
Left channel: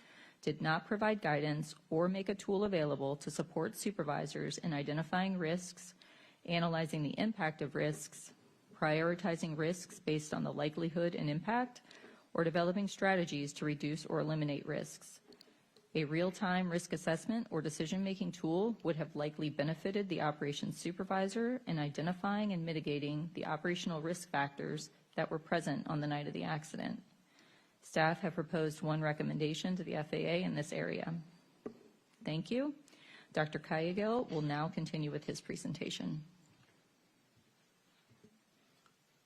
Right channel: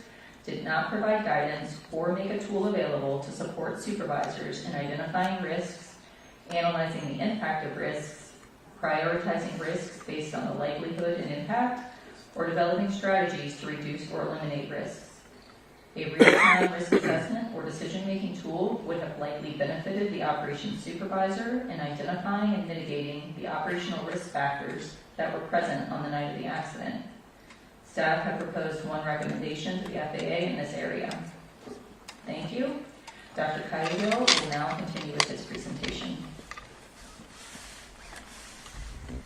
did not provide guidance or make a tool available to support supervisors in identifying risks, analyzing the impact of risks, prioritizing risks based on the likelihood and impact, or developing strategies to reduce or eliminate risks. A real-time risk assessment or decision-making tool would have likely benefited the operations supervisor in identifying and mitigating the operational risk factors that were present on the night of the accident. Staff have proposed one recommendation to the FAA in this area. Thank you. Dr. Cahill will now continue with his presentation.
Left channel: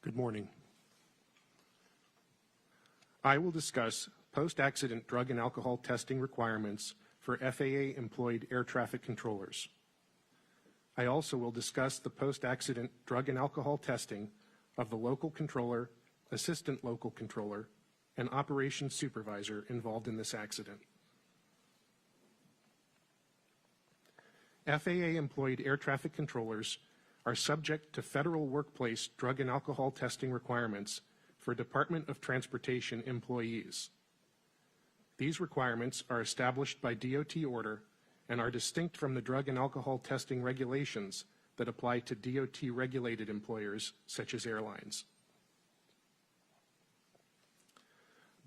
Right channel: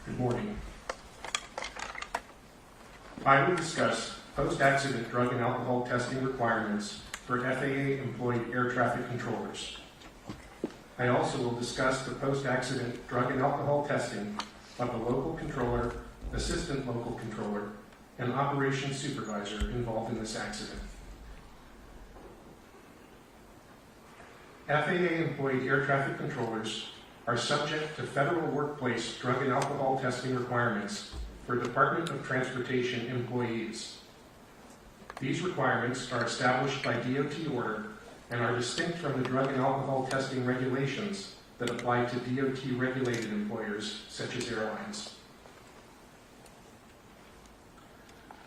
Good morning. I will discuss post-accident drug and alcohol testing requirements for FAA-employed air traffic controllers. I also will discuss the post-accident drug and alcohol testing of the local controller, assistant local controller, and operations supervisor involved in this accident. FAA-employed air traffic controllers are subject to federal workplace drug and alcohol testing requirements for Department of Transportation employees. These requirements are established by DOT order and are distinct from the drug and alcohol testing regulations that apply to DOT-regulated employers, such as airlines.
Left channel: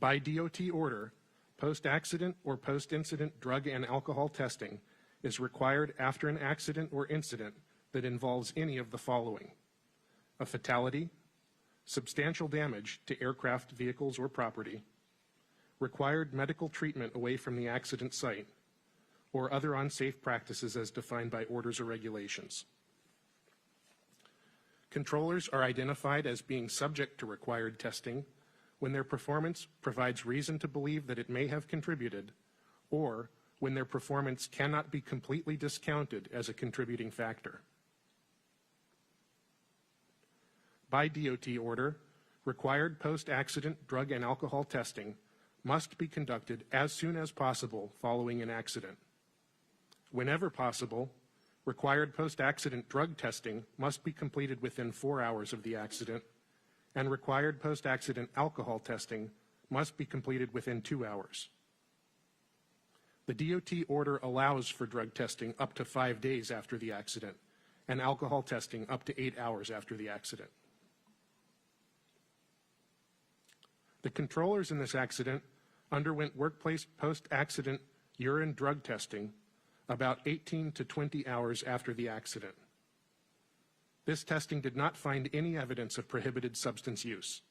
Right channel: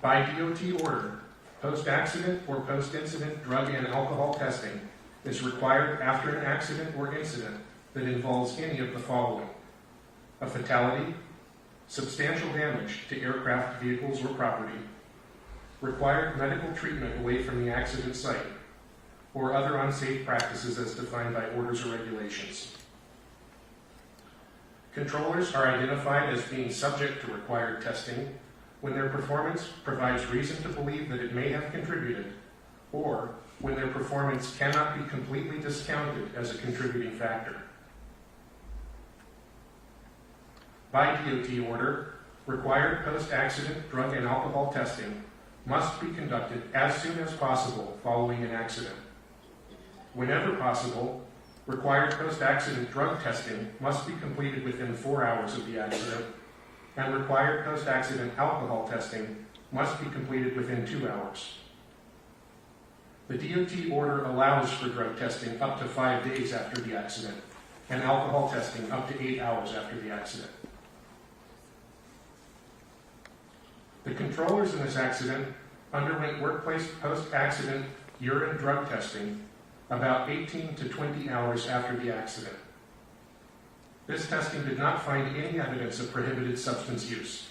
By DOT order, post-accident or post-incident drug and alcohol testing is required after an accident or incident that involves any of the following: a fatality, substantial damage to aircraft, vehicles, or property, required medical treatment away from the accident site, or other unsafe practices as defined by orders or regulations. Controllers are identified as being subject to required testing when their performance provides reason to believe that it may have contributed, or when their performance cannot be completely discounted as a contributing factor. By DOT order, required post-accident drug and alcohol testing must be conducted as soon as possible following an accident. Whenever possible, required post-accident drug testing must be completed within 4 hours of the accident, and required post-accident alcohol testing must be completed within 2 hours. The DOT order allows for drug testing up to 5 days after the accident, and alcohol testing up to 8 hours after the accident. The controllers in this accident underwent workplace post-accident urine drug testing about 18 to 20 hours after the accident. This testing did not find any evidence of prohibited substance use.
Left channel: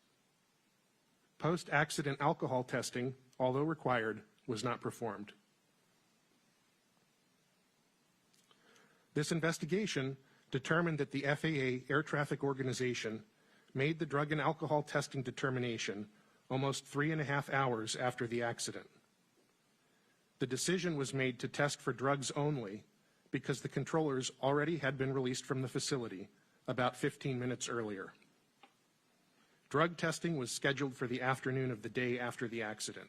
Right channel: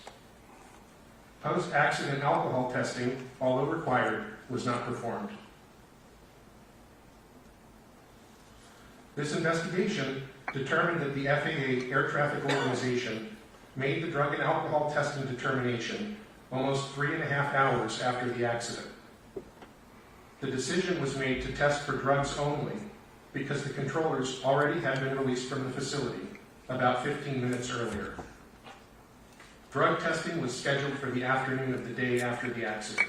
Post-accident alcohol testing, although required, was not performed. This investigation determined that the FAA Air Traffic Organization made the drug and alcohol testing determination almost 3.5 hours after the accident. The decision was made to test for drugs only because the controllers already had been released from the facility about 15 minutes earlier. Drug testing was scheduled for the afternoon of the day after the accident.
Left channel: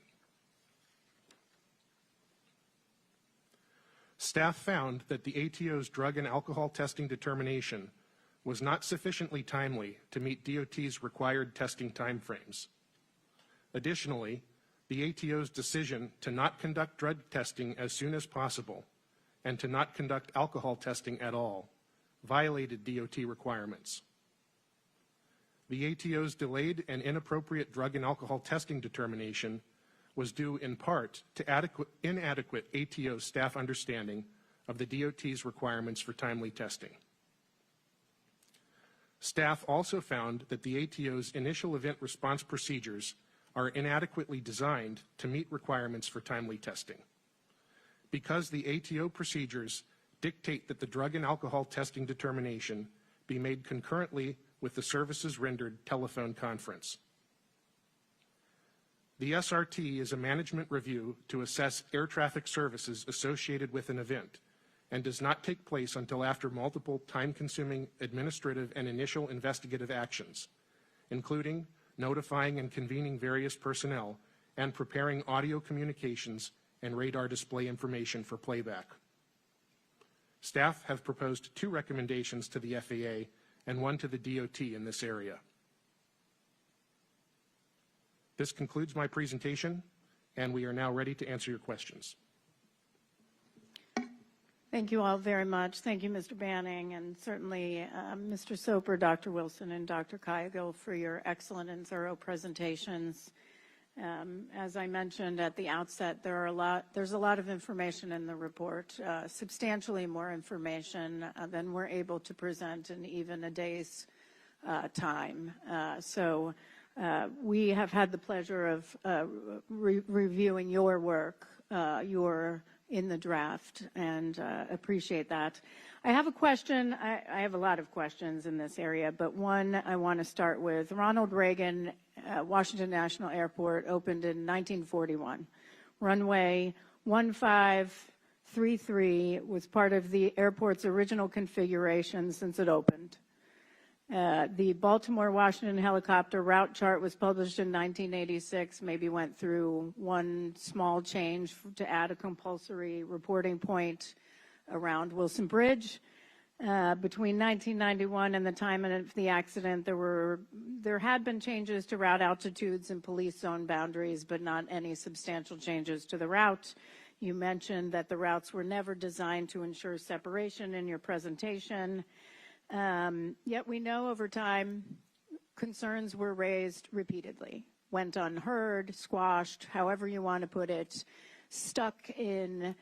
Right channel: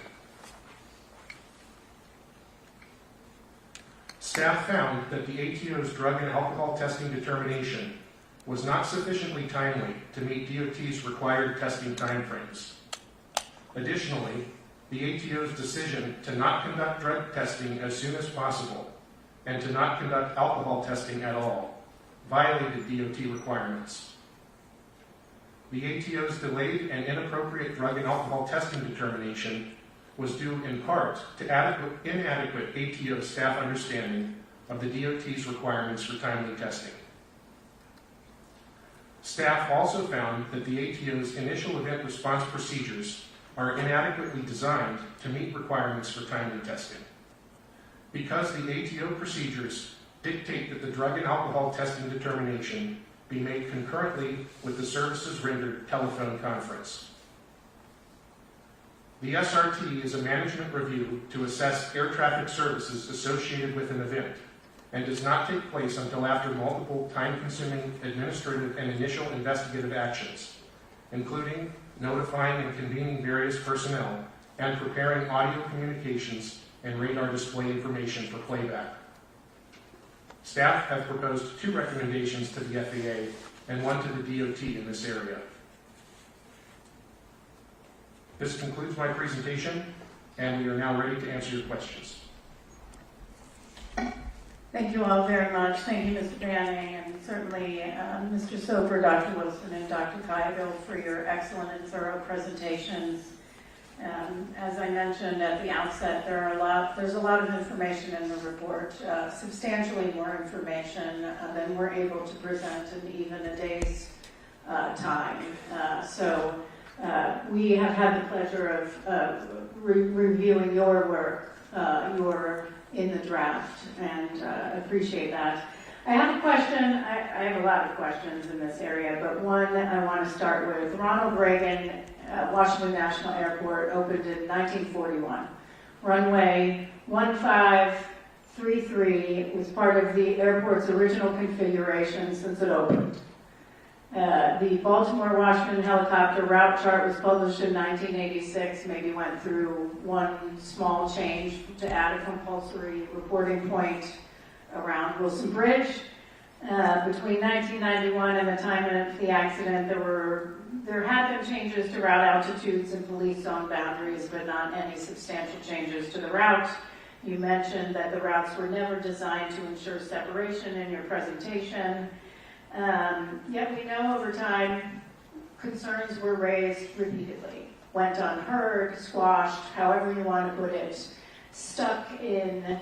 Staff found that the ATO's drug and alcohol testing determination was not sufficiently timely to meet DOT's required testing timeframes. Additionally, the ATO's decision to not conduct drug testing as soon as possible and to not conduct alcohol testing at all violated DOT requirements. The ATO's delayed and inappropriate drug and alcohol testing determination was due in part to inadequate ATO staff understanding of the DOT's requirements for timely testing. Staff also found that the ATO's initial event response procedures are inadequately designed to meet requirements for timely testing. Because the ATO procedures dictate that the drug and alcohol testing determination be made concurrently with the services rendered telephone conference. The SRT is a management review to assess air traffic services associated with an event and does not take place until after multiple time-consuming administrative and initial investigative actions, including notifying and convening various personnel and preparing audio communications and radar display information for playback. Staff have proposed 2 recommendations to the FAA and 1 to the DOT in this area. This concludes my presentation, and we are now ready to answer your questions. Thank you all very much. Thank you, Mr. Banning, and certainly Mr. Soper, Dr. Wilson, and Dr. Kayaville for your excellent and thorough presentations. As I mentioned at the outset, there's a lot of information in the report, substantially more information than we're able to present in even a day's time. We have had the pleasure of reviewing your work, your in the draft, and appreciate that. I have a question. I have a lot of questions in this area, but one I want to start with. Ronald Reagan Washington National Airport opened in 1941. Runway 1533 was part of the airport's original configuration since it opened. The Baltimore-Washington helicopter route chart was published in 1986, maybe went through one small change to add a compulsory reporting point around Wilson Bridge. Between 1991 and the time of the accident, there had been changes to route altitudes and police zone boundaries, but not any substantial changes to the route. You mentioned that the routes were never designed to ensure separation in your presentation. Yet we know over time concerns were raised repeatedly, went unheard, squashed, however you want to put it, stuck in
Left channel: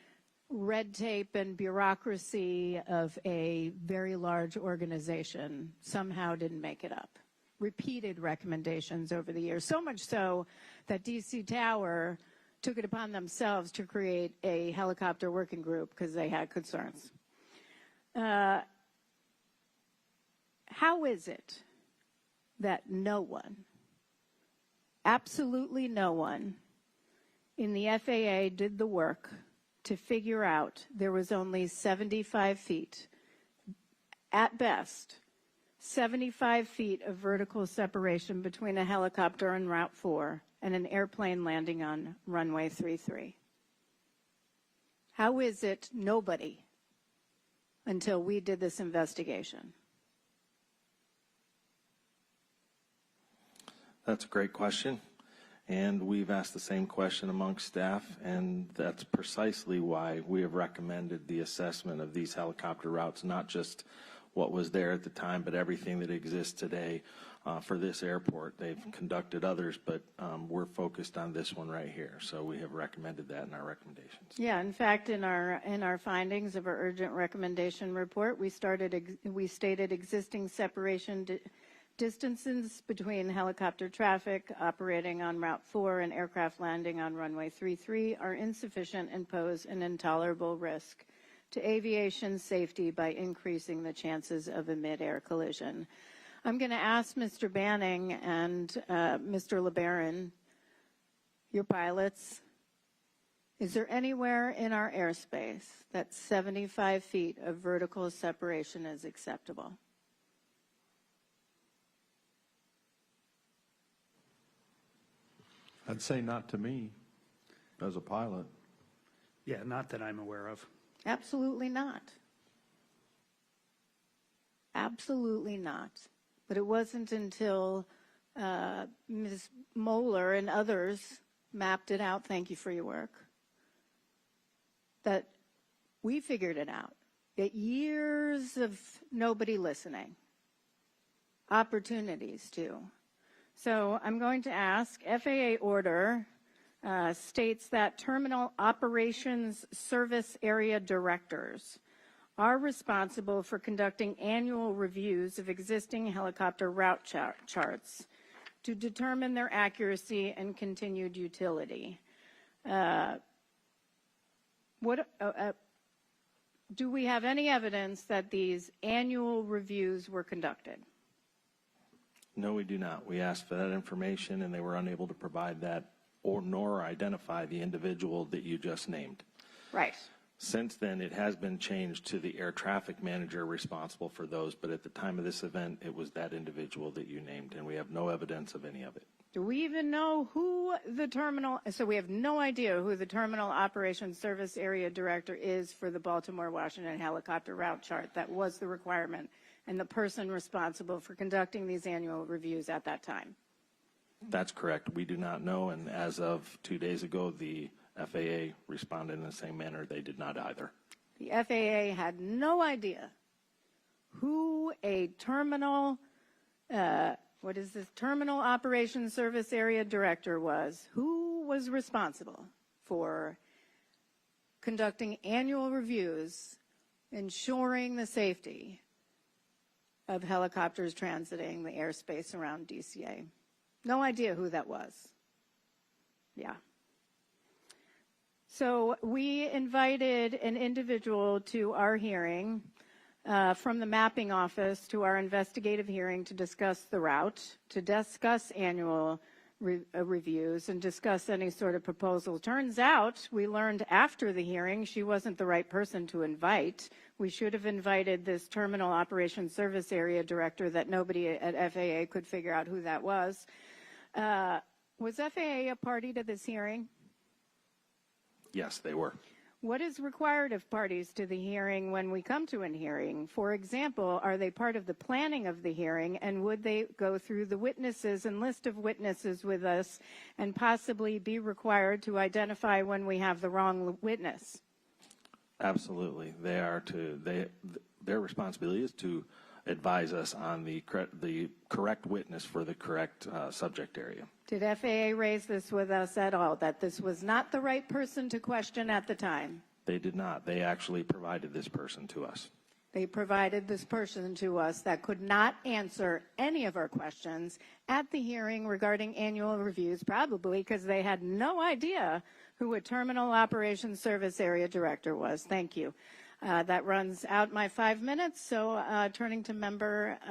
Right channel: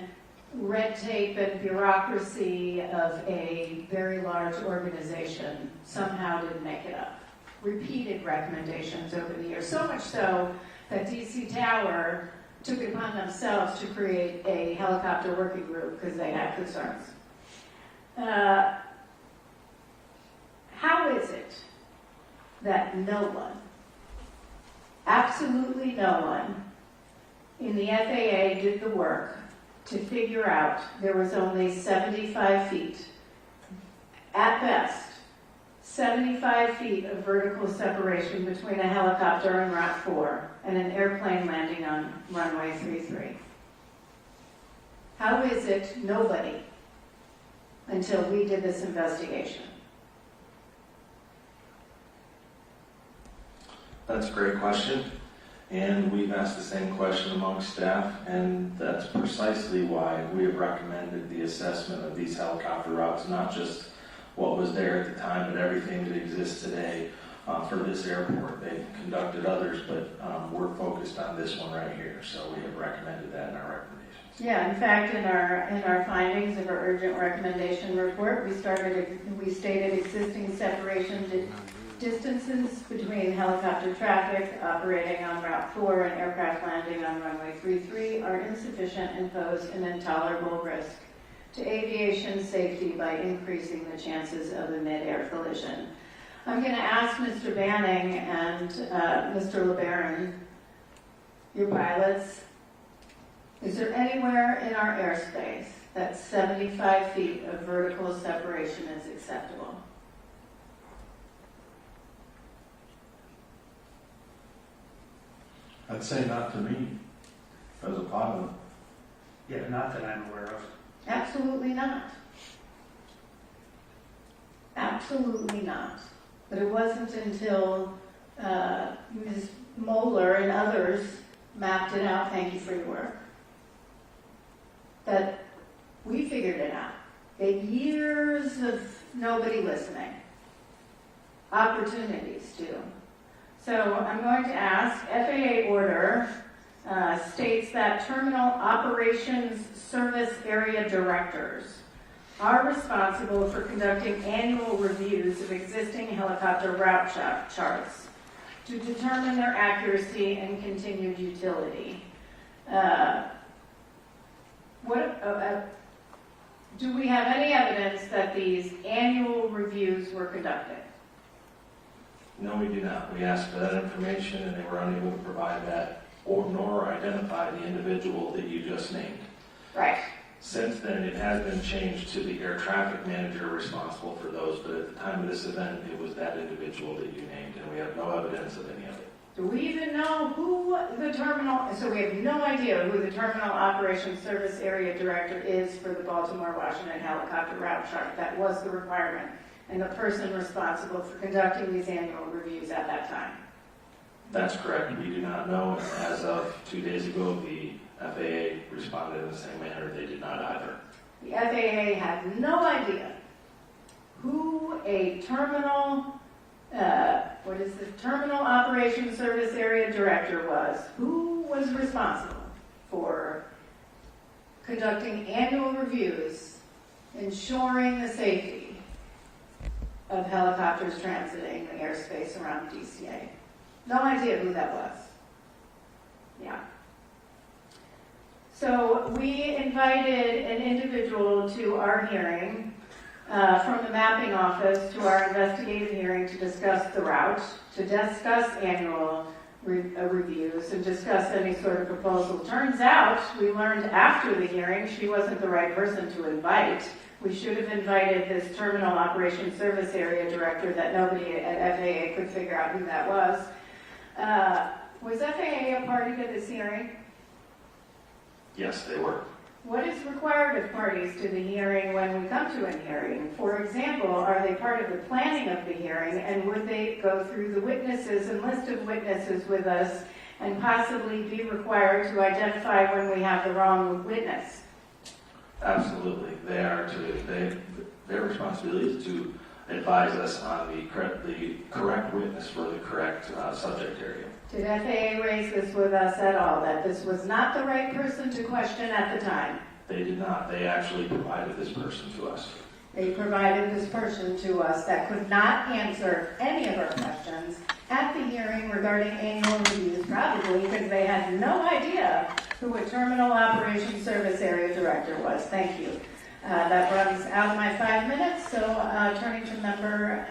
red tape and bureaucracy of a very large organization, somehow didn't make it up. Repeated recommendations over the years, so much so that DC Tower took it upon themselves to create a helicopter working group because they had concerns. How is it that no one, absolutely no one, in the FAA did the work to figure out there was only 75 feet, at best, 75 feet of vertical separation between a helicopter on Route 4 and an airplane landing on runway 33? How is it nobody, until we did this investigation? That's a great question, and we've asked the same question amongst staff, and that's precisely why we have recommended the assessment of these helicopter routes, not just what was there at the time, but everything that exists today for this airport. They've conducted others, but we're focused on this one right here, so we have recommended that in our recommendations. Yeah, in fact, in our findings of our urgent recommendation report, we stated existing separation distances between helicopter traffic operating on Route 4 and aircraft landing on runway 33 are insufficient and pose an intolerable risk to aviation safety by increasing the chances of a mid-air collision. I'm going to ask Mr. Banning and Mr. LeBaron, your pilots, is there anywhere in our airspace that 75 feet of vertical separation is acceptable? I'd say not to me, as a pilot. Yeah, not that I'm aware of. Absolutely not. Absolutely not. But it wasn't until Ms. Moeller and others mapped it out, thank you for your work, that we figured it out. Years of nobody listening. Opportunities too. So I'm going to ask, FAA order states that terminal operations service area directors are responsible for conducting annual reviews of existing helicopter route charts to determine their accuracy and continued utility. Do we have any evidence that these annual reviews were conducted? No, we do not. We asked for that information, and they were unable to provide that, nor identify the individual that you just named. Right. Since then, it has been changed to the air traffic manager responsible for those, but at the time of this event, it was that individual that you named, and we have no evidence of any of it. Do we even know who the terminal, so we have no idea who the Terminal Operations Service Area Director is for the Baltimore-Washington helicopter route chart? That was the requirement, and the person responsible for conducting these annual reviews at that time. That's correct. We do not know, and as of 2 days ago, the FAA responded in the same manner. They did not either. The FAA had no idea who a terminal, Terminal Operations Service Area Director was. Who was responsible for conducting annual reviews, ensuring the safety of helicopters transiting the airspace around DCA. No idea who that was. Yeah. So we invited an individual to our hearing from the mapping office to our investigative hearing to discuss the route, to discuss annual reviews, and discuss any sort of proposal. Turns out, we learned after the hearing she wasn't the right person to invite. We should have invited this Terminal Operations Service Area Director that nobody at FAA could figure out who that was. Was FAA a party to this hearing? Yes, they were. What is required of parties to the hearing when we come to a hearing? For example, are they part of the planning of the hearing, and would they go through the witnesses and list of witnesses with us and possibly be required to identify when we have the wrong witness? Absolutely. Their responsibility is to advise us on the correct witness for the correct subject area. Did FAA raise this with us at all, that this was not the right person to question at the time? They did not. They actually provided this person to us. They provided this person to us that could not answer any of our questions at the hearing regarding annual reviews, probably because they had no idea who a Terminal Operations Service Area Director was. Thank you. That runs out of my 5 minutes, so turning to member,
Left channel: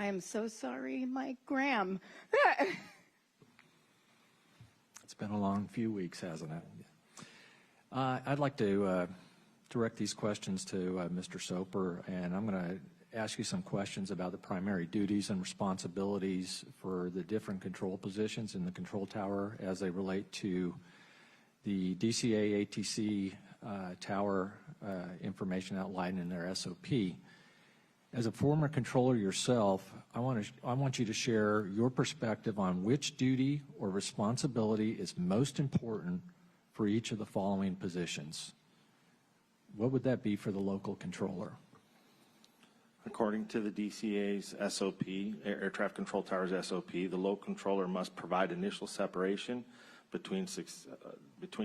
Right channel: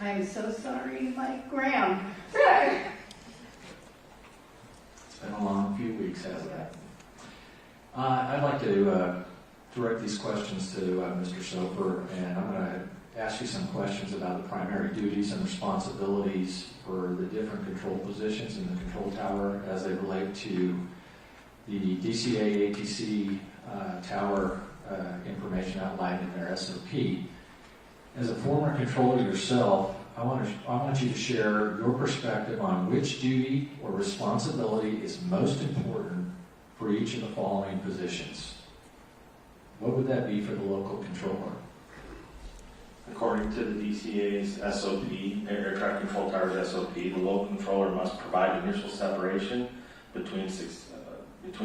I'm so sorry, Mike Graham. It's been a long few weeks, hasn't it? I'd like to direct these questions to Mr. Soper, and I'm going to ask you some questions about the primary duties and responsibilities for the different control positions in the control tower as they relate to the DCA ATC tower information outlined in their SOP. As a former controller yourself, I want you to share your perspective on which duty or responsibility is most important for each of the following positions. What would that be for the local controller? According to the DCA's SOP, Air Traffic Control Tower's SOP, the local controller must provide initial separation between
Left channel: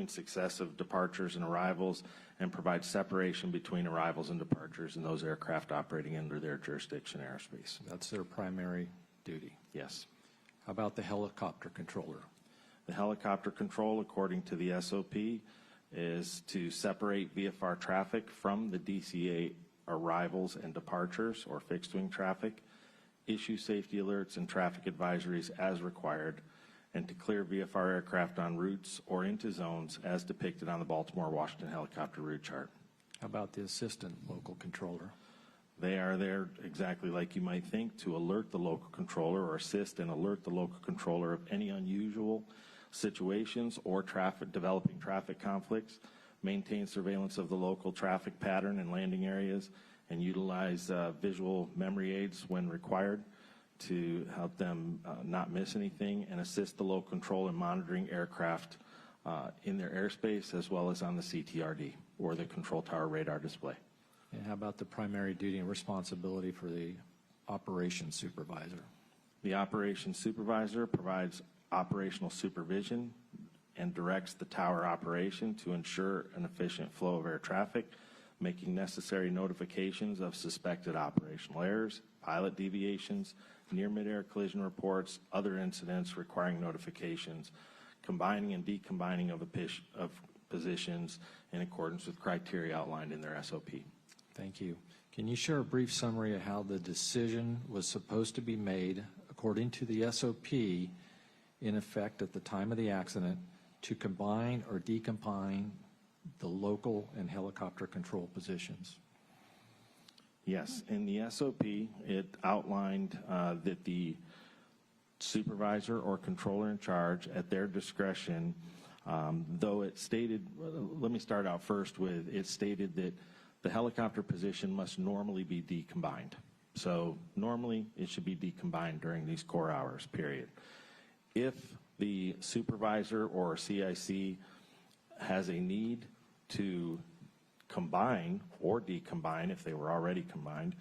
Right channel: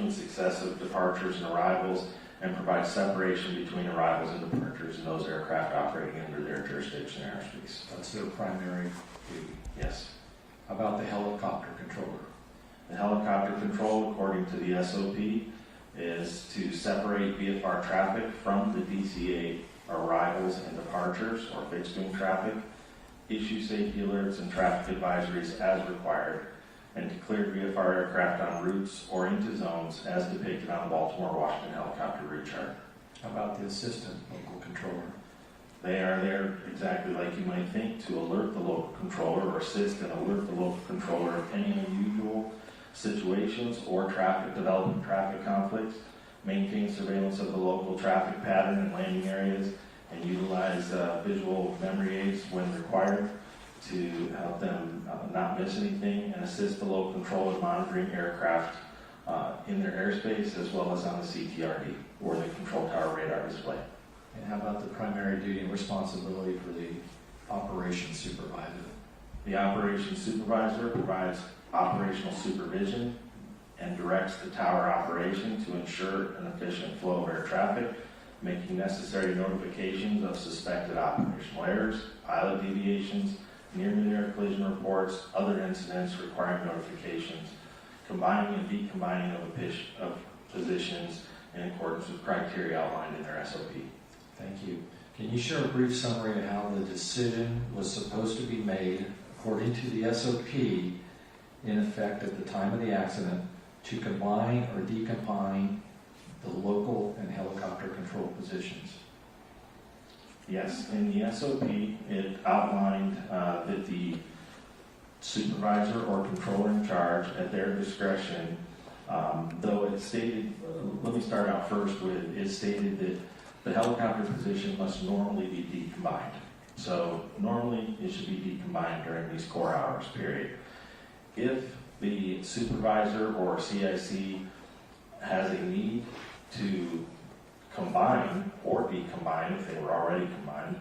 successive departures and arrivals, and provide separation between arrivals and departures in those aircraft operating under their jurisdiction airspace. That's their primary duty. Yes. How about the helicopter controller? The helicopter control, according to the SOP, is to separate VFR traffic from the DCA arrivals and departures or fixed wing traffic, issue safety alerts and traffic advisories as required, and declare VFR aircraft on routes or into zones as depicted on the Baltimore-Washington helicopter route chart. How about the assistant local controller? They are there exactly like you might think, to alert the local controller or assist and alert the local controller of any unusual situations or developing traffic conflicts, maintain surveillance of the local traffic pattern and landing areas, and utilize visual memory aids when required to help them not miss anything, and assist the local controller in monitoring aircraft in their airspace as well as on the CTRD or the control tower radar display. And how about the primary duty and responsibility for the operations supervisor? The operations supervisor provides operational supervision and directs the tower operation to ensure an efficient flow of air traffic, making necessary notifications of suspected operational errors, pilot deviations, near-mid-air collision reports, other incidents requiring notifications, combining and decombining of positions in accordance with criteria outlined in their SOP. Thank you. Can you share a brief summary of how the decision was supposed to be made according to the SOP in effect at the time of the accident to combine or decombine the local and helicopter control positions? Yes, in the SOP, it outlined that the supervisor or controller in charge, at their discretion, though it stated, let me start out first with, it stated that the helicopter position must normally be decombined. So normally it should be decombined during these core hours, period. If the supervisor or CIC has a need to combine or decombine, if they were already combined,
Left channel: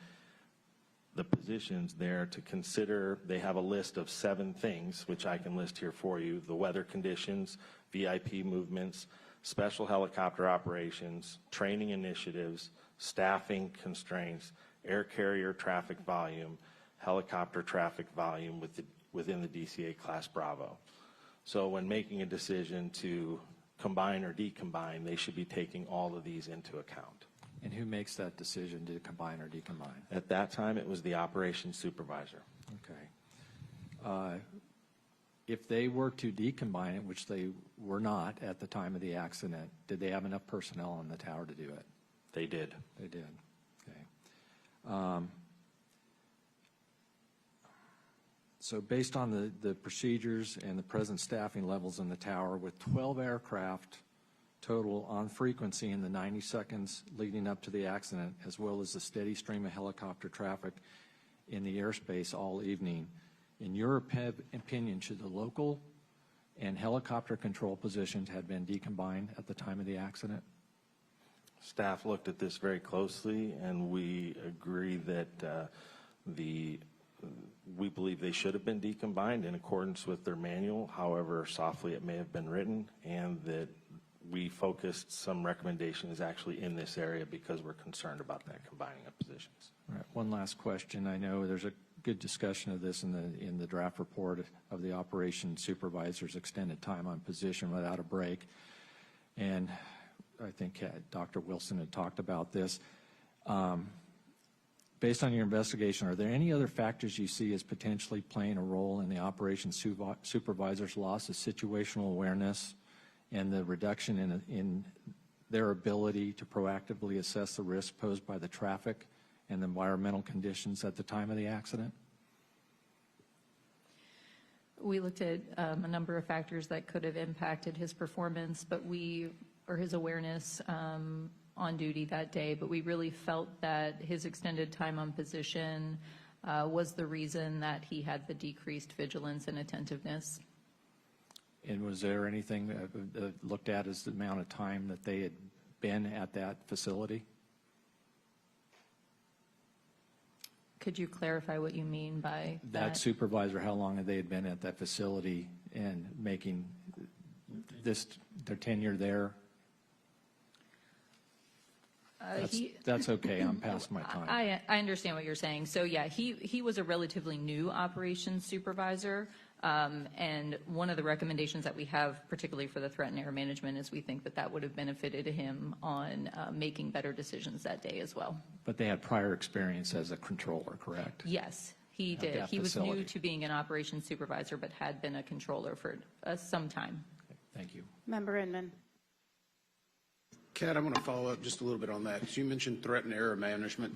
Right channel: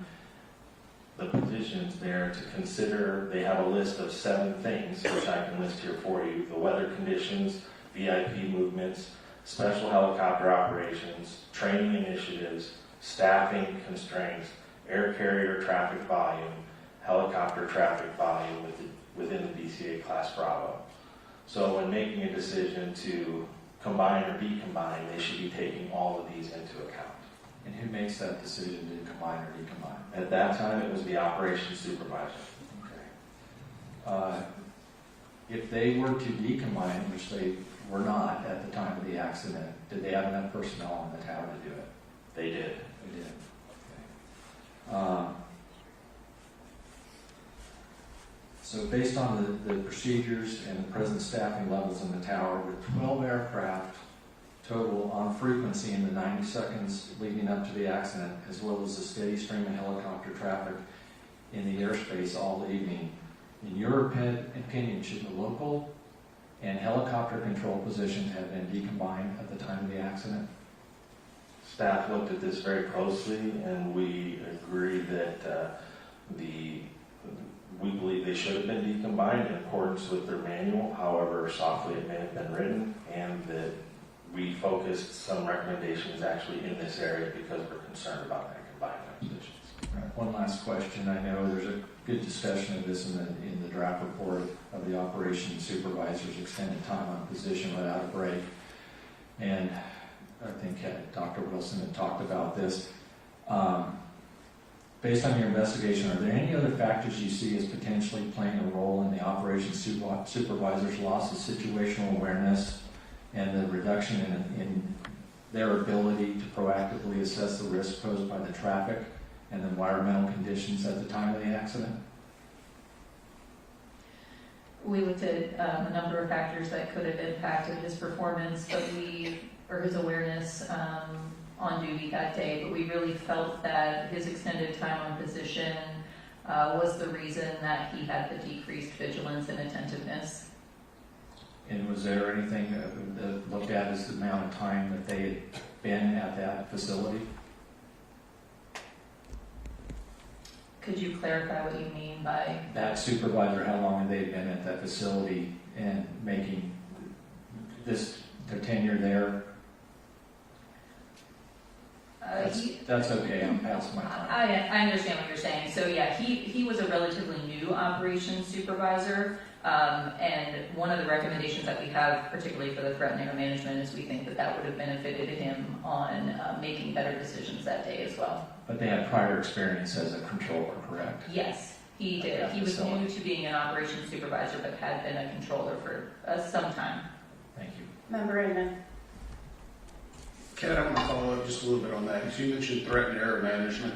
the positions there to consider, they have a list of 7 things, which I can list here for you: the weather conditions, VIP movements, special helicopter operations, training initiatives, staffing constraints, air carrier traffic volume, helicopter traffic volume within the DCA Class Bravo. So when making a decision to combine or decombine, they should be taking all of these into account. And who makes that decision to combine or decombine? At that time, it was the operations supervisor. Okay. If they were to decombine, which they were not at the time of the accident, did they have enough personnel on the tower to do it? They did. They did. Okay. So based on the procedures and the present staffing levels in the tower, with 12 aircraft total on frequency in the 90 seconds leading up to the accident, as well as a steady stream of helicopter traffic in the airspace all evening, in your opinion, should the local and helicopter control positions have been decombined at the time of the accident? Staff looked at this very closely, and we agreed that we believe they should have been decombined in accordance with their manual, however softly it may have been written, and that we focused some recommendations actually in this area because we're concerned about that combining of positions. All right, one last question. I know there's a good discussion of this in the draft report of the operations supervisor's extended time on position without a break. and I think Dr. Wilson had talked about this. Based on your investigation, are there any other factors you see as potentially playing a role in the operations supervisor's loss of situational awareness and the reduction in their ability to proactively assess the risk posed by the traffic and the environmental conditions at the time of the accident? We looked at a number of factors that could have impacted his performance, or his awareness on duty that day, but we really felt that his extended time on position was the reason that he had the decreased vigilance and attentiveness. And was there anything to look at as the amount of time that they had been at that facility? Could you clarify what you mean by That supervisor, how long had they been at that facility and making their tenure there? That's okay, I'm past my time. I understand what you're saying. So yeah, he was a relatively new operations supervisor, and one of the recommendations that we have, particularly for the threat and error management, is we think that would have benefited him on making better decisions that day as well. But they had prior experience as a controller, correct? Yes, he did. He was new to being an operations supervisor, but had been a controller for some time. Thank you. Member Inman. Ken, I'm going to follow up just a little bit on that. As you mentioned threat and error management,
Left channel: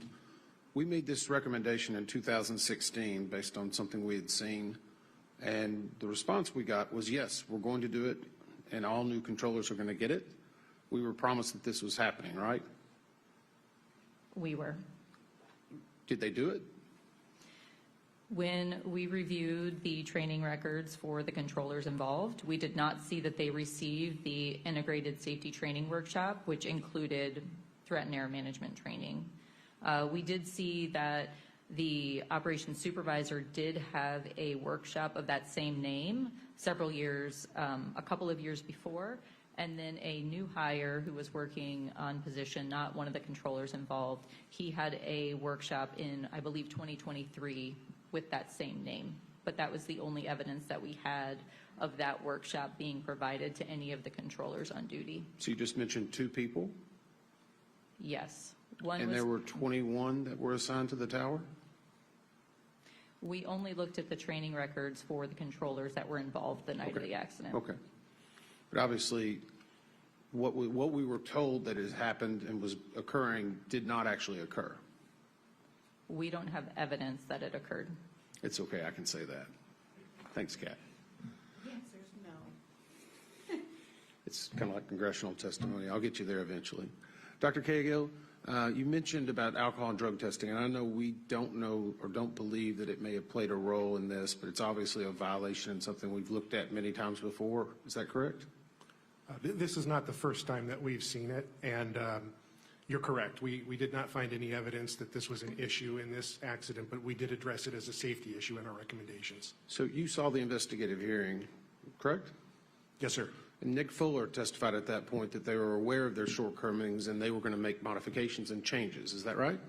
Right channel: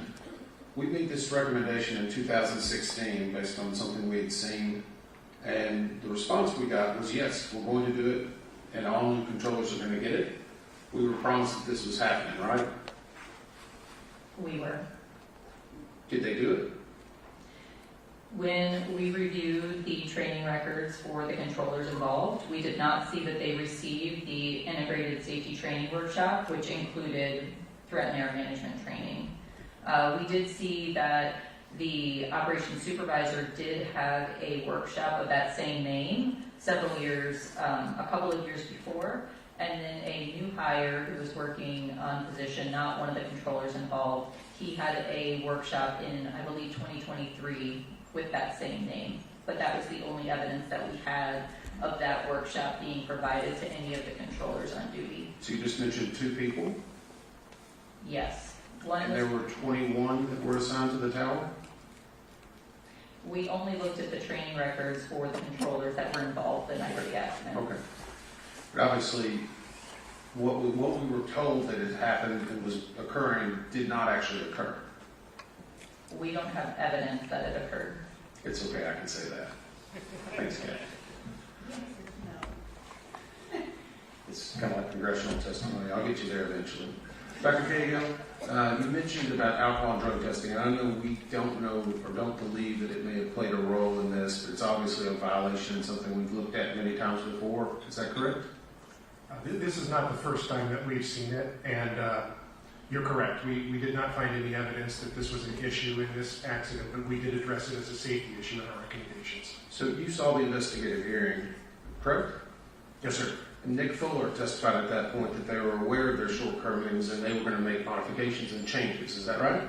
we made this recommendation in 2016 based on something we had seen, and the response we got was, yes, we're going to do it, and all new controllers are going to get it. We were promised that this was happening, right? We were. Did they do it? When we reviewed the training records for the controllers involved, we did not see that they received the integrated safety training workshop, which included threat and error management training. We did see that the operations supervisor did have a workshop of that same name several years, a couple of years before, and then a new hire who was working on position, not one of the controllers involved, he had a workshop in, I believe, 2023 with that same name. But that was the only evidence that we had of that workshop being provided to any of the controllers on duty. So you just mentioned 2 people, Yes. and there were 21 that were assigned to the tower? We only looked at the training records for the controllers that were involved the night of the accident. Okay. But obviously, what we were told that had happened and was occurring did not actually occur. We don't have evidence that it occurred. It's okay, I can say that. Thanks, Ken. It's kind of like congressional testimony. I'll get you there eventually. Dr. Cahill, you mentioned about alcohol and drug testing, and I know we don't know or don't believe that it may have played a role in this, but it's obviously a violation, something we've looked at many times before. Is that correct? This is not the first time that we've seen it, and you're correct. We did not find any evidence that this was an issue in this accident, but we did address it as a safety issue in our recommendations. So you saw the investigative hearing, correct? Yes, sir. And Nick Fuller testified at that point that they were aware of their shortcomings and they were going to make modifications and changes. Is that right?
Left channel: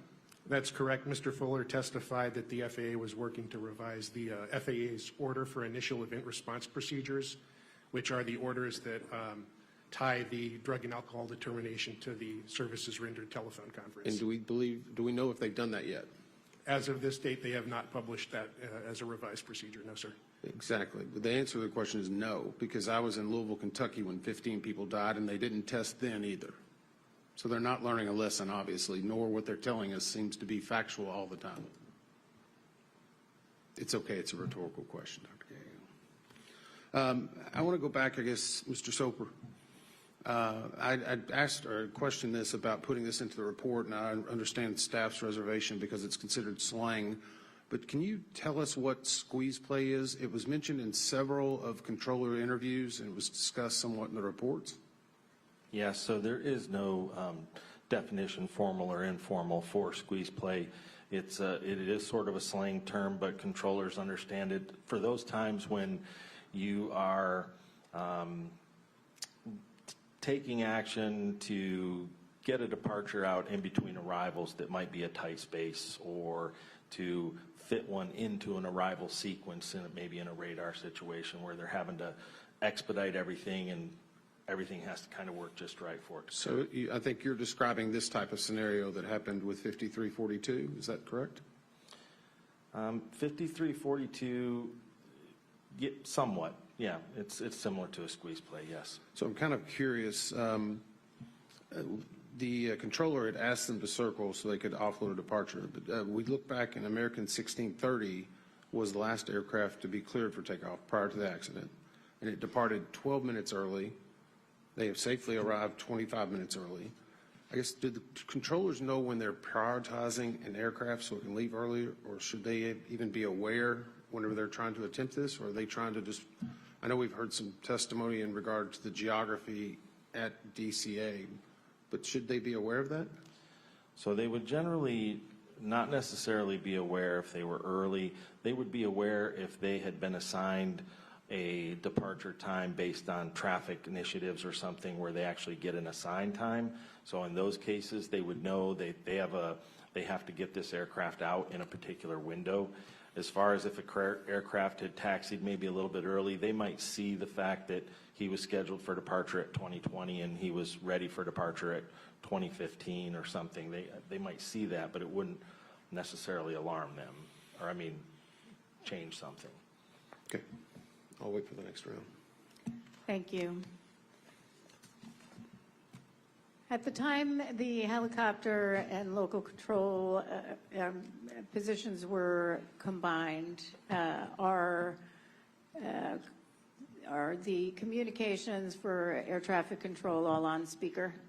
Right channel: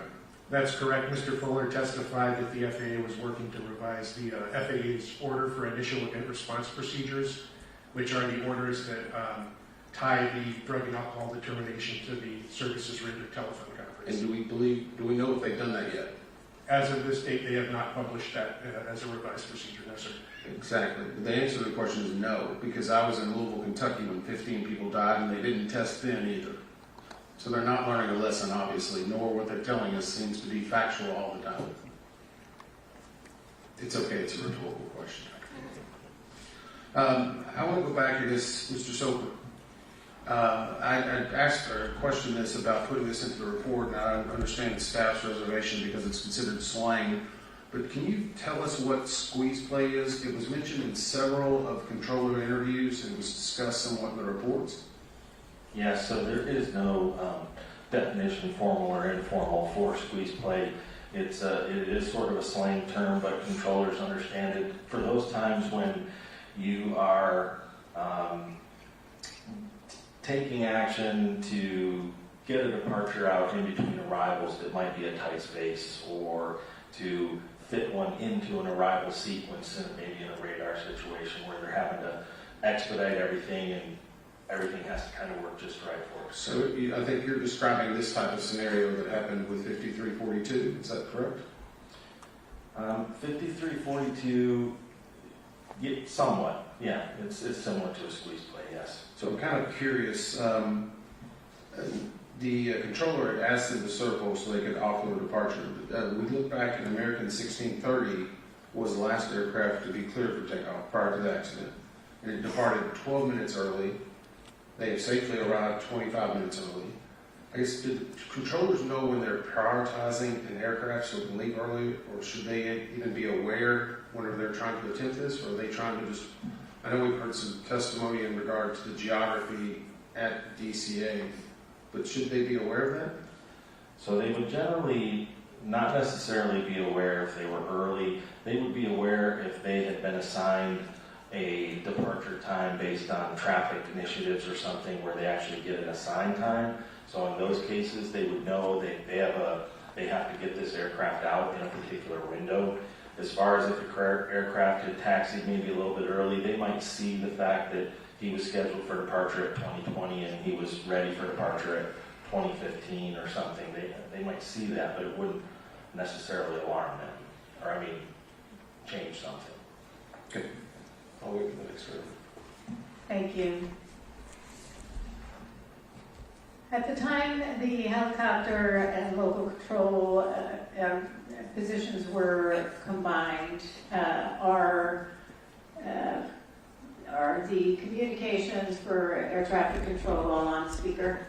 That's correct. Mr. Fuller testified that the FAA was working to revise the FAA's order for initial event response procedures, which are the orders that tie the drug and alcohol determination to the services rendered telephone conference. And do we know if they've done that yet? As of this date, they have not published that as a revised procedure, no, sir. Exactly. The answer to the question is no, because I was in Louisville, Kentucky when 15 people died and they didn't test then either. So they're not learning a lesson, obviously, nor what they're telling us seems to be factual all the time. It's okay, it's a rhetorical question. I want to go back to this, Mr. Soper. I asked or questioned this about putting this into the report, and I understand the staff's reservation because it's considered slang. But can you tell us what squeeze play is? It was mentioned in several of controller interviews and it was discussed somewhat in the reports. Yes, so there is no definition, formal or informal, for squeeze play. It is sort of a slang term, but controllers understand it. For those times when you are taking action to get a departure out in between arrivals that might be a tight space, or to fit one into an arrival sequence, and maybe in a radar situation where they're having to expedite everything and everything has to kind of work just right for us. So I think you're describing this type of scenario that happened with 5342, is that correct? 5342, somewhat, yeah, it's similar to a squeeze play, yes. So I'm kind of curious, the controller had asked them to circle so they could offload departure. We look back at American 1630 was the last aircraft to be cleared for takeoff prior to the accident. And it departed 12 minutes early. They have safely arrived 25 minutes early. I guess, do the controllers know when they're prioritizing an aircraft so it can leave early, or should they even be aware whenever they're trying to attempt this, or are they trying to just, I know we've heard some testimony in regard to the geography at DCA, but should they be aware of that? So they would generally not necessarily be aware if they were early. They would be aware if they had been assigned a departure time based on traffic initiatives or something where they actually get an assigned time. So in those cases, they would know they have to get this aircraft out in a particular window. As far as if a aircraft had taxied maybe a little bit early, they might see the fact that he was scheduled for departure at 2020 and he was ready for departure at 2015 or something. They might see that, but it wouldn't necessarily alarm them, or change something. Okay, I'll wait for the next round. Thank you. At the time the helicopter and local control positions were combined, are the communications for air traffic control all on speaker?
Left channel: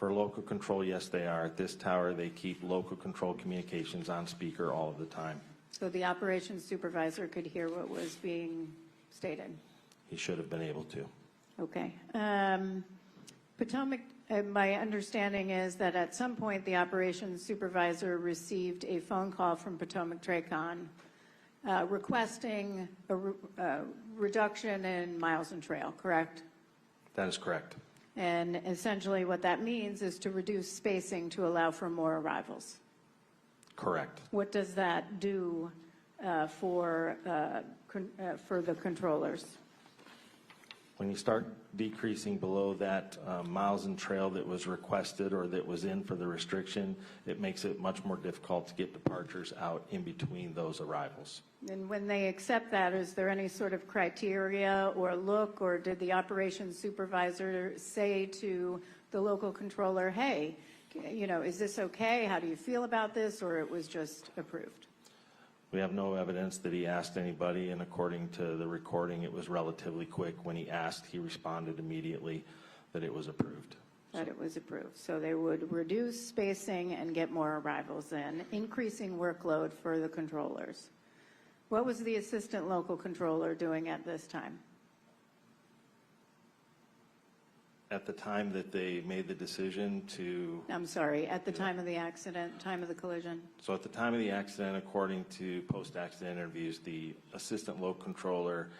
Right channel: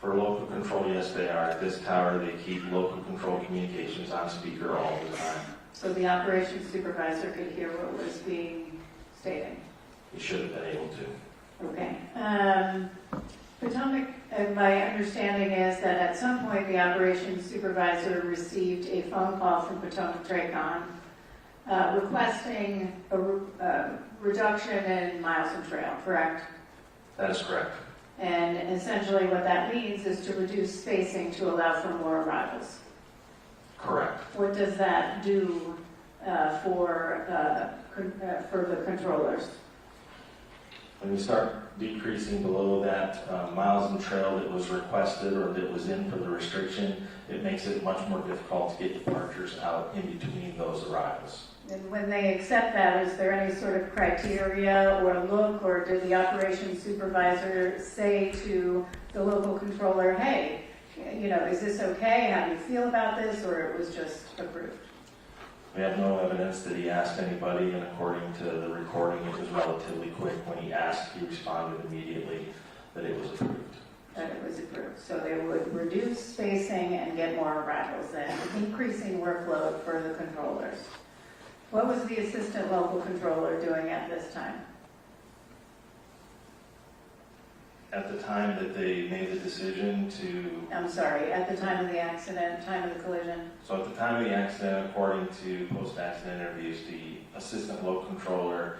For local control, yes, they are. At this tower, they keep local control communications on speaker all the time. So the operations supervisor could hear what was being stated? He should have been able to. Okay. Potomac, my understanding is that at some point the operations supervisor received a phone call from Potomac Tracon requesting a reduction in miles and trail, correct? That is correct. And essentially what that means is to reduce spacing to allow for more arrivals. Correct. What does that do for the controllers? When we start decreasing below that miles and trail that was requested or that was in for the restriction, it makes it much more difficult to get departures out in between those arrivals. And when they accept that, is there any sort of criteria or look, or did the operations supervisor say to the local controller, hey, is this okay? How do you feel about this? Or it was just approved? We have no evidence that he asked anybody, and according to the recording, it was relatively quick. When he asked, he responded immediately that it was approved. That it was approved. So they would reduce spacing and get more arrivals then, increasing workload for the controllers. What was the assistant local controller doing at this time? At the time that they made the decision to... I'm sorry, at the time of the accident, time of the collision? So at the time of the accident, according to post-accident interviews, the assistant local controller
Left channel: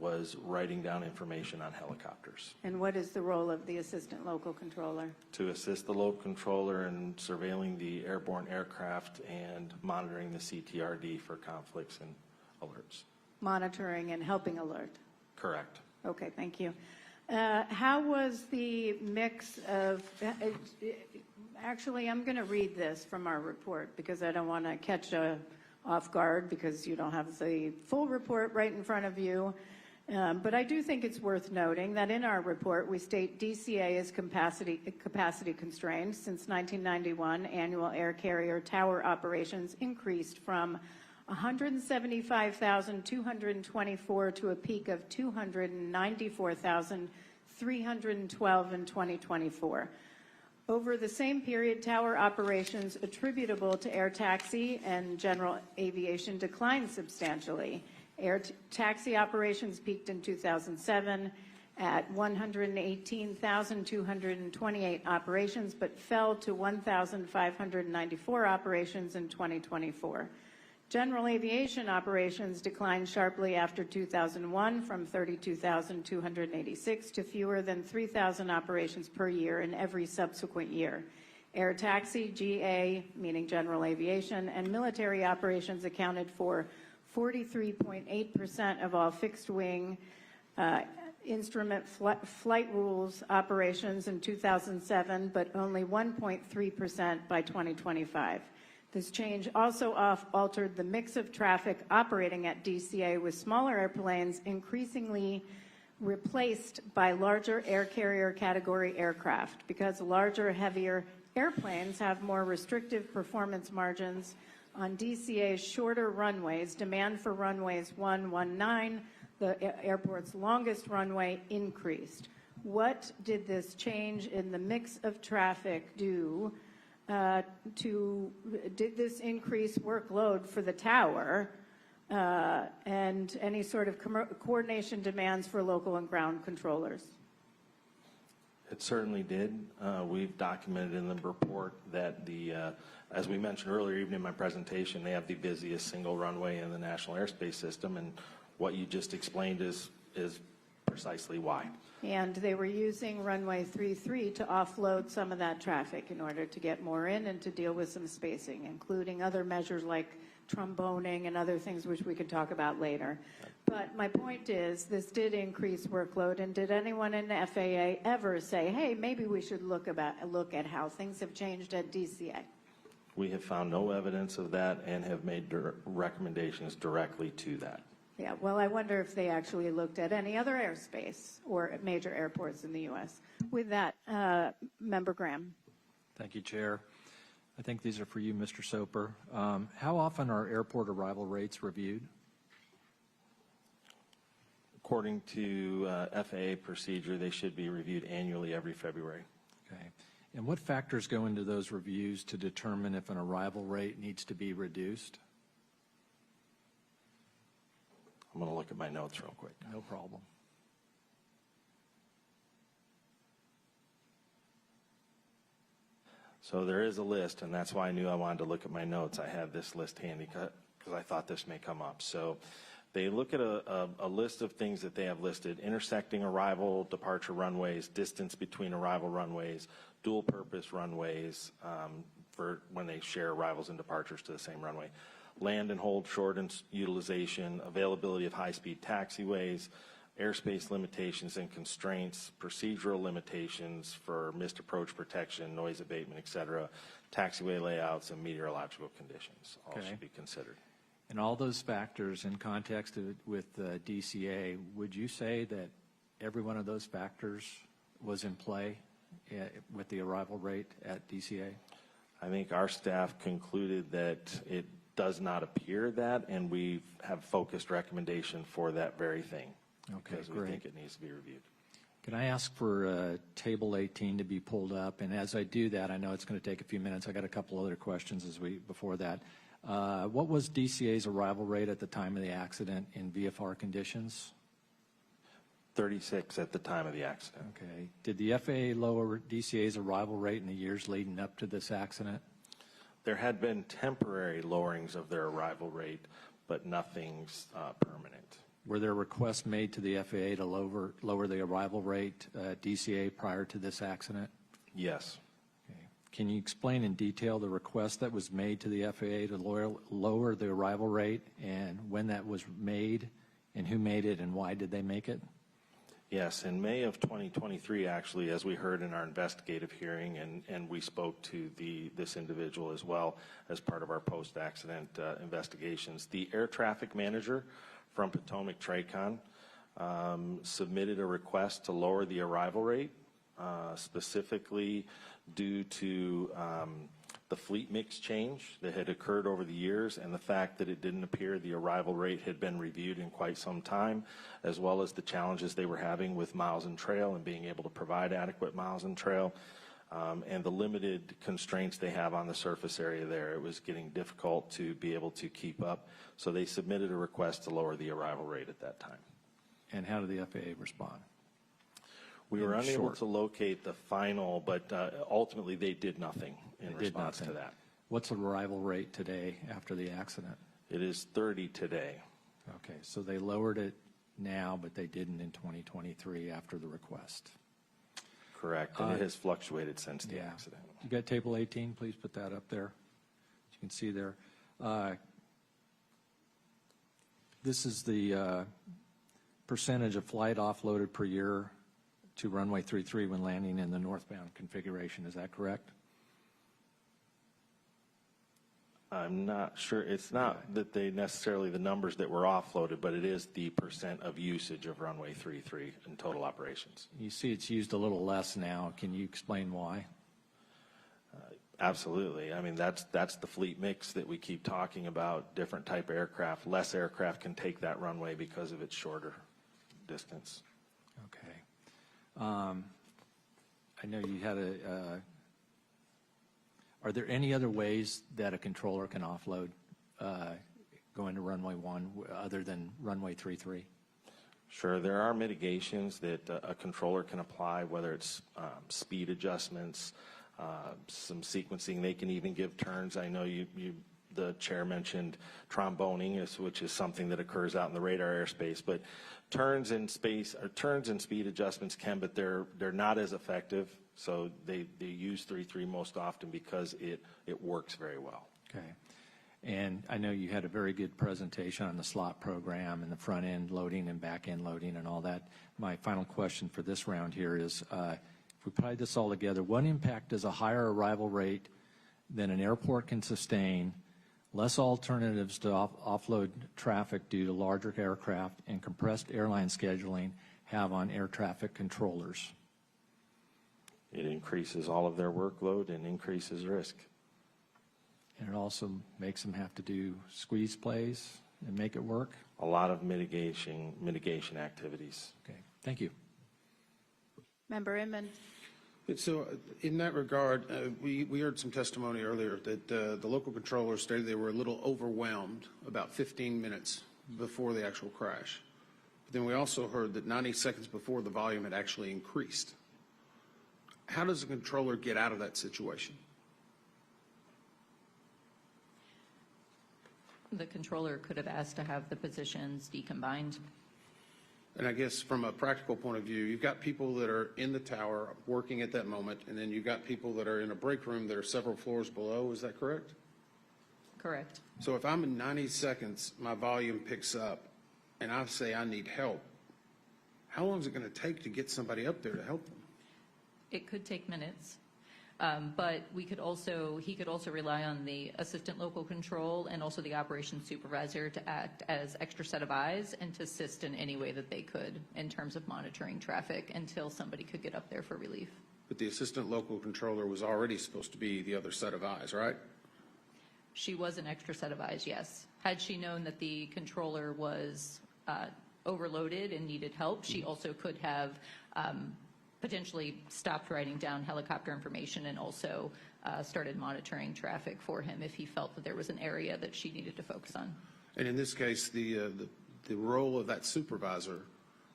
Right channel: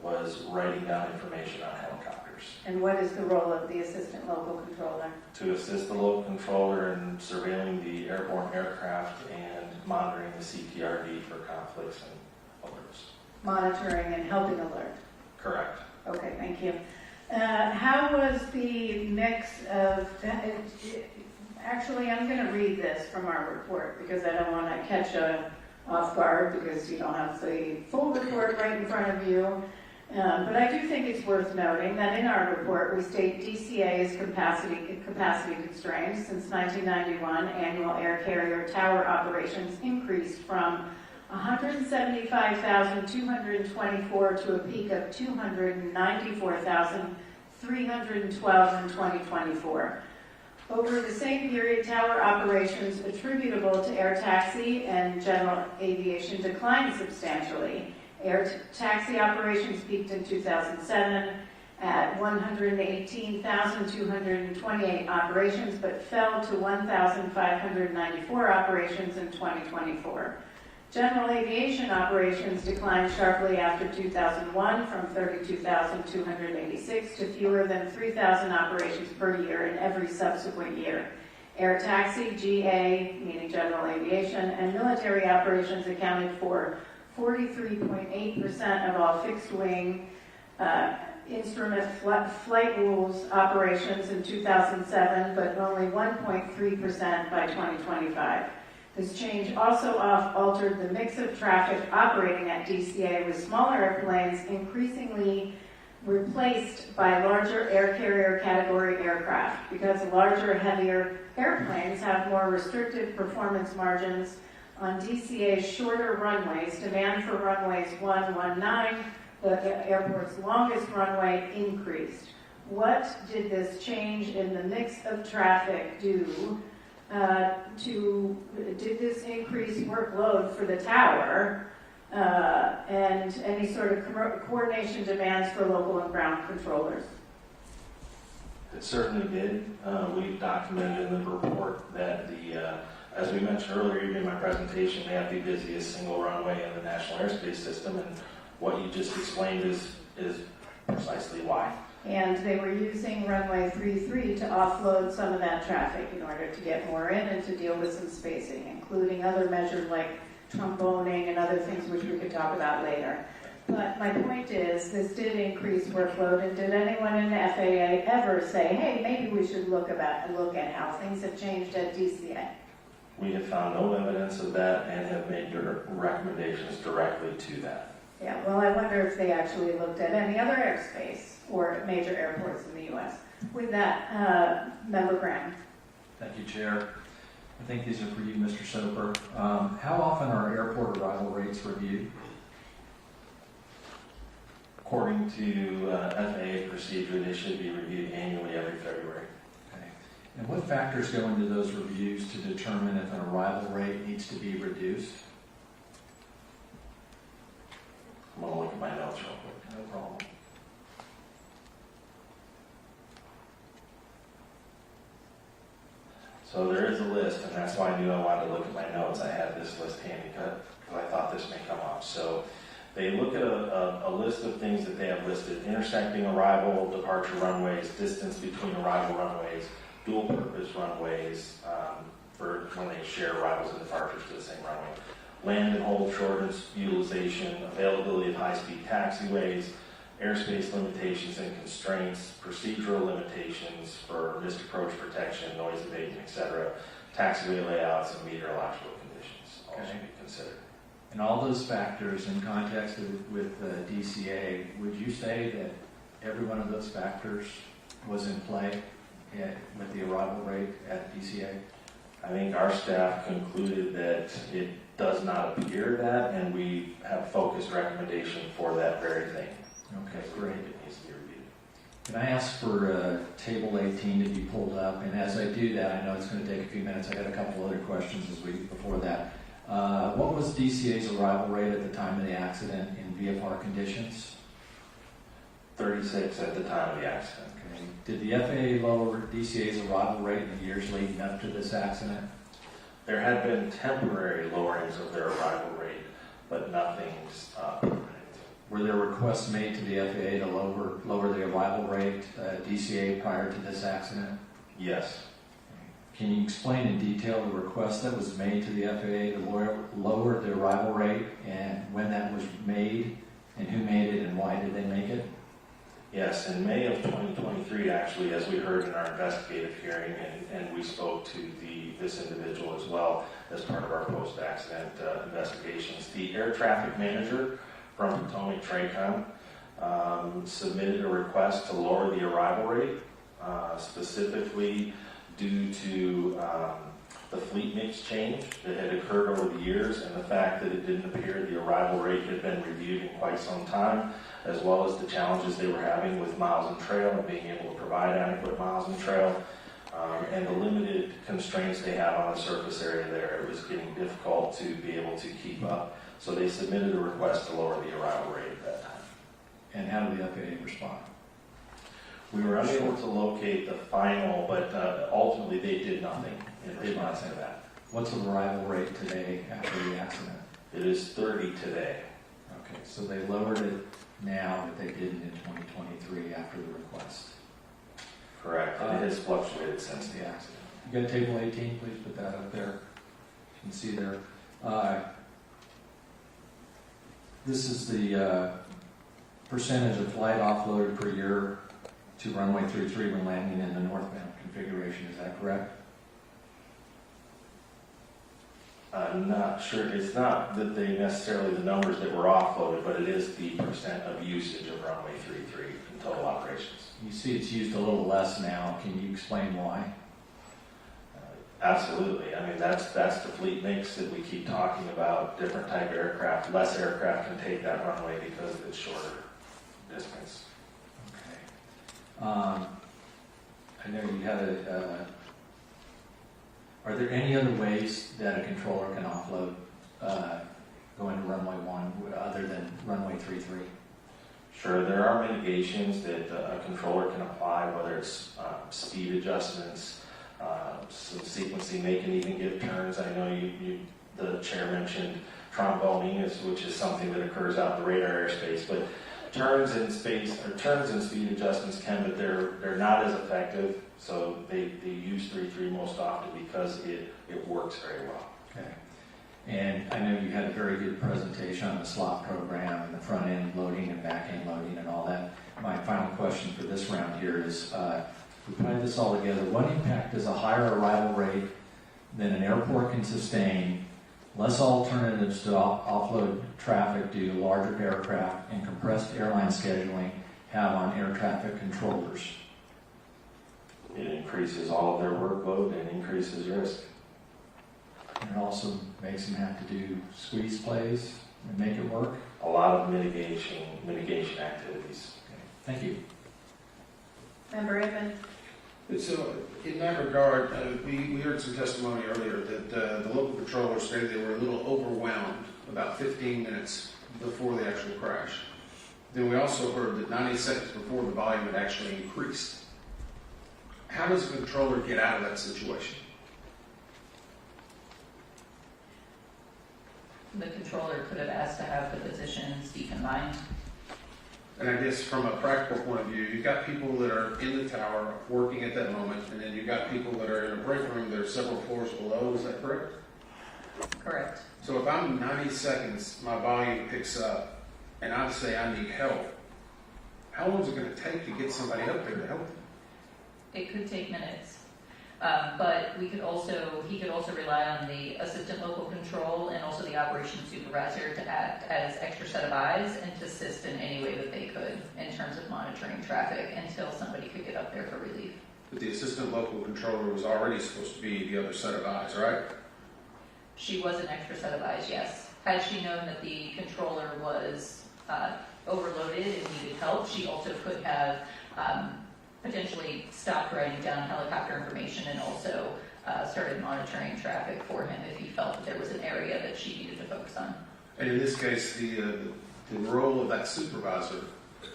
was writing down information on helicopters. And what is the role of the assistant local controller? To assist the local controller in surveilling the airborne aircraft and monitoring the CTRD for conflicts and alerts. Monitoring and helping alert? Correct. Okay, thank you. How was the mix of, actually I'm going to read this from our report because I don't want to catch you off guard because you don't have the full report right in front of you. But I do think it's worth noting that in our report we state DCA's capacity constraints. Since 1991, annual air carrier tower operations increased from 175,224 to a peak of 294,312 in 2024. Over the same period, tower operations attributable to air taxi and general aviation declined substantially. Air taxi operations peaked in 2007 at 118,228 operations, but fell to 1,594 operations in 2024. General aviation operations declined sharply after 2001 from 32,286 to fewer than 3,000 operations per year in every subsequent year. Air taxi, GA, meaning general aviation, and military operations accounted for 43.8% of all fixed wing instrument flight rules operations in 2007, but only 1.3% by 2025. This change also altered the mix of traffic operating at DCA, with smaller airplanes increasingly replaced by larger air carrier category aircraft. Because larger, heavier airplanes have more restrictive performance margins on DCA's shorter runways, demand for runways 119, the airport's longest runway, increased. What did this change in the mix of traffic do did this increase workload for the tower and any sort of coordination demands for local and ground controllers? It certainly did. We've documented in the report that as we mentioned earlier, even in my presentation, they have the busiest single runway in the National Airspace System, and what you just explained is precisely why. And they were using runway 33 to offload some of that traffic in order to get more in and to deal with some spacing, including other measures like tromboning and other things which we could talk about later. But my point is, this did increase workload, and did anyone in the FAA ever say, hey, maybe we should look at how things have changed at DCA? We have found no evidence of that and have made recommendations directly to that. Yeah, well, I wonder if they actually looked at any other airspace or major airports in the U.S. With that, Member Graham. Thank you, Chair. I think these are for you, Mr. Soper. How often are airport arrival rates reviewed? According to FAA procedure, they should be reviewed annually every February. Okay. And what factors go into those reviews to determine if an arrival rate needs to be reduced? I'm going to look at my notes real quick. No problem. So there is a list, and that's why I knew I wanted to look at my notes. I had this list handy because I thought this may come up. So they look at a list of things that they have listed: intersecting arrival, departure runways, distance between arrival runways, dual purpose runways for when they share arrivals and departures to the same runway, land and hold shortness utilization, availability of high-speed taxiways, airspace limitations and constraints, procedural limitations for missed approach protection, noise abatement, etc., taxiway layouts, and meteorological conditions all should be considered. And all those factors in context with DCA, would you say that every one of those factors was in play with the arrival rate at DCA? I think our staff concluded that it does not appear that, and we have focused recommendation for that very thing. Okay, We great. think it needs to be reviewed. Can I ask for Table 18 to be pulled up? And as I do that, I know it's going to take a few minutes. I got a couple other questions before that. What was DCA's arrival rate at the time of the accident in VFR conditions? 36 at the time of the accident. Okay. Did the FAA lower DCA's arrival rate in the years leading up to this accident? There had been temporary lowerings of their arrival rate, but nothing's permanent. Were there requests made to the FAA to lower the arrival rate at DCA prior to this accident? Yes. Can you explain in detail the request that was made to the FAA to lower the arrival rate, and when that was made, and who made it, and why did they make it? Yes, in May of 2023, actually, as we heard in our investigative hearing, and we spoke to this individual as well as part of our post-accident investigations, the air traffic manager from Potomac TRACON submitted a request to lower the arrival rate, specifically due to the fleet mix change that had occurred over the years, and the fact that it didn't appear the arrival rate had been reviewed in quite some time, as well as the challenges they were having with miles and trail and being able to provide adequate miles and trail, and the limited constraints they have on the surface area there. It was getting difficult to be able to keep up. So they submitted a request to lower the arrival rate at that time. And how did the FAA respond? We were unable to locate the final, but ultimately they did nothing in response to that. What's the arrival rate today after the accident? It is 30 today. Okay, so they lowered it now, but they didn't in 2023 after the request. Correct, and it has fluctuated since the accident. You got table 18, please put that up there. You can see there. This is the percentage of flight offloaded per year to runway 33 when landing in the northbound configuration. Is that correct? I'm not sure, it's not that they necessarily the numbers that were offloaded, but it is the percent of usage of runway 33 in total operations. You see it's used a little less now. Can you explain why? Absolutely. I mean, that's the fleet mix that we keep talking about. Different type of aircraft. Less aircraft can take that runway because of its shorter distance. Okay. I know you had are there any other ways that a controller can offload going to runway 1 other than runway 33? Sure, there are mitigations that a controller can apply, whether it's speed adjustments, some sequencing. They can even give turns. I know the chair mentioned tromboning, which is something that occurs out in the radar airspace, but turns and speed adjustments can, but they're not as effective. So they use 3.3 most often because it works very well. Okay. And I know you had a very good presentation on the slot program and the front end loading and back end loading and all that. My final question for this round here is, if we put this all together, what impact does a higher arrival rate than an airport can sustain, less alternatives to offload traffic due to larger aircraft and compressed airline scheduling have on air traffic controllers? It increases all of their workload and increases risk. And it also makes them have to do squeeze plays and make it work? A lot of mitigation activities. Okay. Thank you. Member Amen. So in that regard, we heard some testimony earlier that the local controllers stated they were a little overwhelmed about 15 minutes before the actual crash. Then we also heard that 90 seconds before the volume had actually increased. How does a controller get out of that situation? The controller could have asked to have the positions deconfined. And I guess from a practical point of view, you've got people that are in the tower working at that moment, and then you've got people that are in a break room that are several floors below. Is that correct? Correct. So if I'm 90 seconds, my volume picks up, and I say I need help, how long is it going to take to get somebody up there to help them? It could take minutes. But he could also rely on the assistant local control and also the operations supervisor to act as extra set of eyes and to assist in any way that they could in terms of monitoring traffic until somebody could get up there for relief. But the assistant local controller was already supposed to be the other set of eyes, right? She was an extra set of eyes, yes. Had she known that the controller was overloaded and needed help, she also could have potentially stopped writing down helicopter information and also started monitoring traffic for him if he felt that there was an area that she needed to focus on. And in this case, the role of that supervisor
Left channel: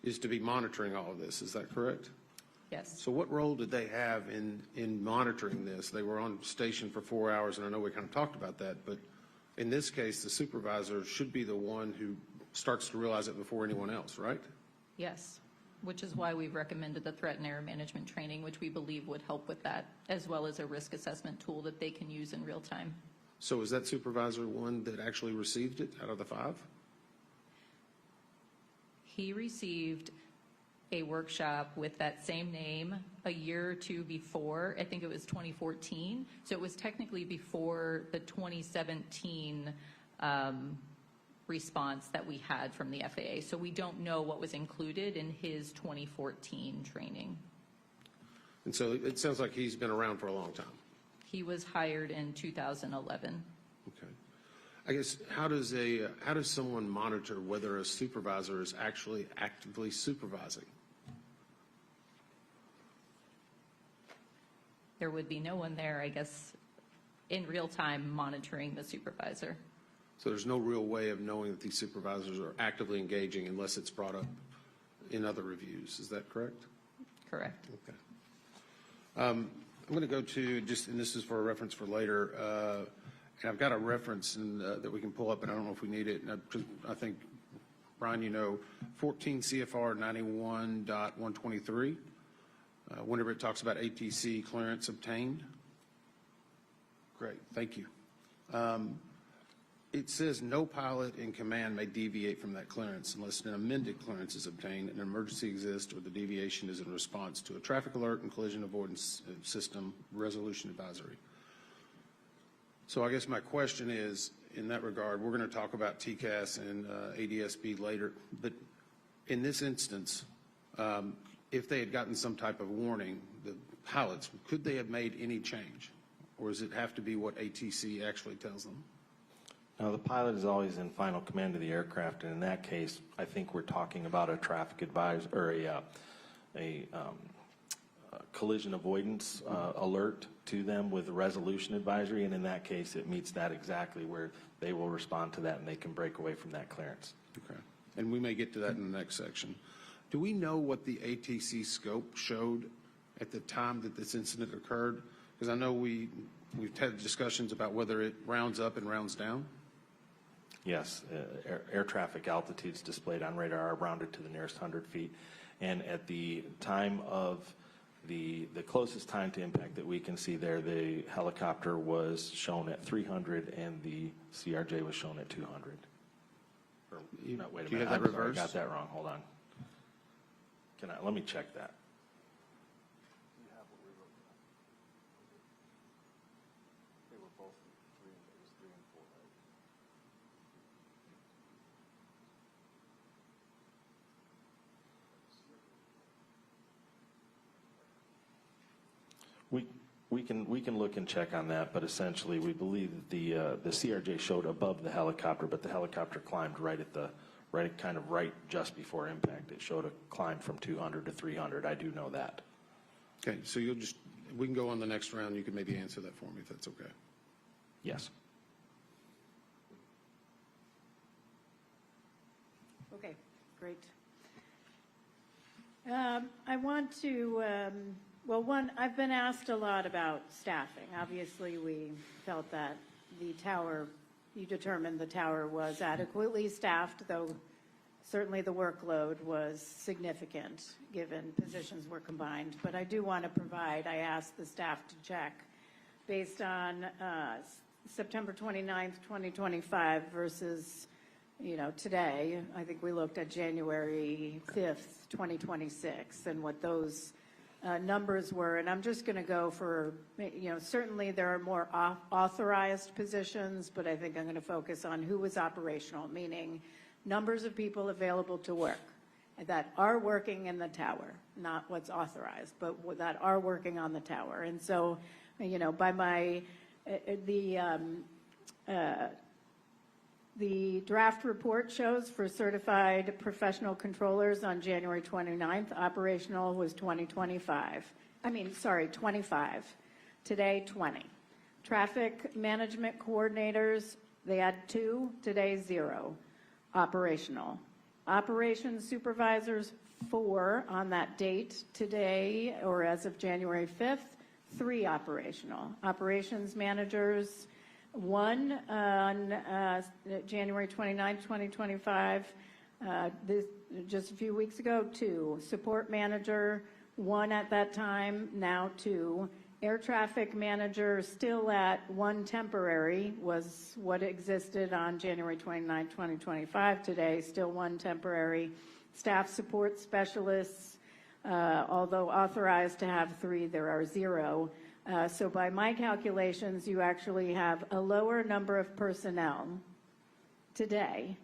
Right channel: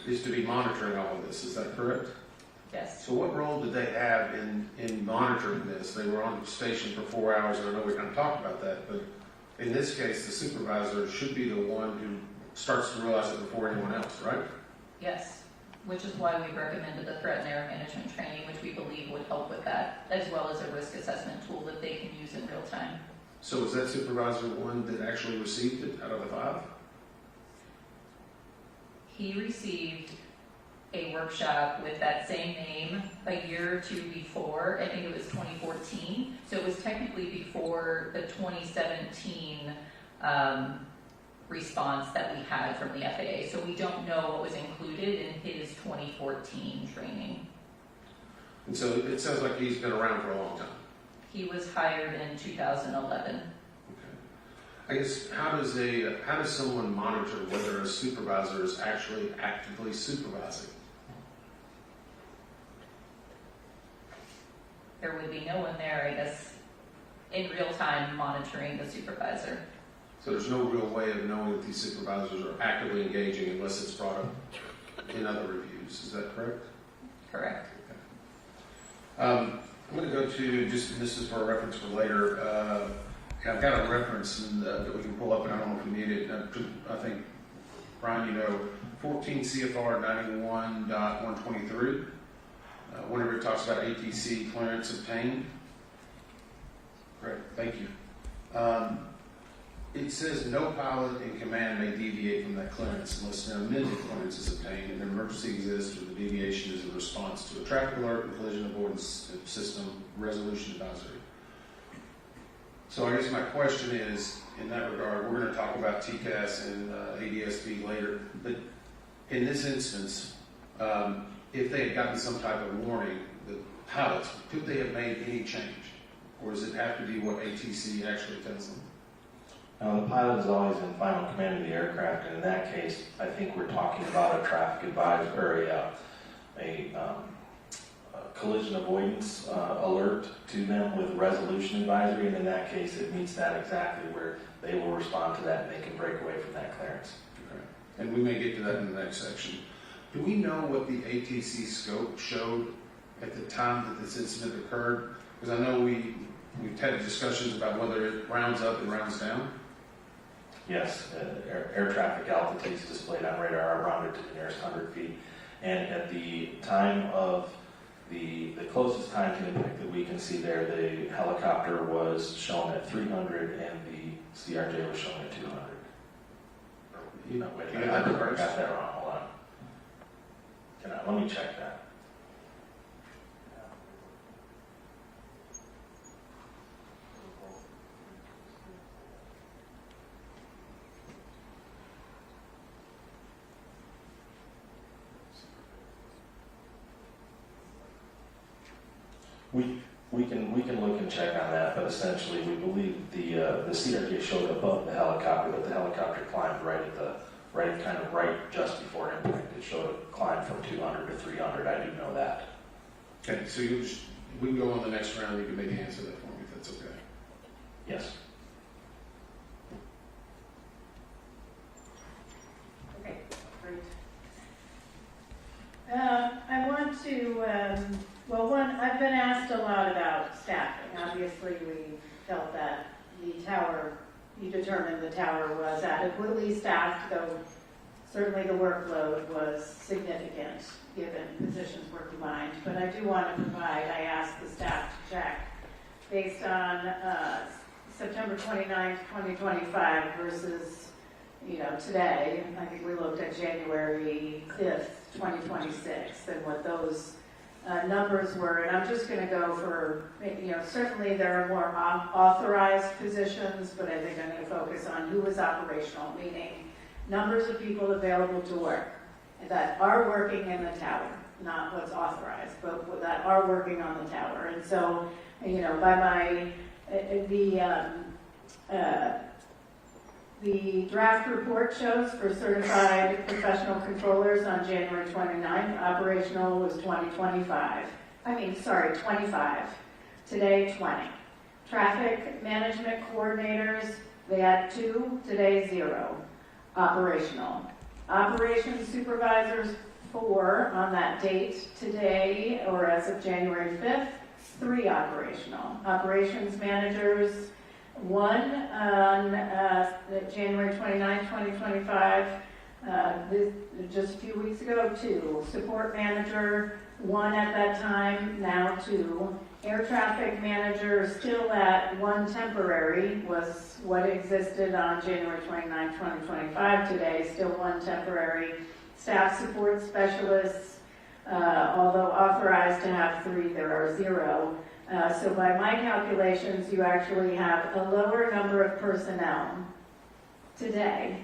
is to be monitoring all of this. Is that correct? Yes. So what role did they have in monitoring this? They were on station for 4 hours, and I know we kind of talked about that, but in this case, the supervisor should be the one who starts to realize it before anyone else, right? Yes. Which is why we've recommended the threat and error management training, which we believe would help with that, as well as a risk assessment tool that they can use in real time. So was that supervisor the one that actually received it out of the 5? He received a workshop with that same name a year or two before. I think it was 2014. So it was technically before the 2017 response that we had from the FAA. So we don't know what was included in his 2014 training. And so it sounds like he's been around for a long time. He was hired in 2011. Okay. I guess how does someone monitor whether a supervisor is actually actively supervising? There would be no one there, I guess, in real time monitoring the supervisor. So there's no real way of knowing if these supervisors are actively engaging unless it's brought up in other reviews. Is that correct? Correct. I'm going to go to just, and this is for a reference for later. I've got a reference that we can pull up, and I don't know if we need it. I think, Brian, you know, 14 CFR 91.123. Whenever it talks about ATC clearance obtained. Great, thank you. it says no pilot in command may deviate from that clearance unless an amended clearance is obtained and an emergency exists or the deviation is in response to a traffic alert and collision avoidance system resolution advisory. So I guess my question is, in that regard, we're going to talk about TCAS and ADSB later, but in this instance, if they had gotten some type of warning, the pilots, could they have made any change? Or does it have to be what ATC actually tells them? Now, the pilot is always in final command of the aircraft, and in that case, I think we're talking about a traffic advisory or a collision avoidance alert to them with resolution advisory, and in that case, it meets that exactly where they will respond to that and they can break away from that clearance. Okay. And we may get to that in the next section. Do we know what the ATC scope showed at the time that this incident occurred? Because I know we've had discussions about whether it rounds up and rounds down. Yes, air traffic altitudes displayed on radar are rounded to the nearest 100 feet. And at the time of the closest time to impact that we can see there, the helicopter was shown at 300 and the CRJ was shown at 200. Wait, You I got that reversed? got that wrong. Hold on. Let me check that. We can look and check on that, but essentially we believe the CRJ showed it above the helicopter, but the helicopter climbed right just before impact. It showed a climb from 200 to 300. I do know that. Okay, so we can go on the next round. You can maybe answer that for me if that's okay. Yes. Okay, great. I want to, I've been asked a lot about staffing. Obviously, we felt that you determined the tower was adequately staffed, though certainly the workload was significant given positions were combined. But I do want to I asked the staff to check based on September 29th, 2025 versus, today. I think we looked at January 5th, 2026, and what those numbers were. And I'm just going to go for, certainly there are more authorized positions, but I think I'm going to focus on who was operational, meaning numbers of people available to work that are working in the tower, not what's authorized, but that are working on the tower. And so, by the draft report shows for certified professional controllers on January 29th, operational was 25. Today, 20. Traffic management coordinators, they had 2, today 0. Operational. Operations supervisors, 4 on that date today, or as of January 5th, 3 operational. Operations managers, 1 on January 29, 2025, just a few weeks ago, 2. Support manager, 1 at that time, now 2. Air traffic manager, still at 1 temporary, was what existed on January 29, 2025. Today, still 1 temporary. Staff support specialists, although authorized to have 3, there are 0. So by my calculations, you actually have a lower number of personnel today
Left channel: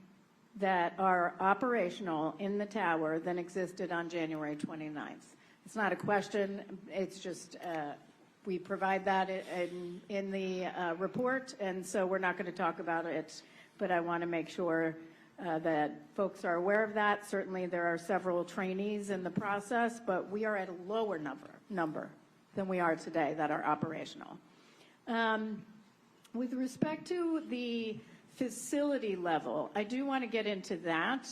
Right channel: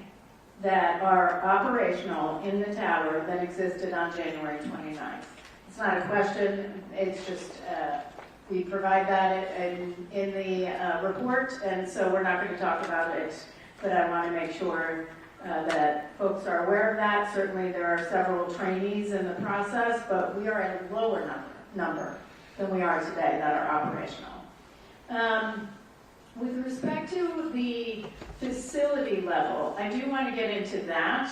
that are operational in the tower than existed on January 29th. It's not a question, it's just we provide that in the report, and so we're not going to talk about it, but I want to make sure that folks are aware of that. Certainly there are several trainees in the process, but we are at a lower number than we are today that are operational. With respect to the facility level, I do want to get into that.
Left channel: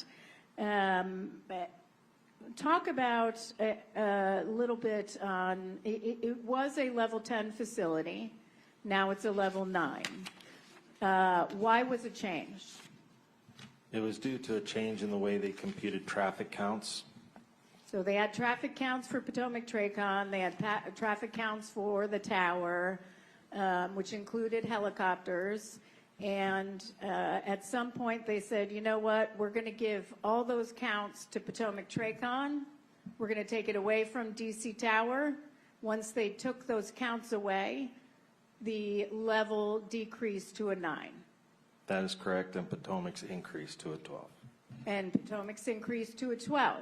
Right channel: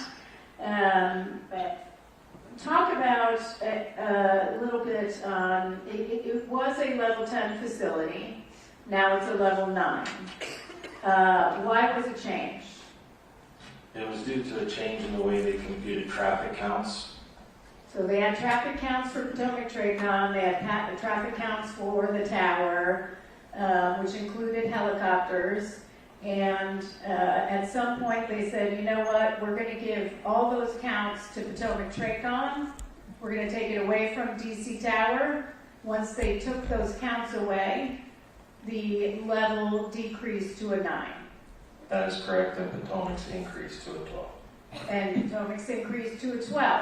Talk about a little bit on, it was a level 10 facility, now it's a level 9. Why was it changed? It was due to a change in the way they computed traffic counts. So they had traffic counts for Potomac Tracon, they had traffic counts for the tower, which included helicopters, And at some point, they said, you know what, we're going to give all those counts to Potomac Tracon. We're going to take it away from DC Tower. Once they took those counts away, the level decreased to a 9. That is correct, and Potomac's increased to a 12. And Potomac's increased to a 12.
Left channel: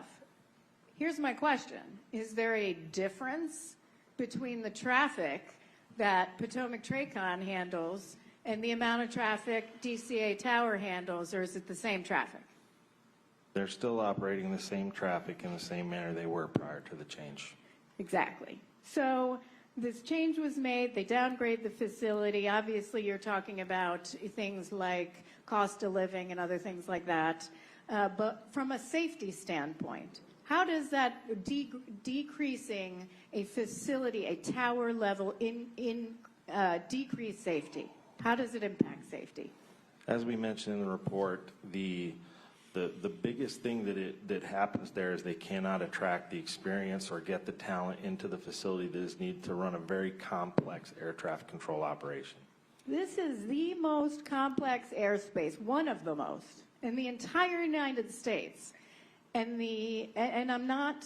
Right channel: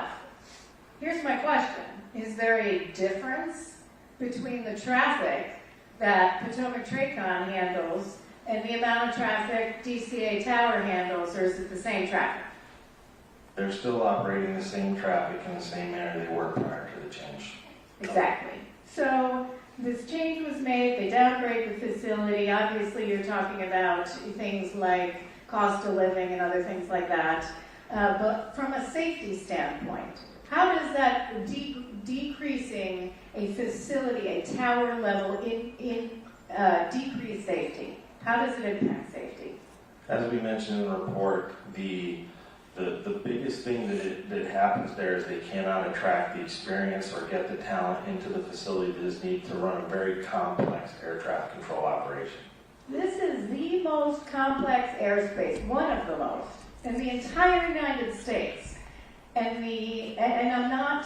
Here's my question. Is there a difference between the traffic that Potomac Tracon handles and the amount of traffic DCA Tower handles, or is it the same traffic? They're still operating the same traffic in the same manner they were prior to the change. Exactly. So this change was made, they downgrade the facility. Obviously, you're talking about things like cost of living and other things like that. But from a safety standpoint, how does that decreasing a facility, a tower level, decrease safety? How does it impact safety? As we mentioned in the report, the biggest thing that happens there is they cannot attract the experience or get the talent into the facility that is needed to run a very complex air traffic control operation. This is the most complex airspace, one of the most, in the entire United States. And I'm not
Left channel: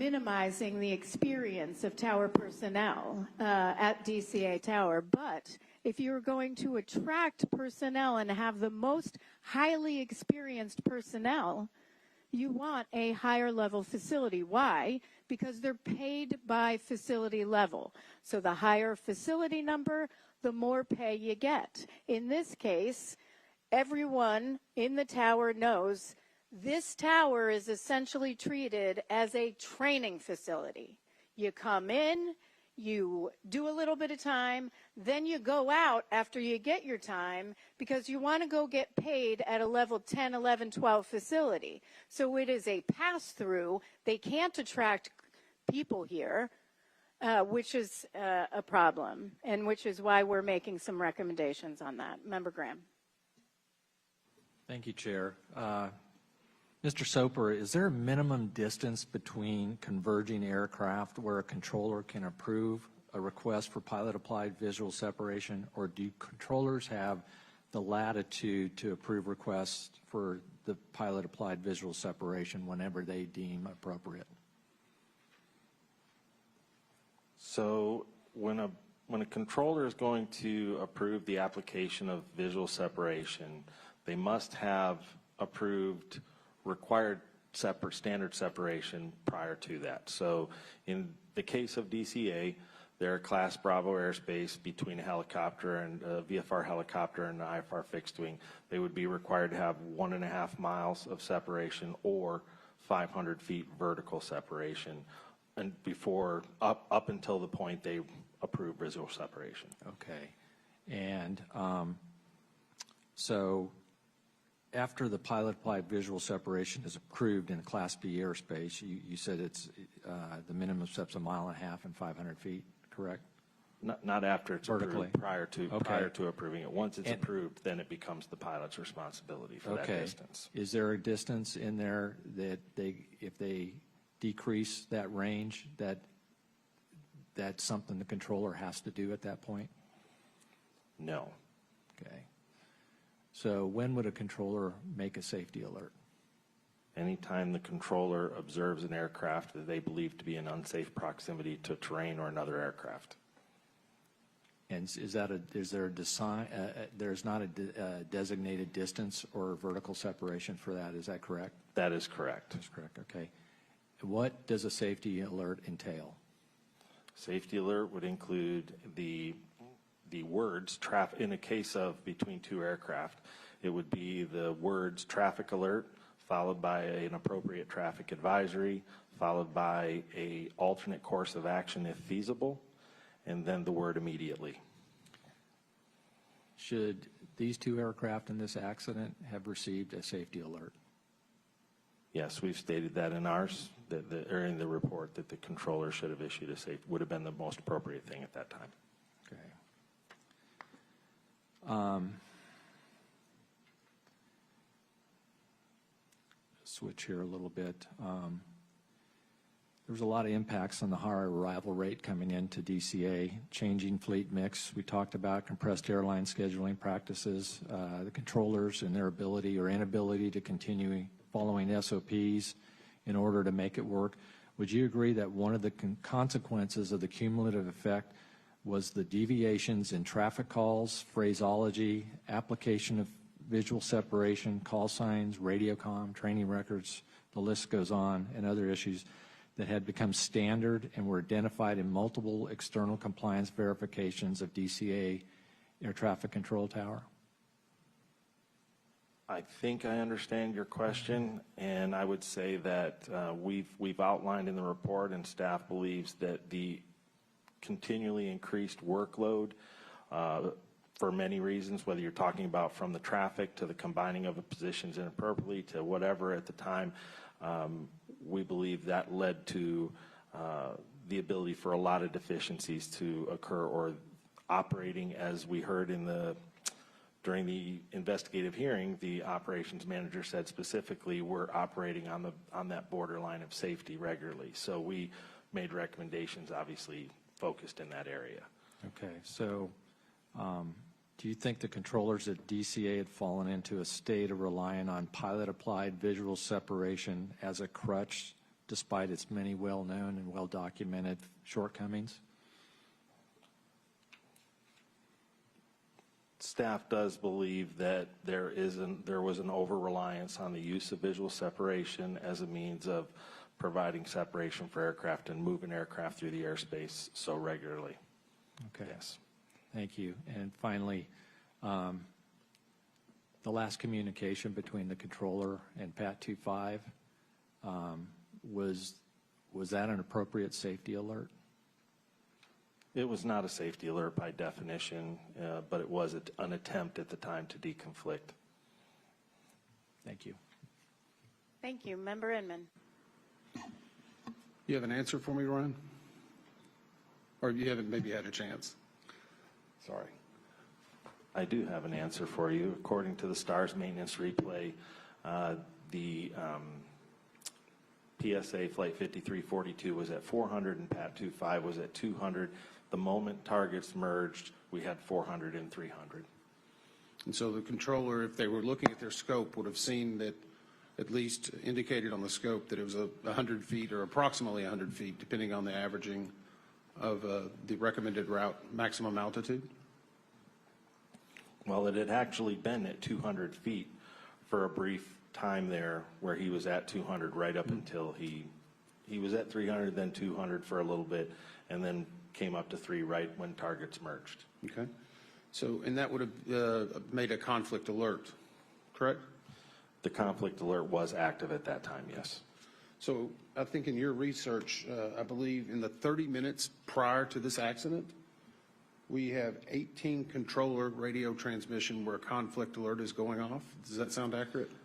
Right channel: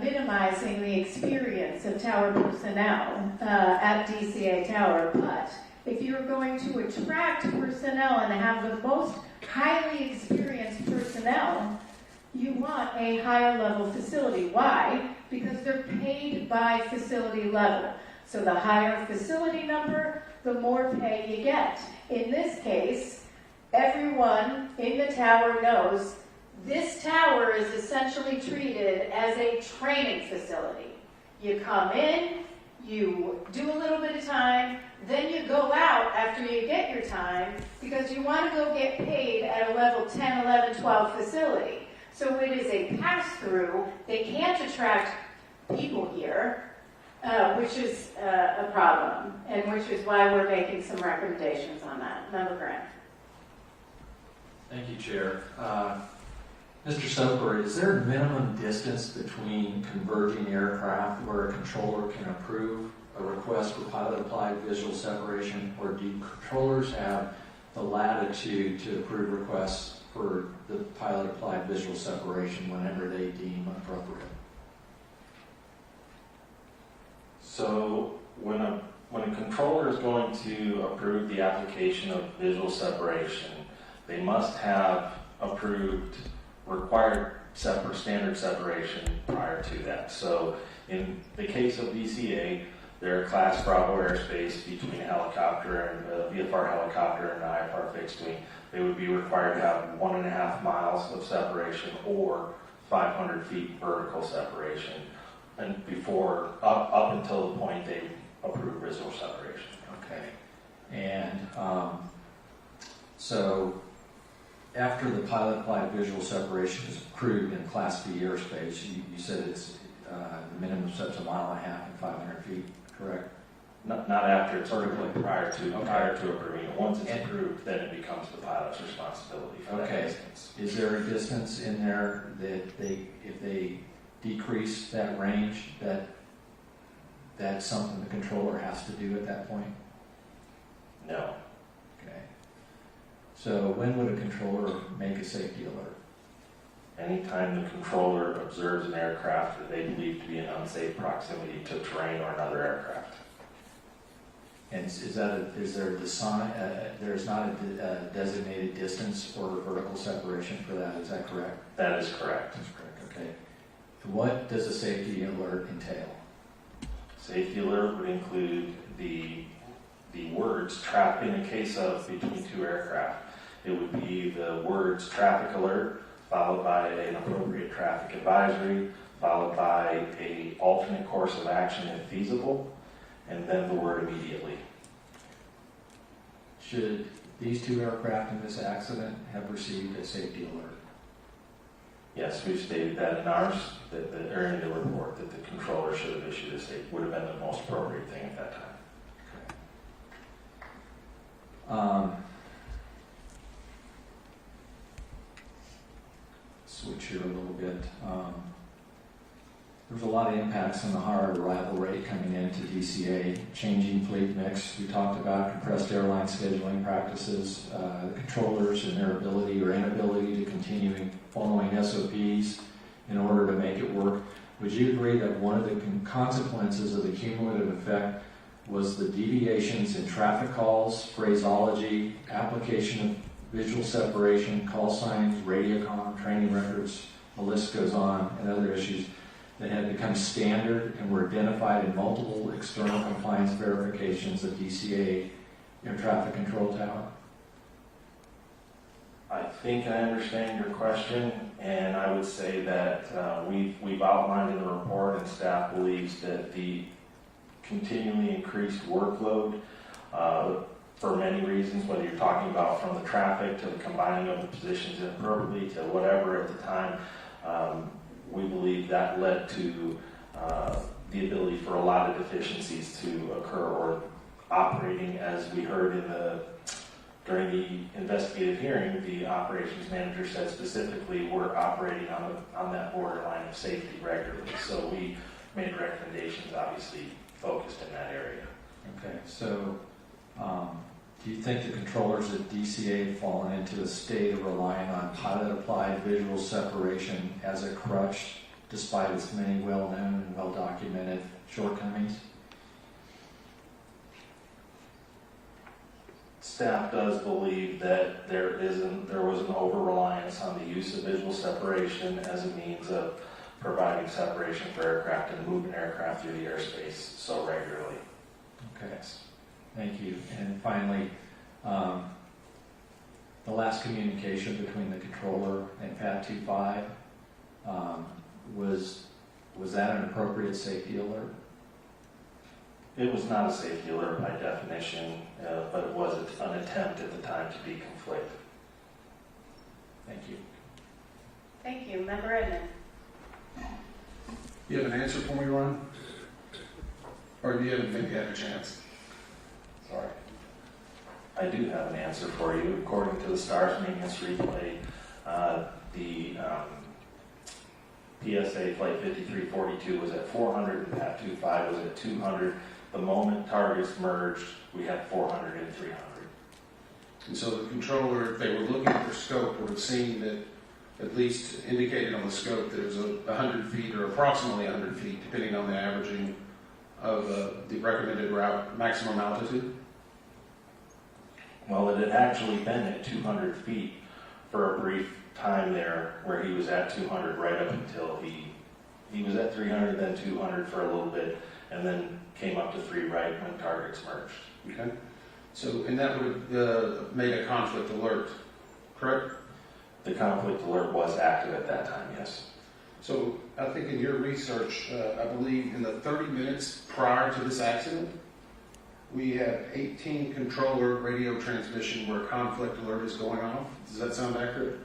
minimizing the experience of tower personnel at DCA Tower, but if you're going to attract personnel and have the most highly experienced personnel, you want a higher level facility. Why? Because they're paid by facility level. So the higher facility number, the more pay you get. In this case, everyone in the tower knows this tower is essentially treated as a training facility. You come in, you do a little bit of time, then you go out after you get your time because you want to go get paid at a level 10, 11, 12 facility. So it is a pass-through. They can't attract people here, which is a problem, and which is why we're making some recommendations on that. Member Grant. Thank you, Chair. Mr. Soper, is there a minimum distance between converging aircraft where a controller can approve a request for pilot-applied visual separation, or do controllers have the latitude to approve requests for the pilot-applied visual separation whenever they deem appropriate? So when a controller is going to approve the application of visual separation, they must have approved required standard separation prior to that. So in the case of DCA, they're Class Bravo airspace between a helicopter and a VFR helicopter and an IFR fixed wing. They would be required to have 1.5 miles of separation or 500 feet vertical separation, and before up until the point they approve visual separation. Okay. And so after the pilot-applied visual separation is approved in Class B airspace, you said it's the minimum steps 1.5 miles and 500 feet, correct? Not after it's approved, prior to Okay. approving it. Once it's approved, then it becomes the pilot's responsibility for that distance. Is there a distance in there that if they decrease that range, that's something the controller has to do at that point? No. Okay. So when would a controller make a safety alert? Anytime the controller observes an aircraft that they believe to be in unsafe proximity to terrain or another aircraft. And there's not a designated distance or vertical separation for that, is that correct? That is correct. That's correct, okay. What does a safety alert entail? Safety alert would include the words in the case of between two aircraft. It would be the words traffic alert, followed by an appropriate traffic advisory, followed by an alternate course of action if feasible, and then the word immediately. Should these two aircraft in this accident have received a safety alert? Yes, we've stated that in ours, or in the report, that the controller should have issued a safety, would have been the most appropriate thing at that time. Switch here a little bit. There's a lot of impacts on the higher arrival rate coming into DCA, changing fleet mix. We talked about compressed airline scheduling practices, the controllers and their ability or inability to continue following SOPs in order to make it work. Would you agree that one of the consequences of the cumulative effect was the deviations in traffic calls, phraseology, application of visual separation, call signs, radiocom, training records, the list goes on, and other issues that had become standard and were identified in multiple external compliance verifications of DCA air traffic control tower? I think I understand your question, and I would say that we've outlined in the report, and staff believes that the continually increased workload for many reasons, whether you're talking about from the traffic to the combining of the positions inappropriately to whatever at the time, we believe that led to the ability for a lot of deficiencies to occur, or operating, as we heard during the investigative hearing, the operations manager said specifically we're operating on that borderline of safety regularly. So we made recommendations, obviously focused in that area. Okay, so do you think the controllers at DCA have fallen into a state of relying on pilot-applied visual separation as a crutch, despite its many well-known and well-documented shortcomings? Staff does believe that there was an over-reliance on the use of visual separation as a means of providing separation for aircraft and moving aircraft through the airspace so regularly. Okay, thank you. And finally, the last communication between the controller and PAT 25, was that an appropriate safety alert? It was not a safety alert by definition, but it was an attempt at the time to deconflict. Thank you. Thank you. Member Edmond. You have an answer for me, Ron? Or do you haven't maybe had a chance? Sorry. I do have an answer for you. According to the STARS maintenance replay, the PSA flight 5342 was at 400 and PAT 25 was at 200. The moment targets merged, we had 400 and 300. And so the controller, if they were looking at their scope, would have seen that, at least indicated on the scope, that it was 100 feet or approximately 100 feet, depending on the averaging of the recommended route maximum altitude? Well, it had actually been at 200 feet for a brief time there, where he was at 200 right up until he was at 300, then 200 for a little bit, and then came up to 3 right when targets merged. Okay. So, and that would have made a conflict alert, correct? The conflict alert was active at that time, yes. So I think in your research, I believe in the 30 minutes prior to this accident, we have 18 controller radio transmission where a conflict alert is going off. Does that sound accurate?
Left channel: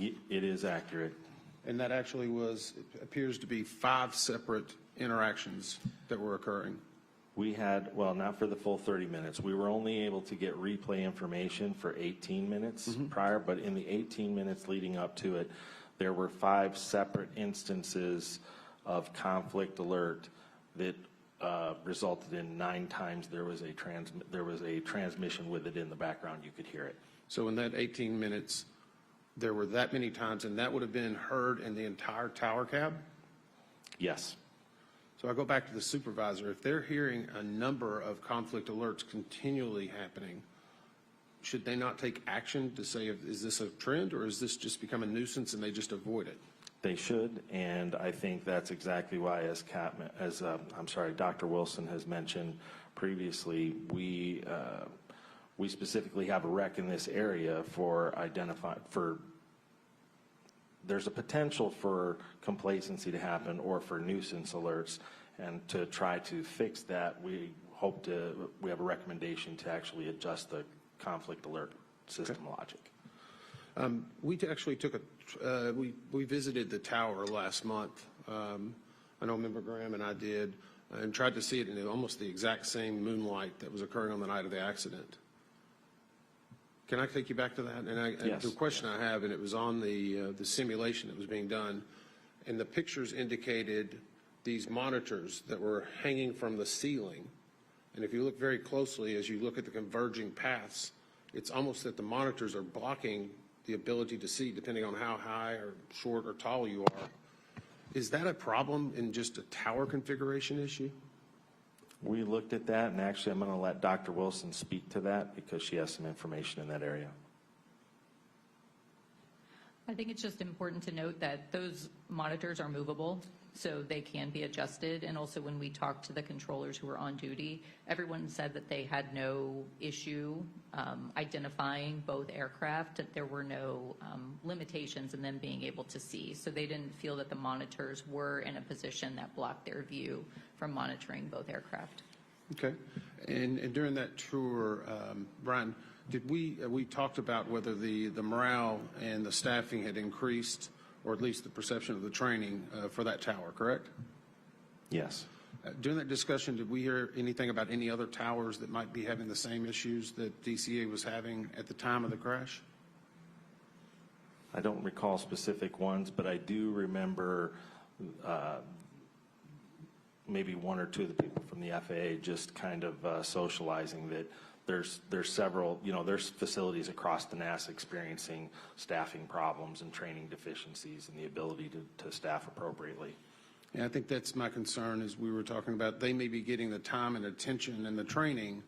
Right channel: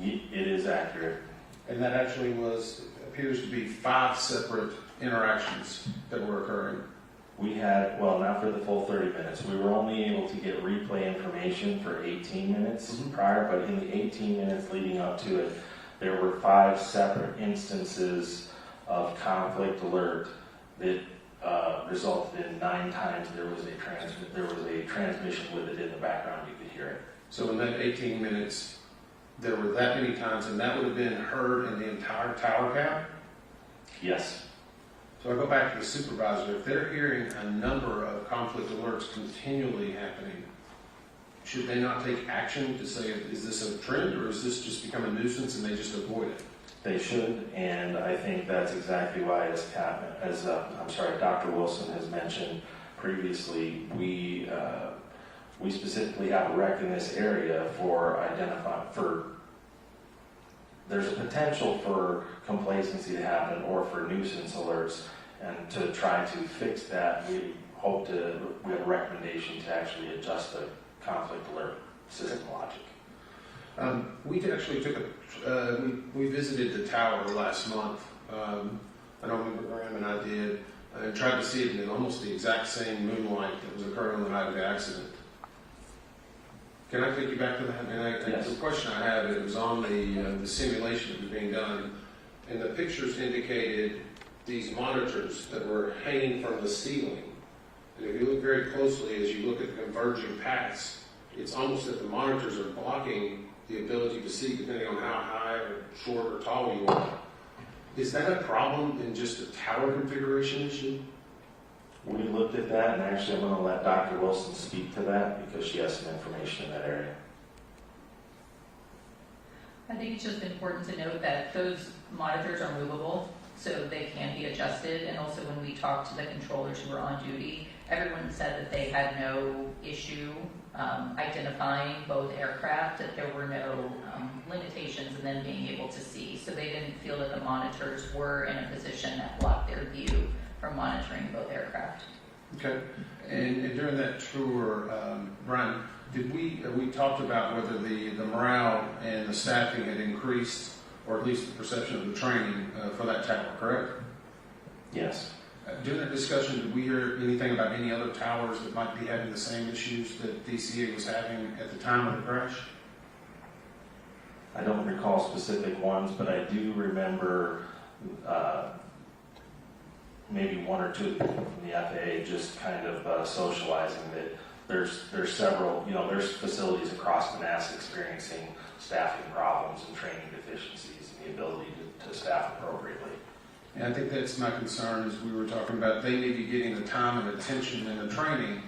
It is accurate. And that actually appears to be 5 separate interactions that were occurring. We had, well, not for the full 30 minutes. We were only able to get replay information for 18 minutes prior, but in the 18 minutes leading up to it, there were 5 separate instances of conflict alert that resulted in 9 times there was a transmission with it in the background. You could hear it. So in that 18 minutes, there were that many times, and that would have been heard in the entire tower count? Yes. So I go back to the supervisor. If they're hearing a number of conflict alerts continually happening, should they not take action to say, is this a trend, or is this just become a nuisance and they just avoid it? They should, and I think that's exactly why, Dr. Wilson has mentioned previously, we specifically have a rec in this area there's a potential for complacency to happen or for nuisance alerts, and to try to fix that, we have a recommendation to actually adjust the conflict alert system logic. We actually took we visited the tower last month. I know Member Graham and I did, and tried to see it in almost the exact same moonlight that was occurring on the night of the accident. Can I take you back to that? And yes. The question I have, it was on the simulation that was being done, and the pictures indicated these monitors that were hanging from the ceiling. And if you look very closely, as you look at the converging paths, it's almost that the monitors are blocking the ability to see, depending on how high or short or tall you are. Is that a problem in just a tower configuration issue? We looked at that, and actually I'm going to let Dr. Wilson speak to that because she has some information in that area. I think it's just important to note that those monitors are movable, so they can be adjusted. And also when we talked to the controllers who were on duty, everyone said that they had no issue identifying both aircraft, that there were no limitations in them being able to see. So they didn't feel that the monitors were in a position that blocked their view from monitoring both aircraft. Okay. And during that tour, Brian, did we talked about whether the morale and the staffing had increased, or at least the perception of the training for that tower, correct? Yes. During that discussion, did we hear anything about any other towers that might be having the same issues that DCA was having at the time of the crash? I don't recall specific ones, but I do remember maybe one or two people from the FAA just kind of socializing that there's several, there's facilities across Manassas experiencing staffing problems and training deficiencies and the ability to staff appropriately. Yeah, I think that's my concern, as we were talking about. They may be getting the time and attention and the training,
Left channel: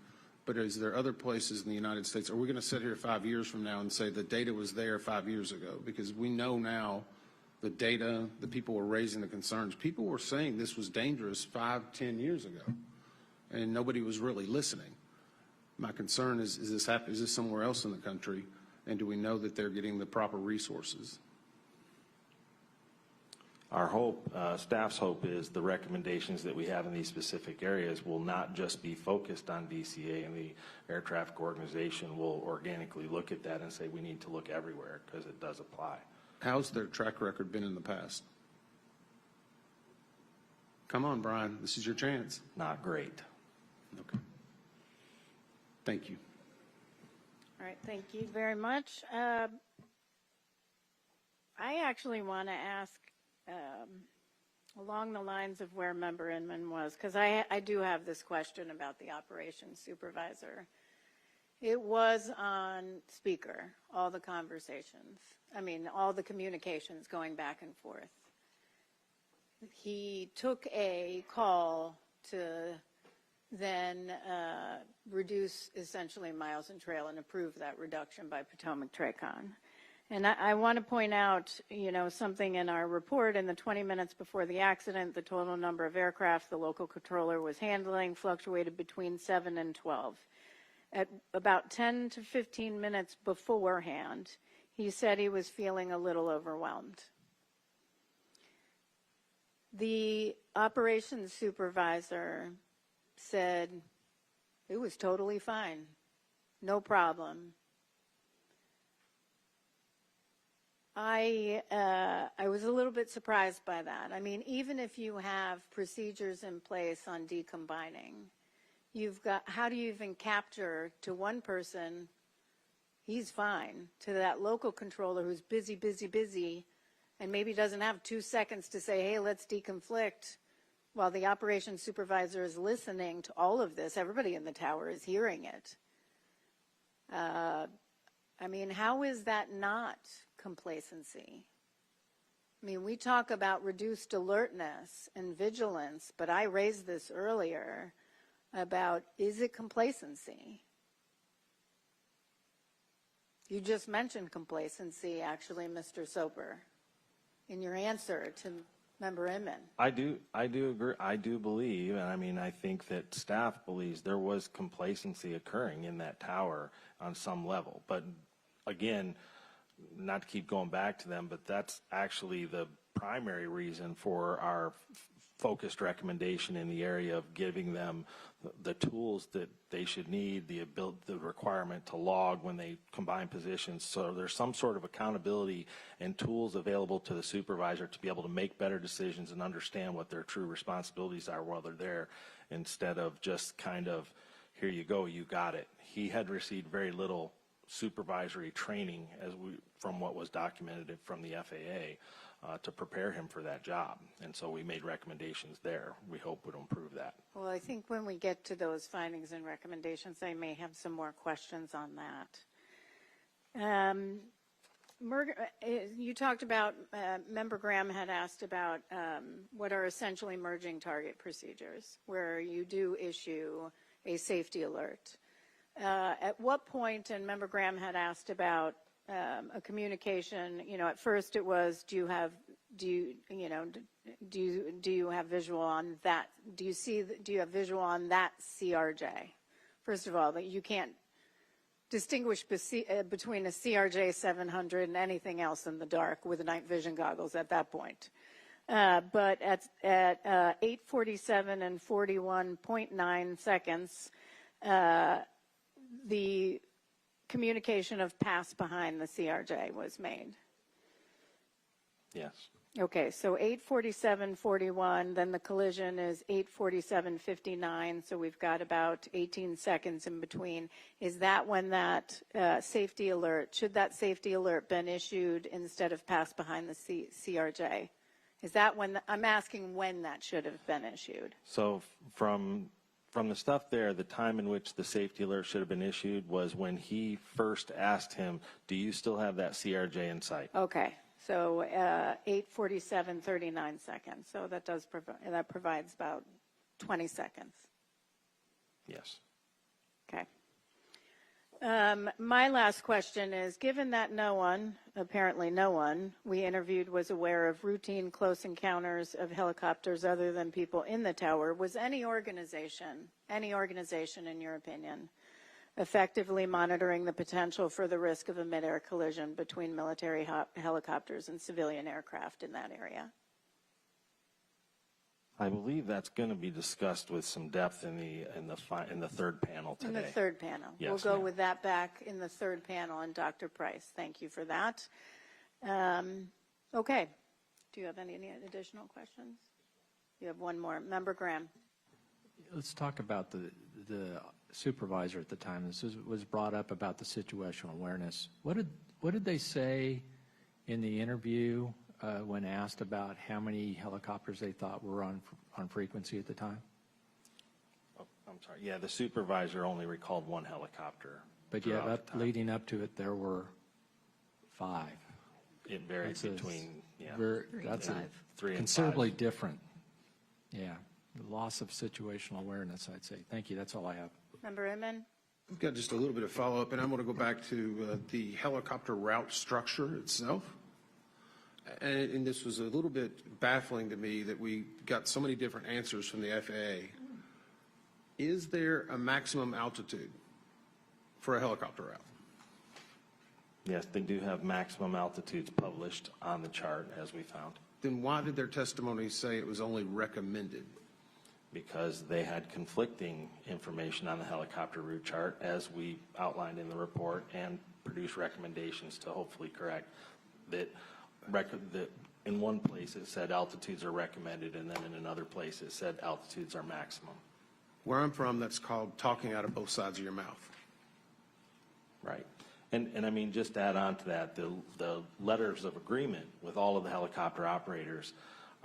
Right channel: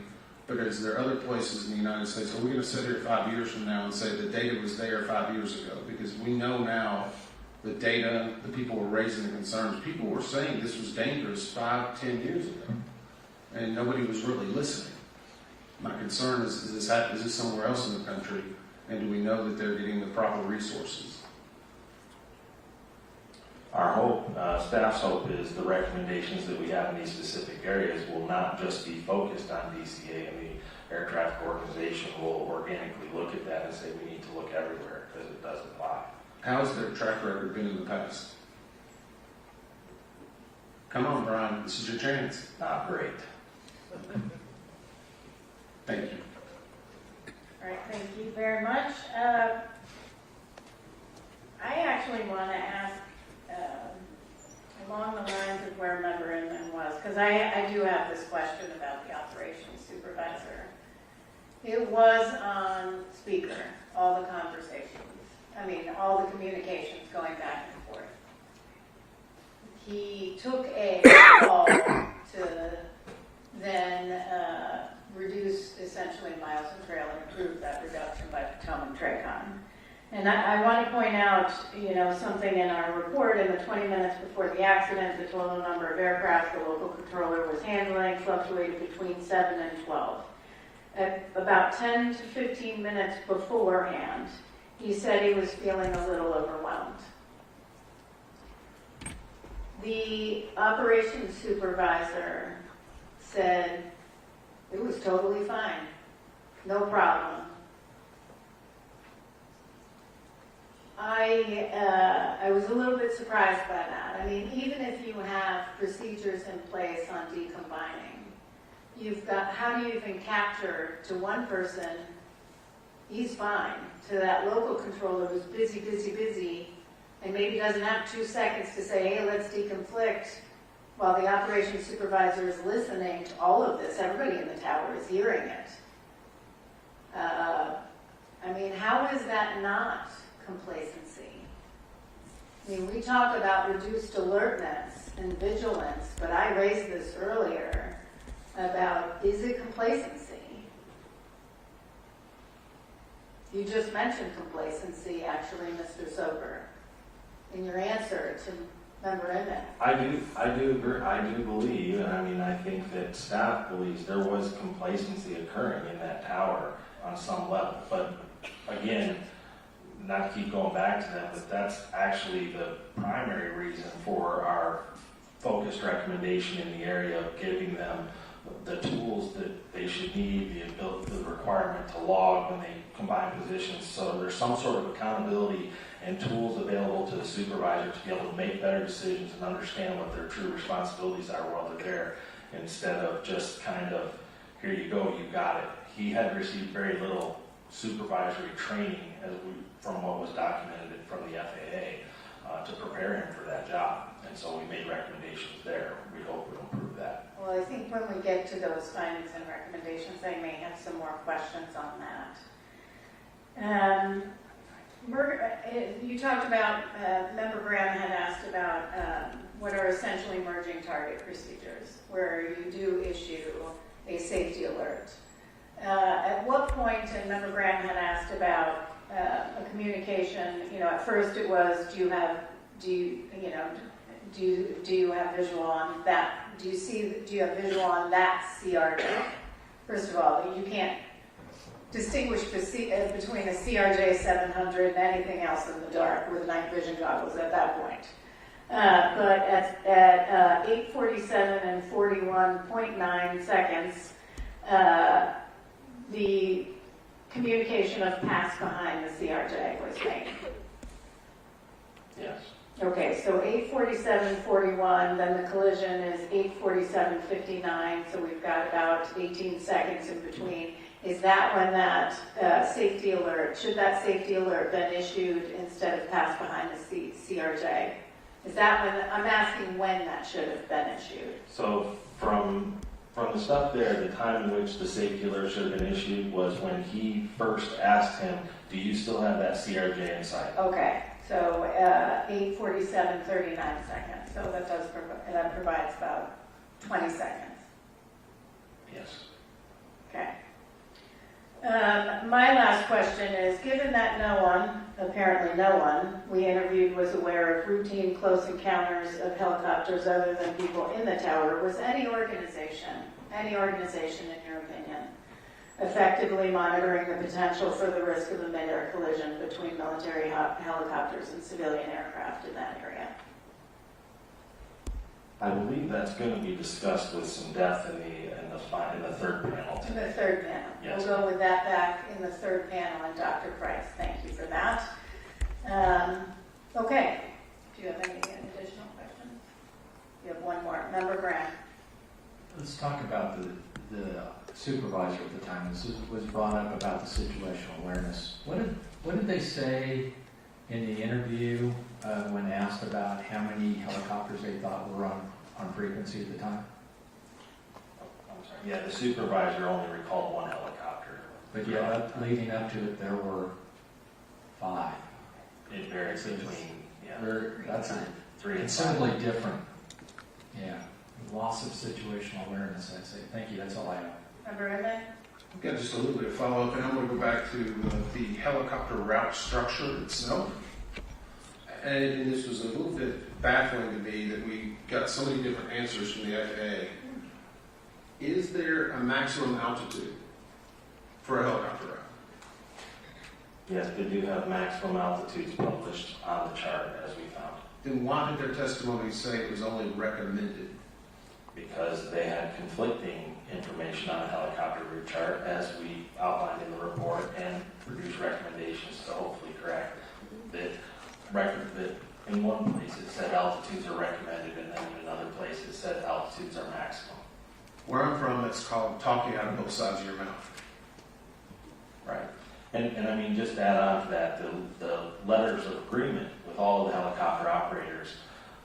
but is there other places in the United States? Are we going to sit here 5 years from now and say the data was there 5 years ago? Because we know now the data, the people were raising the concerns. People were saying this was dangerous 5, 10 years ago, and nobody was really listening. My concern is this somewhere else in the country, and do we know that they're getting the proper resources? Our hope, staff's hope, is the recommendations that we have in these specific areas will not just be focused on DCA, and the air traffic organization will organically look at that and say we need to look everywhere because it does apply. How's their track record been in the past? Come on, Brian, this is your chance. Not great. Thank you. All right, thank you very much. I actually want to ask along the lines of where Member Inman was, because I do have this question about the operations supervisor. It was on speaker, all the conversations, all the communications going back and forth. He took a call to then reduce essentially miles and trail and improve that reduction by Potomac Tracon. And I want to point out, something in our report. In the 20 minutes before the accident, the total number of aircraft the local controller was handling fluctuated between 7 and 12. At about 10 to 15 minutes beforehand, he said he was feeling a little overwhelmed. The operations supervisor said it was totally fine, no problem. I was a little bit surprised by that. Even if you have procedures in place on decombining, how do you even capture to one person, he's fine, to that local controller who's busy, and maybe doesn't have 2 seconds to say, hey, let's deconflict, while the operations supervisor is listening to all of this. Everybody in the tower is hearing it. How is that not complacency? We talk about reduced alertness and vigilance, but I raised this earlier about, is it complacency? You just mentioned complacency, actually, Mr. Sober, in your answer to Member Emmett. I do agree. I do believe, and I think that staff believes there was complacency occurring in that tower on some level. But again, not to keep going back to them, but that's actually the primary reason for our focused recommendation in the area of giving them the tools that they should need, the requirement to log when they combine positions. So there's some sort of accountability and tools available to the supervisor to be able to make better decisions and understand what their true responsibilities are while they're there, instead of just kind of, here you go, you got it. He had received very little supervisory training from what was documented from the FAA to prepare him for that job. And so we made recommendations there. We hope we'll improve that. Well, I think when we get to those findings and recommendations, I may have some more questions on that. You talked about, Member Graham had asked about what are essentially merging target procedures, where you do issue a safety alert. At what point, and Member Graham had asked about a communication, at first it was, do you have visual on that? Do you have visual on that CRJ? First of all, you can't distinguish between the CRJ 700 and anything else in the dark with night vision goggles at that point. But at 8:47 and 41.9 seconds, the communication of pass behind the CRJ was made. Yes. Okay, so 8:47:41, then the collision is 8:47:59, so we've got about 18 seconds in between. Is that when that safety alert, should that safety alert been issued instead of pass behind the CRJ? Is that when, I'm asking when that should have been issued? So from the stuff there, the time in which the safety alert should have been issued was when he first asked him, do you still have that CRJ in sight? Okay, so 8:47:39 seconds, so that provides about 20 seconds. Yes. Okay. My last question is, given that apparently no one we interviewed was aware of routine close encounters of helicopters other than people in the tower, was any organization in your opinion, effectively monitoring the potential for the risk of a mid-air collision between military helicopters and civilian aircraft in that area? I believe that's going to be discussed with some depth in the third panel In today. the third panel. Yes. We'll go with that back in the third panel, and Dr. Price, thank you for that. Okay. Do you have any additional questions? You have one more. Member Graham. Let's talk about the supervisor at the time. This was brought up about the situational awareness. What did they say in the interview when asked about how many helicopters they thought were on frequency at the time? I'm sorry. Yeah, the supervisor only recalled one helicopter. But yeah, leading up to it, there were 5. It varies between, That's 3 and 5. considerably different. Yeah, loss of situational awareness, I'd say. Thank you, that's all I have. Member Edmund? I've got just a little bit of follow-up, and I want to go back to the helicopter route structure itself. And this was a little bit baffling to me that we got so many different answers from the FAA. Is there a maximum altitude for a helicopter route? Yes, they do have maximum altitudes published on the chart, as we found, Then why did their testimony say it was only recommended? because they had conflicting information on the helicopter route chart, as we outlined in the report, and produced recommendations to hopefully correct that in one place it said altitudes are recommended, and then in another place it said altitudes are maximum. Where I'm from, that's called talking out of both sides of your mouth. Right. And I mean, just to add on to that, the letters of agreement with all of the helicopter operators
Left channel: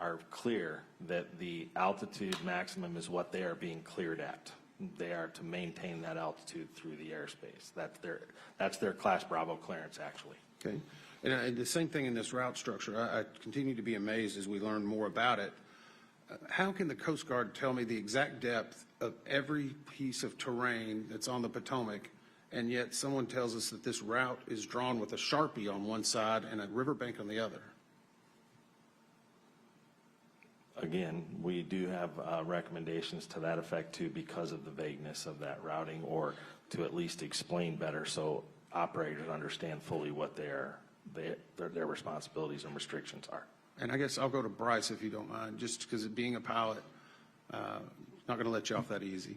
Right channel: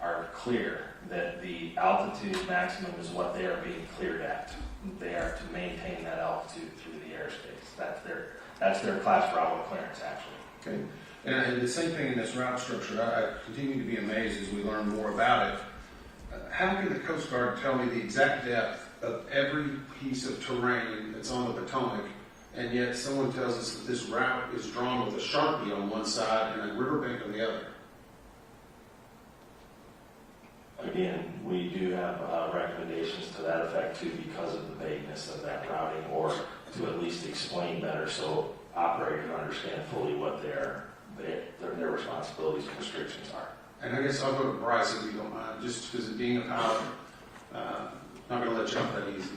are clear that the altitude maximum is what they are being cleared at. They are to maintain that altitude through the airspace. That's their Class Bravo clearance, actually. Okay. And the same thing in this route structure. I continue to be amazed as we learn more about it. How can the Coast Guard tell me the exact depth of every piece of terrain that's on the Potomac, and yet someone tells us that this route is drawn with a Sharpie on one side and a riverbank on the other? Again, we do have recommendations to that effect too, because of the vagueness of that routing, or to at least explain better so operators understand fully what their responsibilities and restrictions are. And I guess I'll go to Bryce if you don't mind, just because of being a pilot, not going to let you off that easy.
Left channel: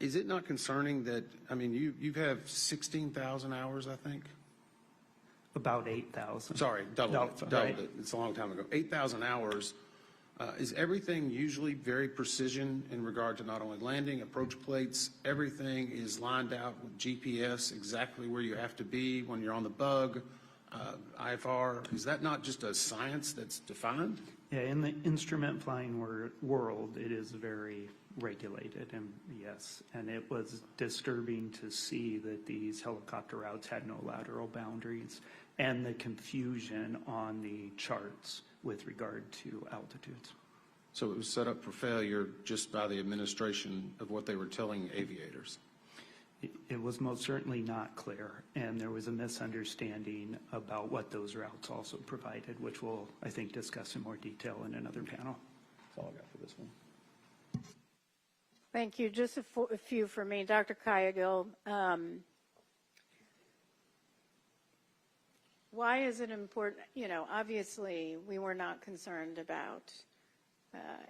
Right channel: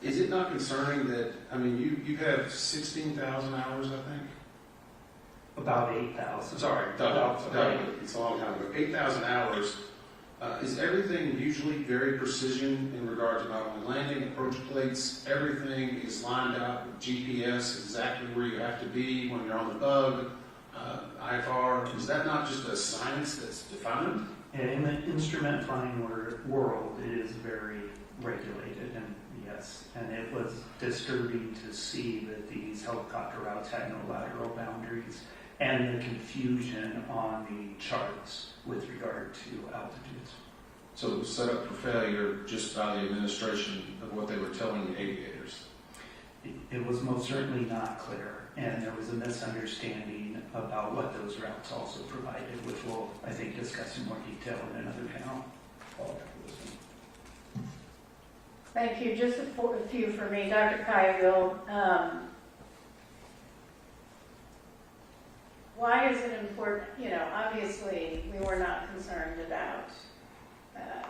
Is it not concerning that, I mean, you have 16,000 hours, I think? About 8,000. Sorry, it's a long time ago. 8,000 hours. Is everything usually very precision in regard to not only landing, approach plates, everything is lined up with GPS, exactly where you have to be when you're on the bug? IFR, is that not just a science that's defined? In the instrument flying world, it is very regulated, and yes, and it was disturbing to see that these helicopter routes had no lateral boundaries and the confusion on the charts with regard to altitudes. So it was set up for failure just by the administration of what they were telling the aviators. It was most certainly not clear, and there was a misunderstanding about what those routes also provided, which we'll, I think, discuss in more detail in another panel. Thank you. Just a few for me. Dr. Kyrgill, why is it important? You know, obviously, we were not concerned about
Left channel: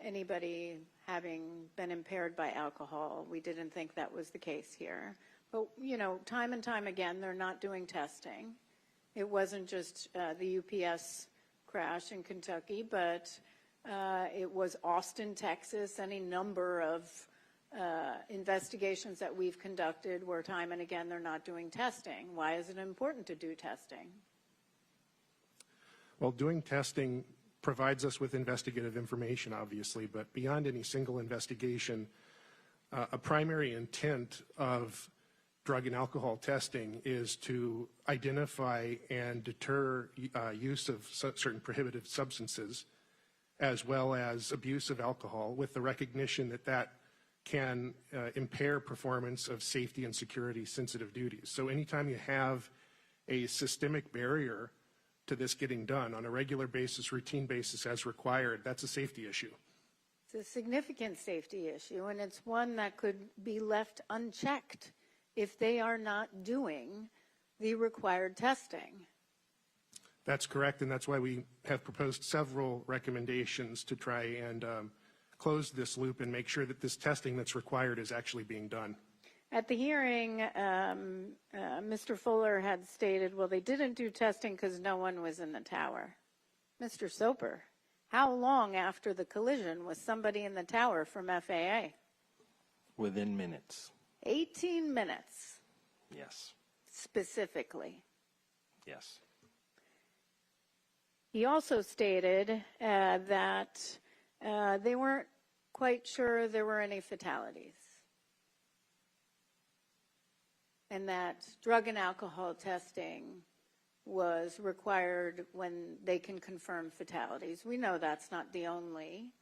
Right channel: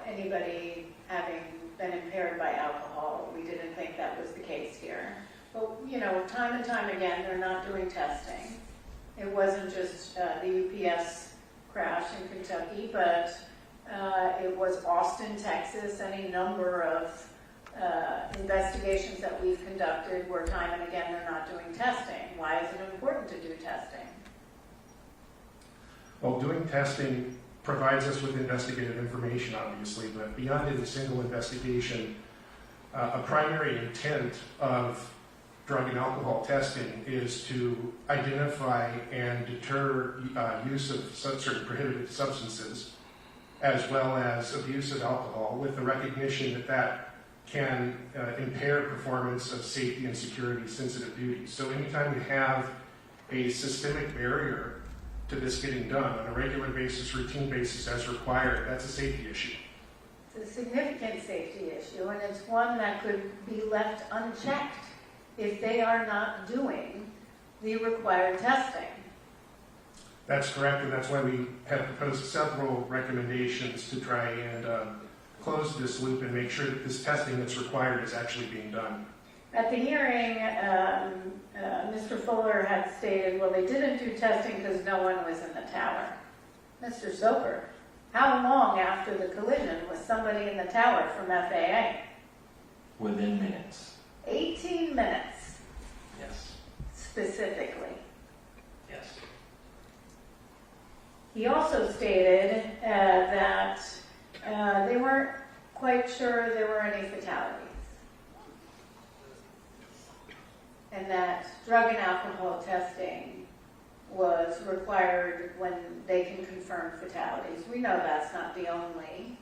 anybody having been impaired by alcohol. We didn't think that was the case here. But, you know, time and time again, they're not doing testing. It wasn't just the UPS crash in Kentucky, but it was Austin, Texas, any number of investigations that we've conducted where time and again they're not doing testing. Why is it important to do testing? Well, doing testing provides us with investigative information, obviously, but beyond any single investigation, a primary intent of drug and alcohol testing is to identify and deter use of certain prohibited substances, as well as abuse of alcohol, with the recognition that that can impair performance of safety and security sensitive duties. So anytime you have a systemic barrier to this getting done on a regular basis, routine basis as required, that's a safety issue. It's a significant safety issue, and it's one that could be left unchecked if they are not doing the required testing. That's correct, and that's why we have proposed several recommendations to try and close this loop and make sure that this testing that's required is actually being done. At the hearing, Mr. Fuller had stated, well, they didn't do testing because no one was in the tower. Mr. Soper, how long after the collision was somebody in the tower from FAA? Within minutes. 18 minutes, Yes. specifically. Yes. He also stated that they weren't quite sure there were any fatalities, and that drug and alcohol testing was required when they can confirm fatalities. We know that's not the only.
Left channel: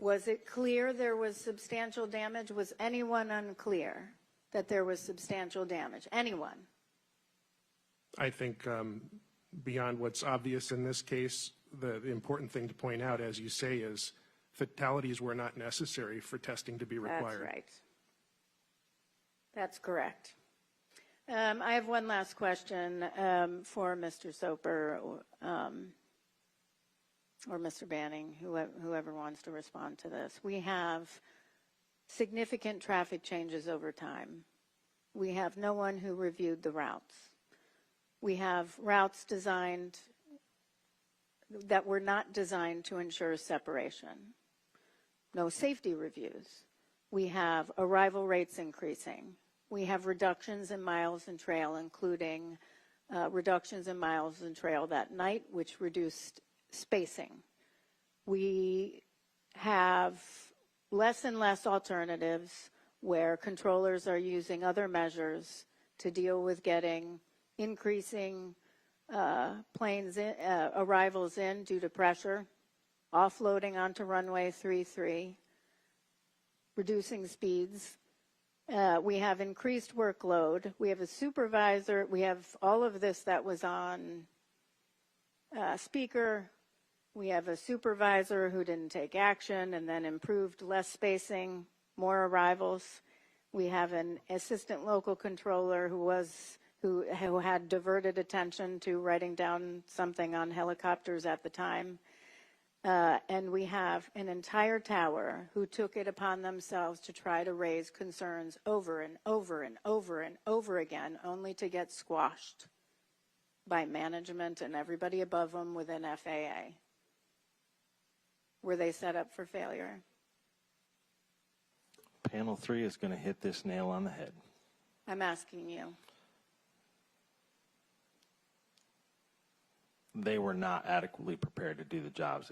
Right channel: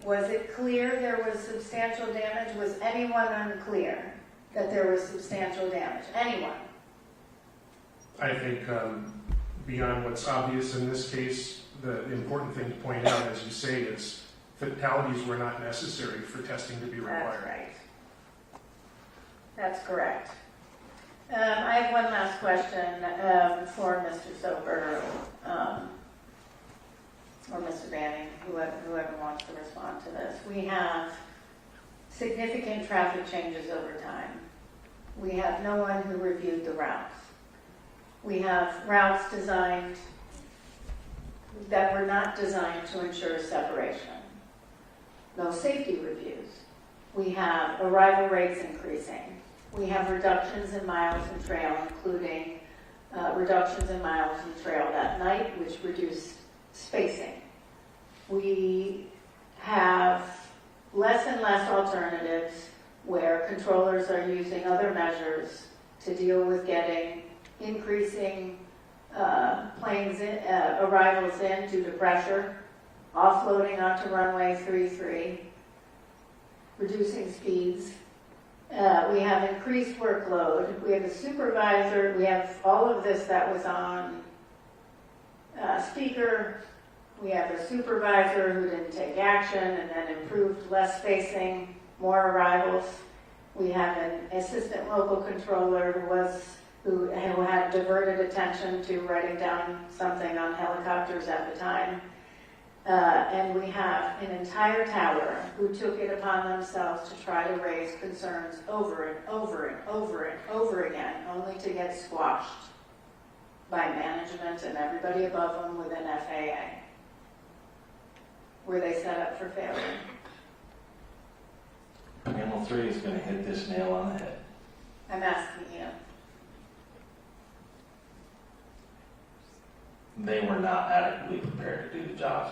Was it clear there was substantial damage? Was anyone unclear that there was substantial damage? Anyone? I think beyond what's obvious in this case, the important thing to point out, as you say, is fatalities were not necessary for testing to be required. That's right. That's correct. I have one last question for Mr. Soper or Mr. Banning, whoever wants to respond to this. We have significant traffic changes over time. We have no one who reviewed the routes. We have routes designed that were not designed to ensure separation. No safety reviews. We have arrival rates increasing. We have reductions in miles and trail, including reductions in miles and trail that night, which reduced spacing. We have less and less alternatives where controllers are using other measures to deal with getting increasing planes arrivals in due to pressure, offloading onto runway 33, reducing speeds. We have increased workload. We have a supervisor. We have all of this that was on speaker. We have a supervisor who didn't take action and then improved less spacing, more arrivals. We have an assistant local controller who had diverted attention to writing down something on helicopters at the time. And we have an entire tower who took it upon themselves to try to raise concerns over and over and over and over again, only to get squashed by management and everybody above them within FAA. Were they set up for failure? Panel 3 is going to hit this nail on the head. I'm asking you. they were not adequately prepared to do the jobs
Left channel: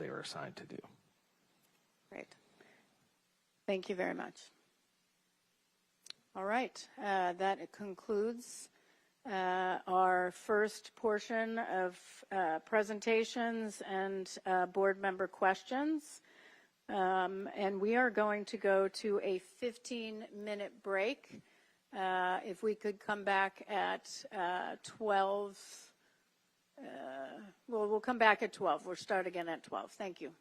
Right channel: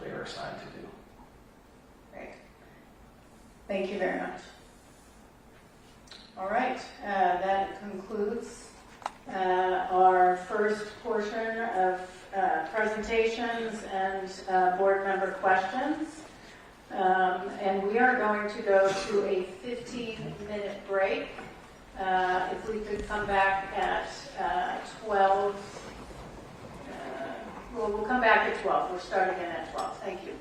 they were assigned to do. Great. Thank you very much. All right, that concludes our first portion of presentations and board member questions. And we are going to go to a 15-minute break. If we could come back at 12. We'll come back at 12. We're starting in at 12. Thank you.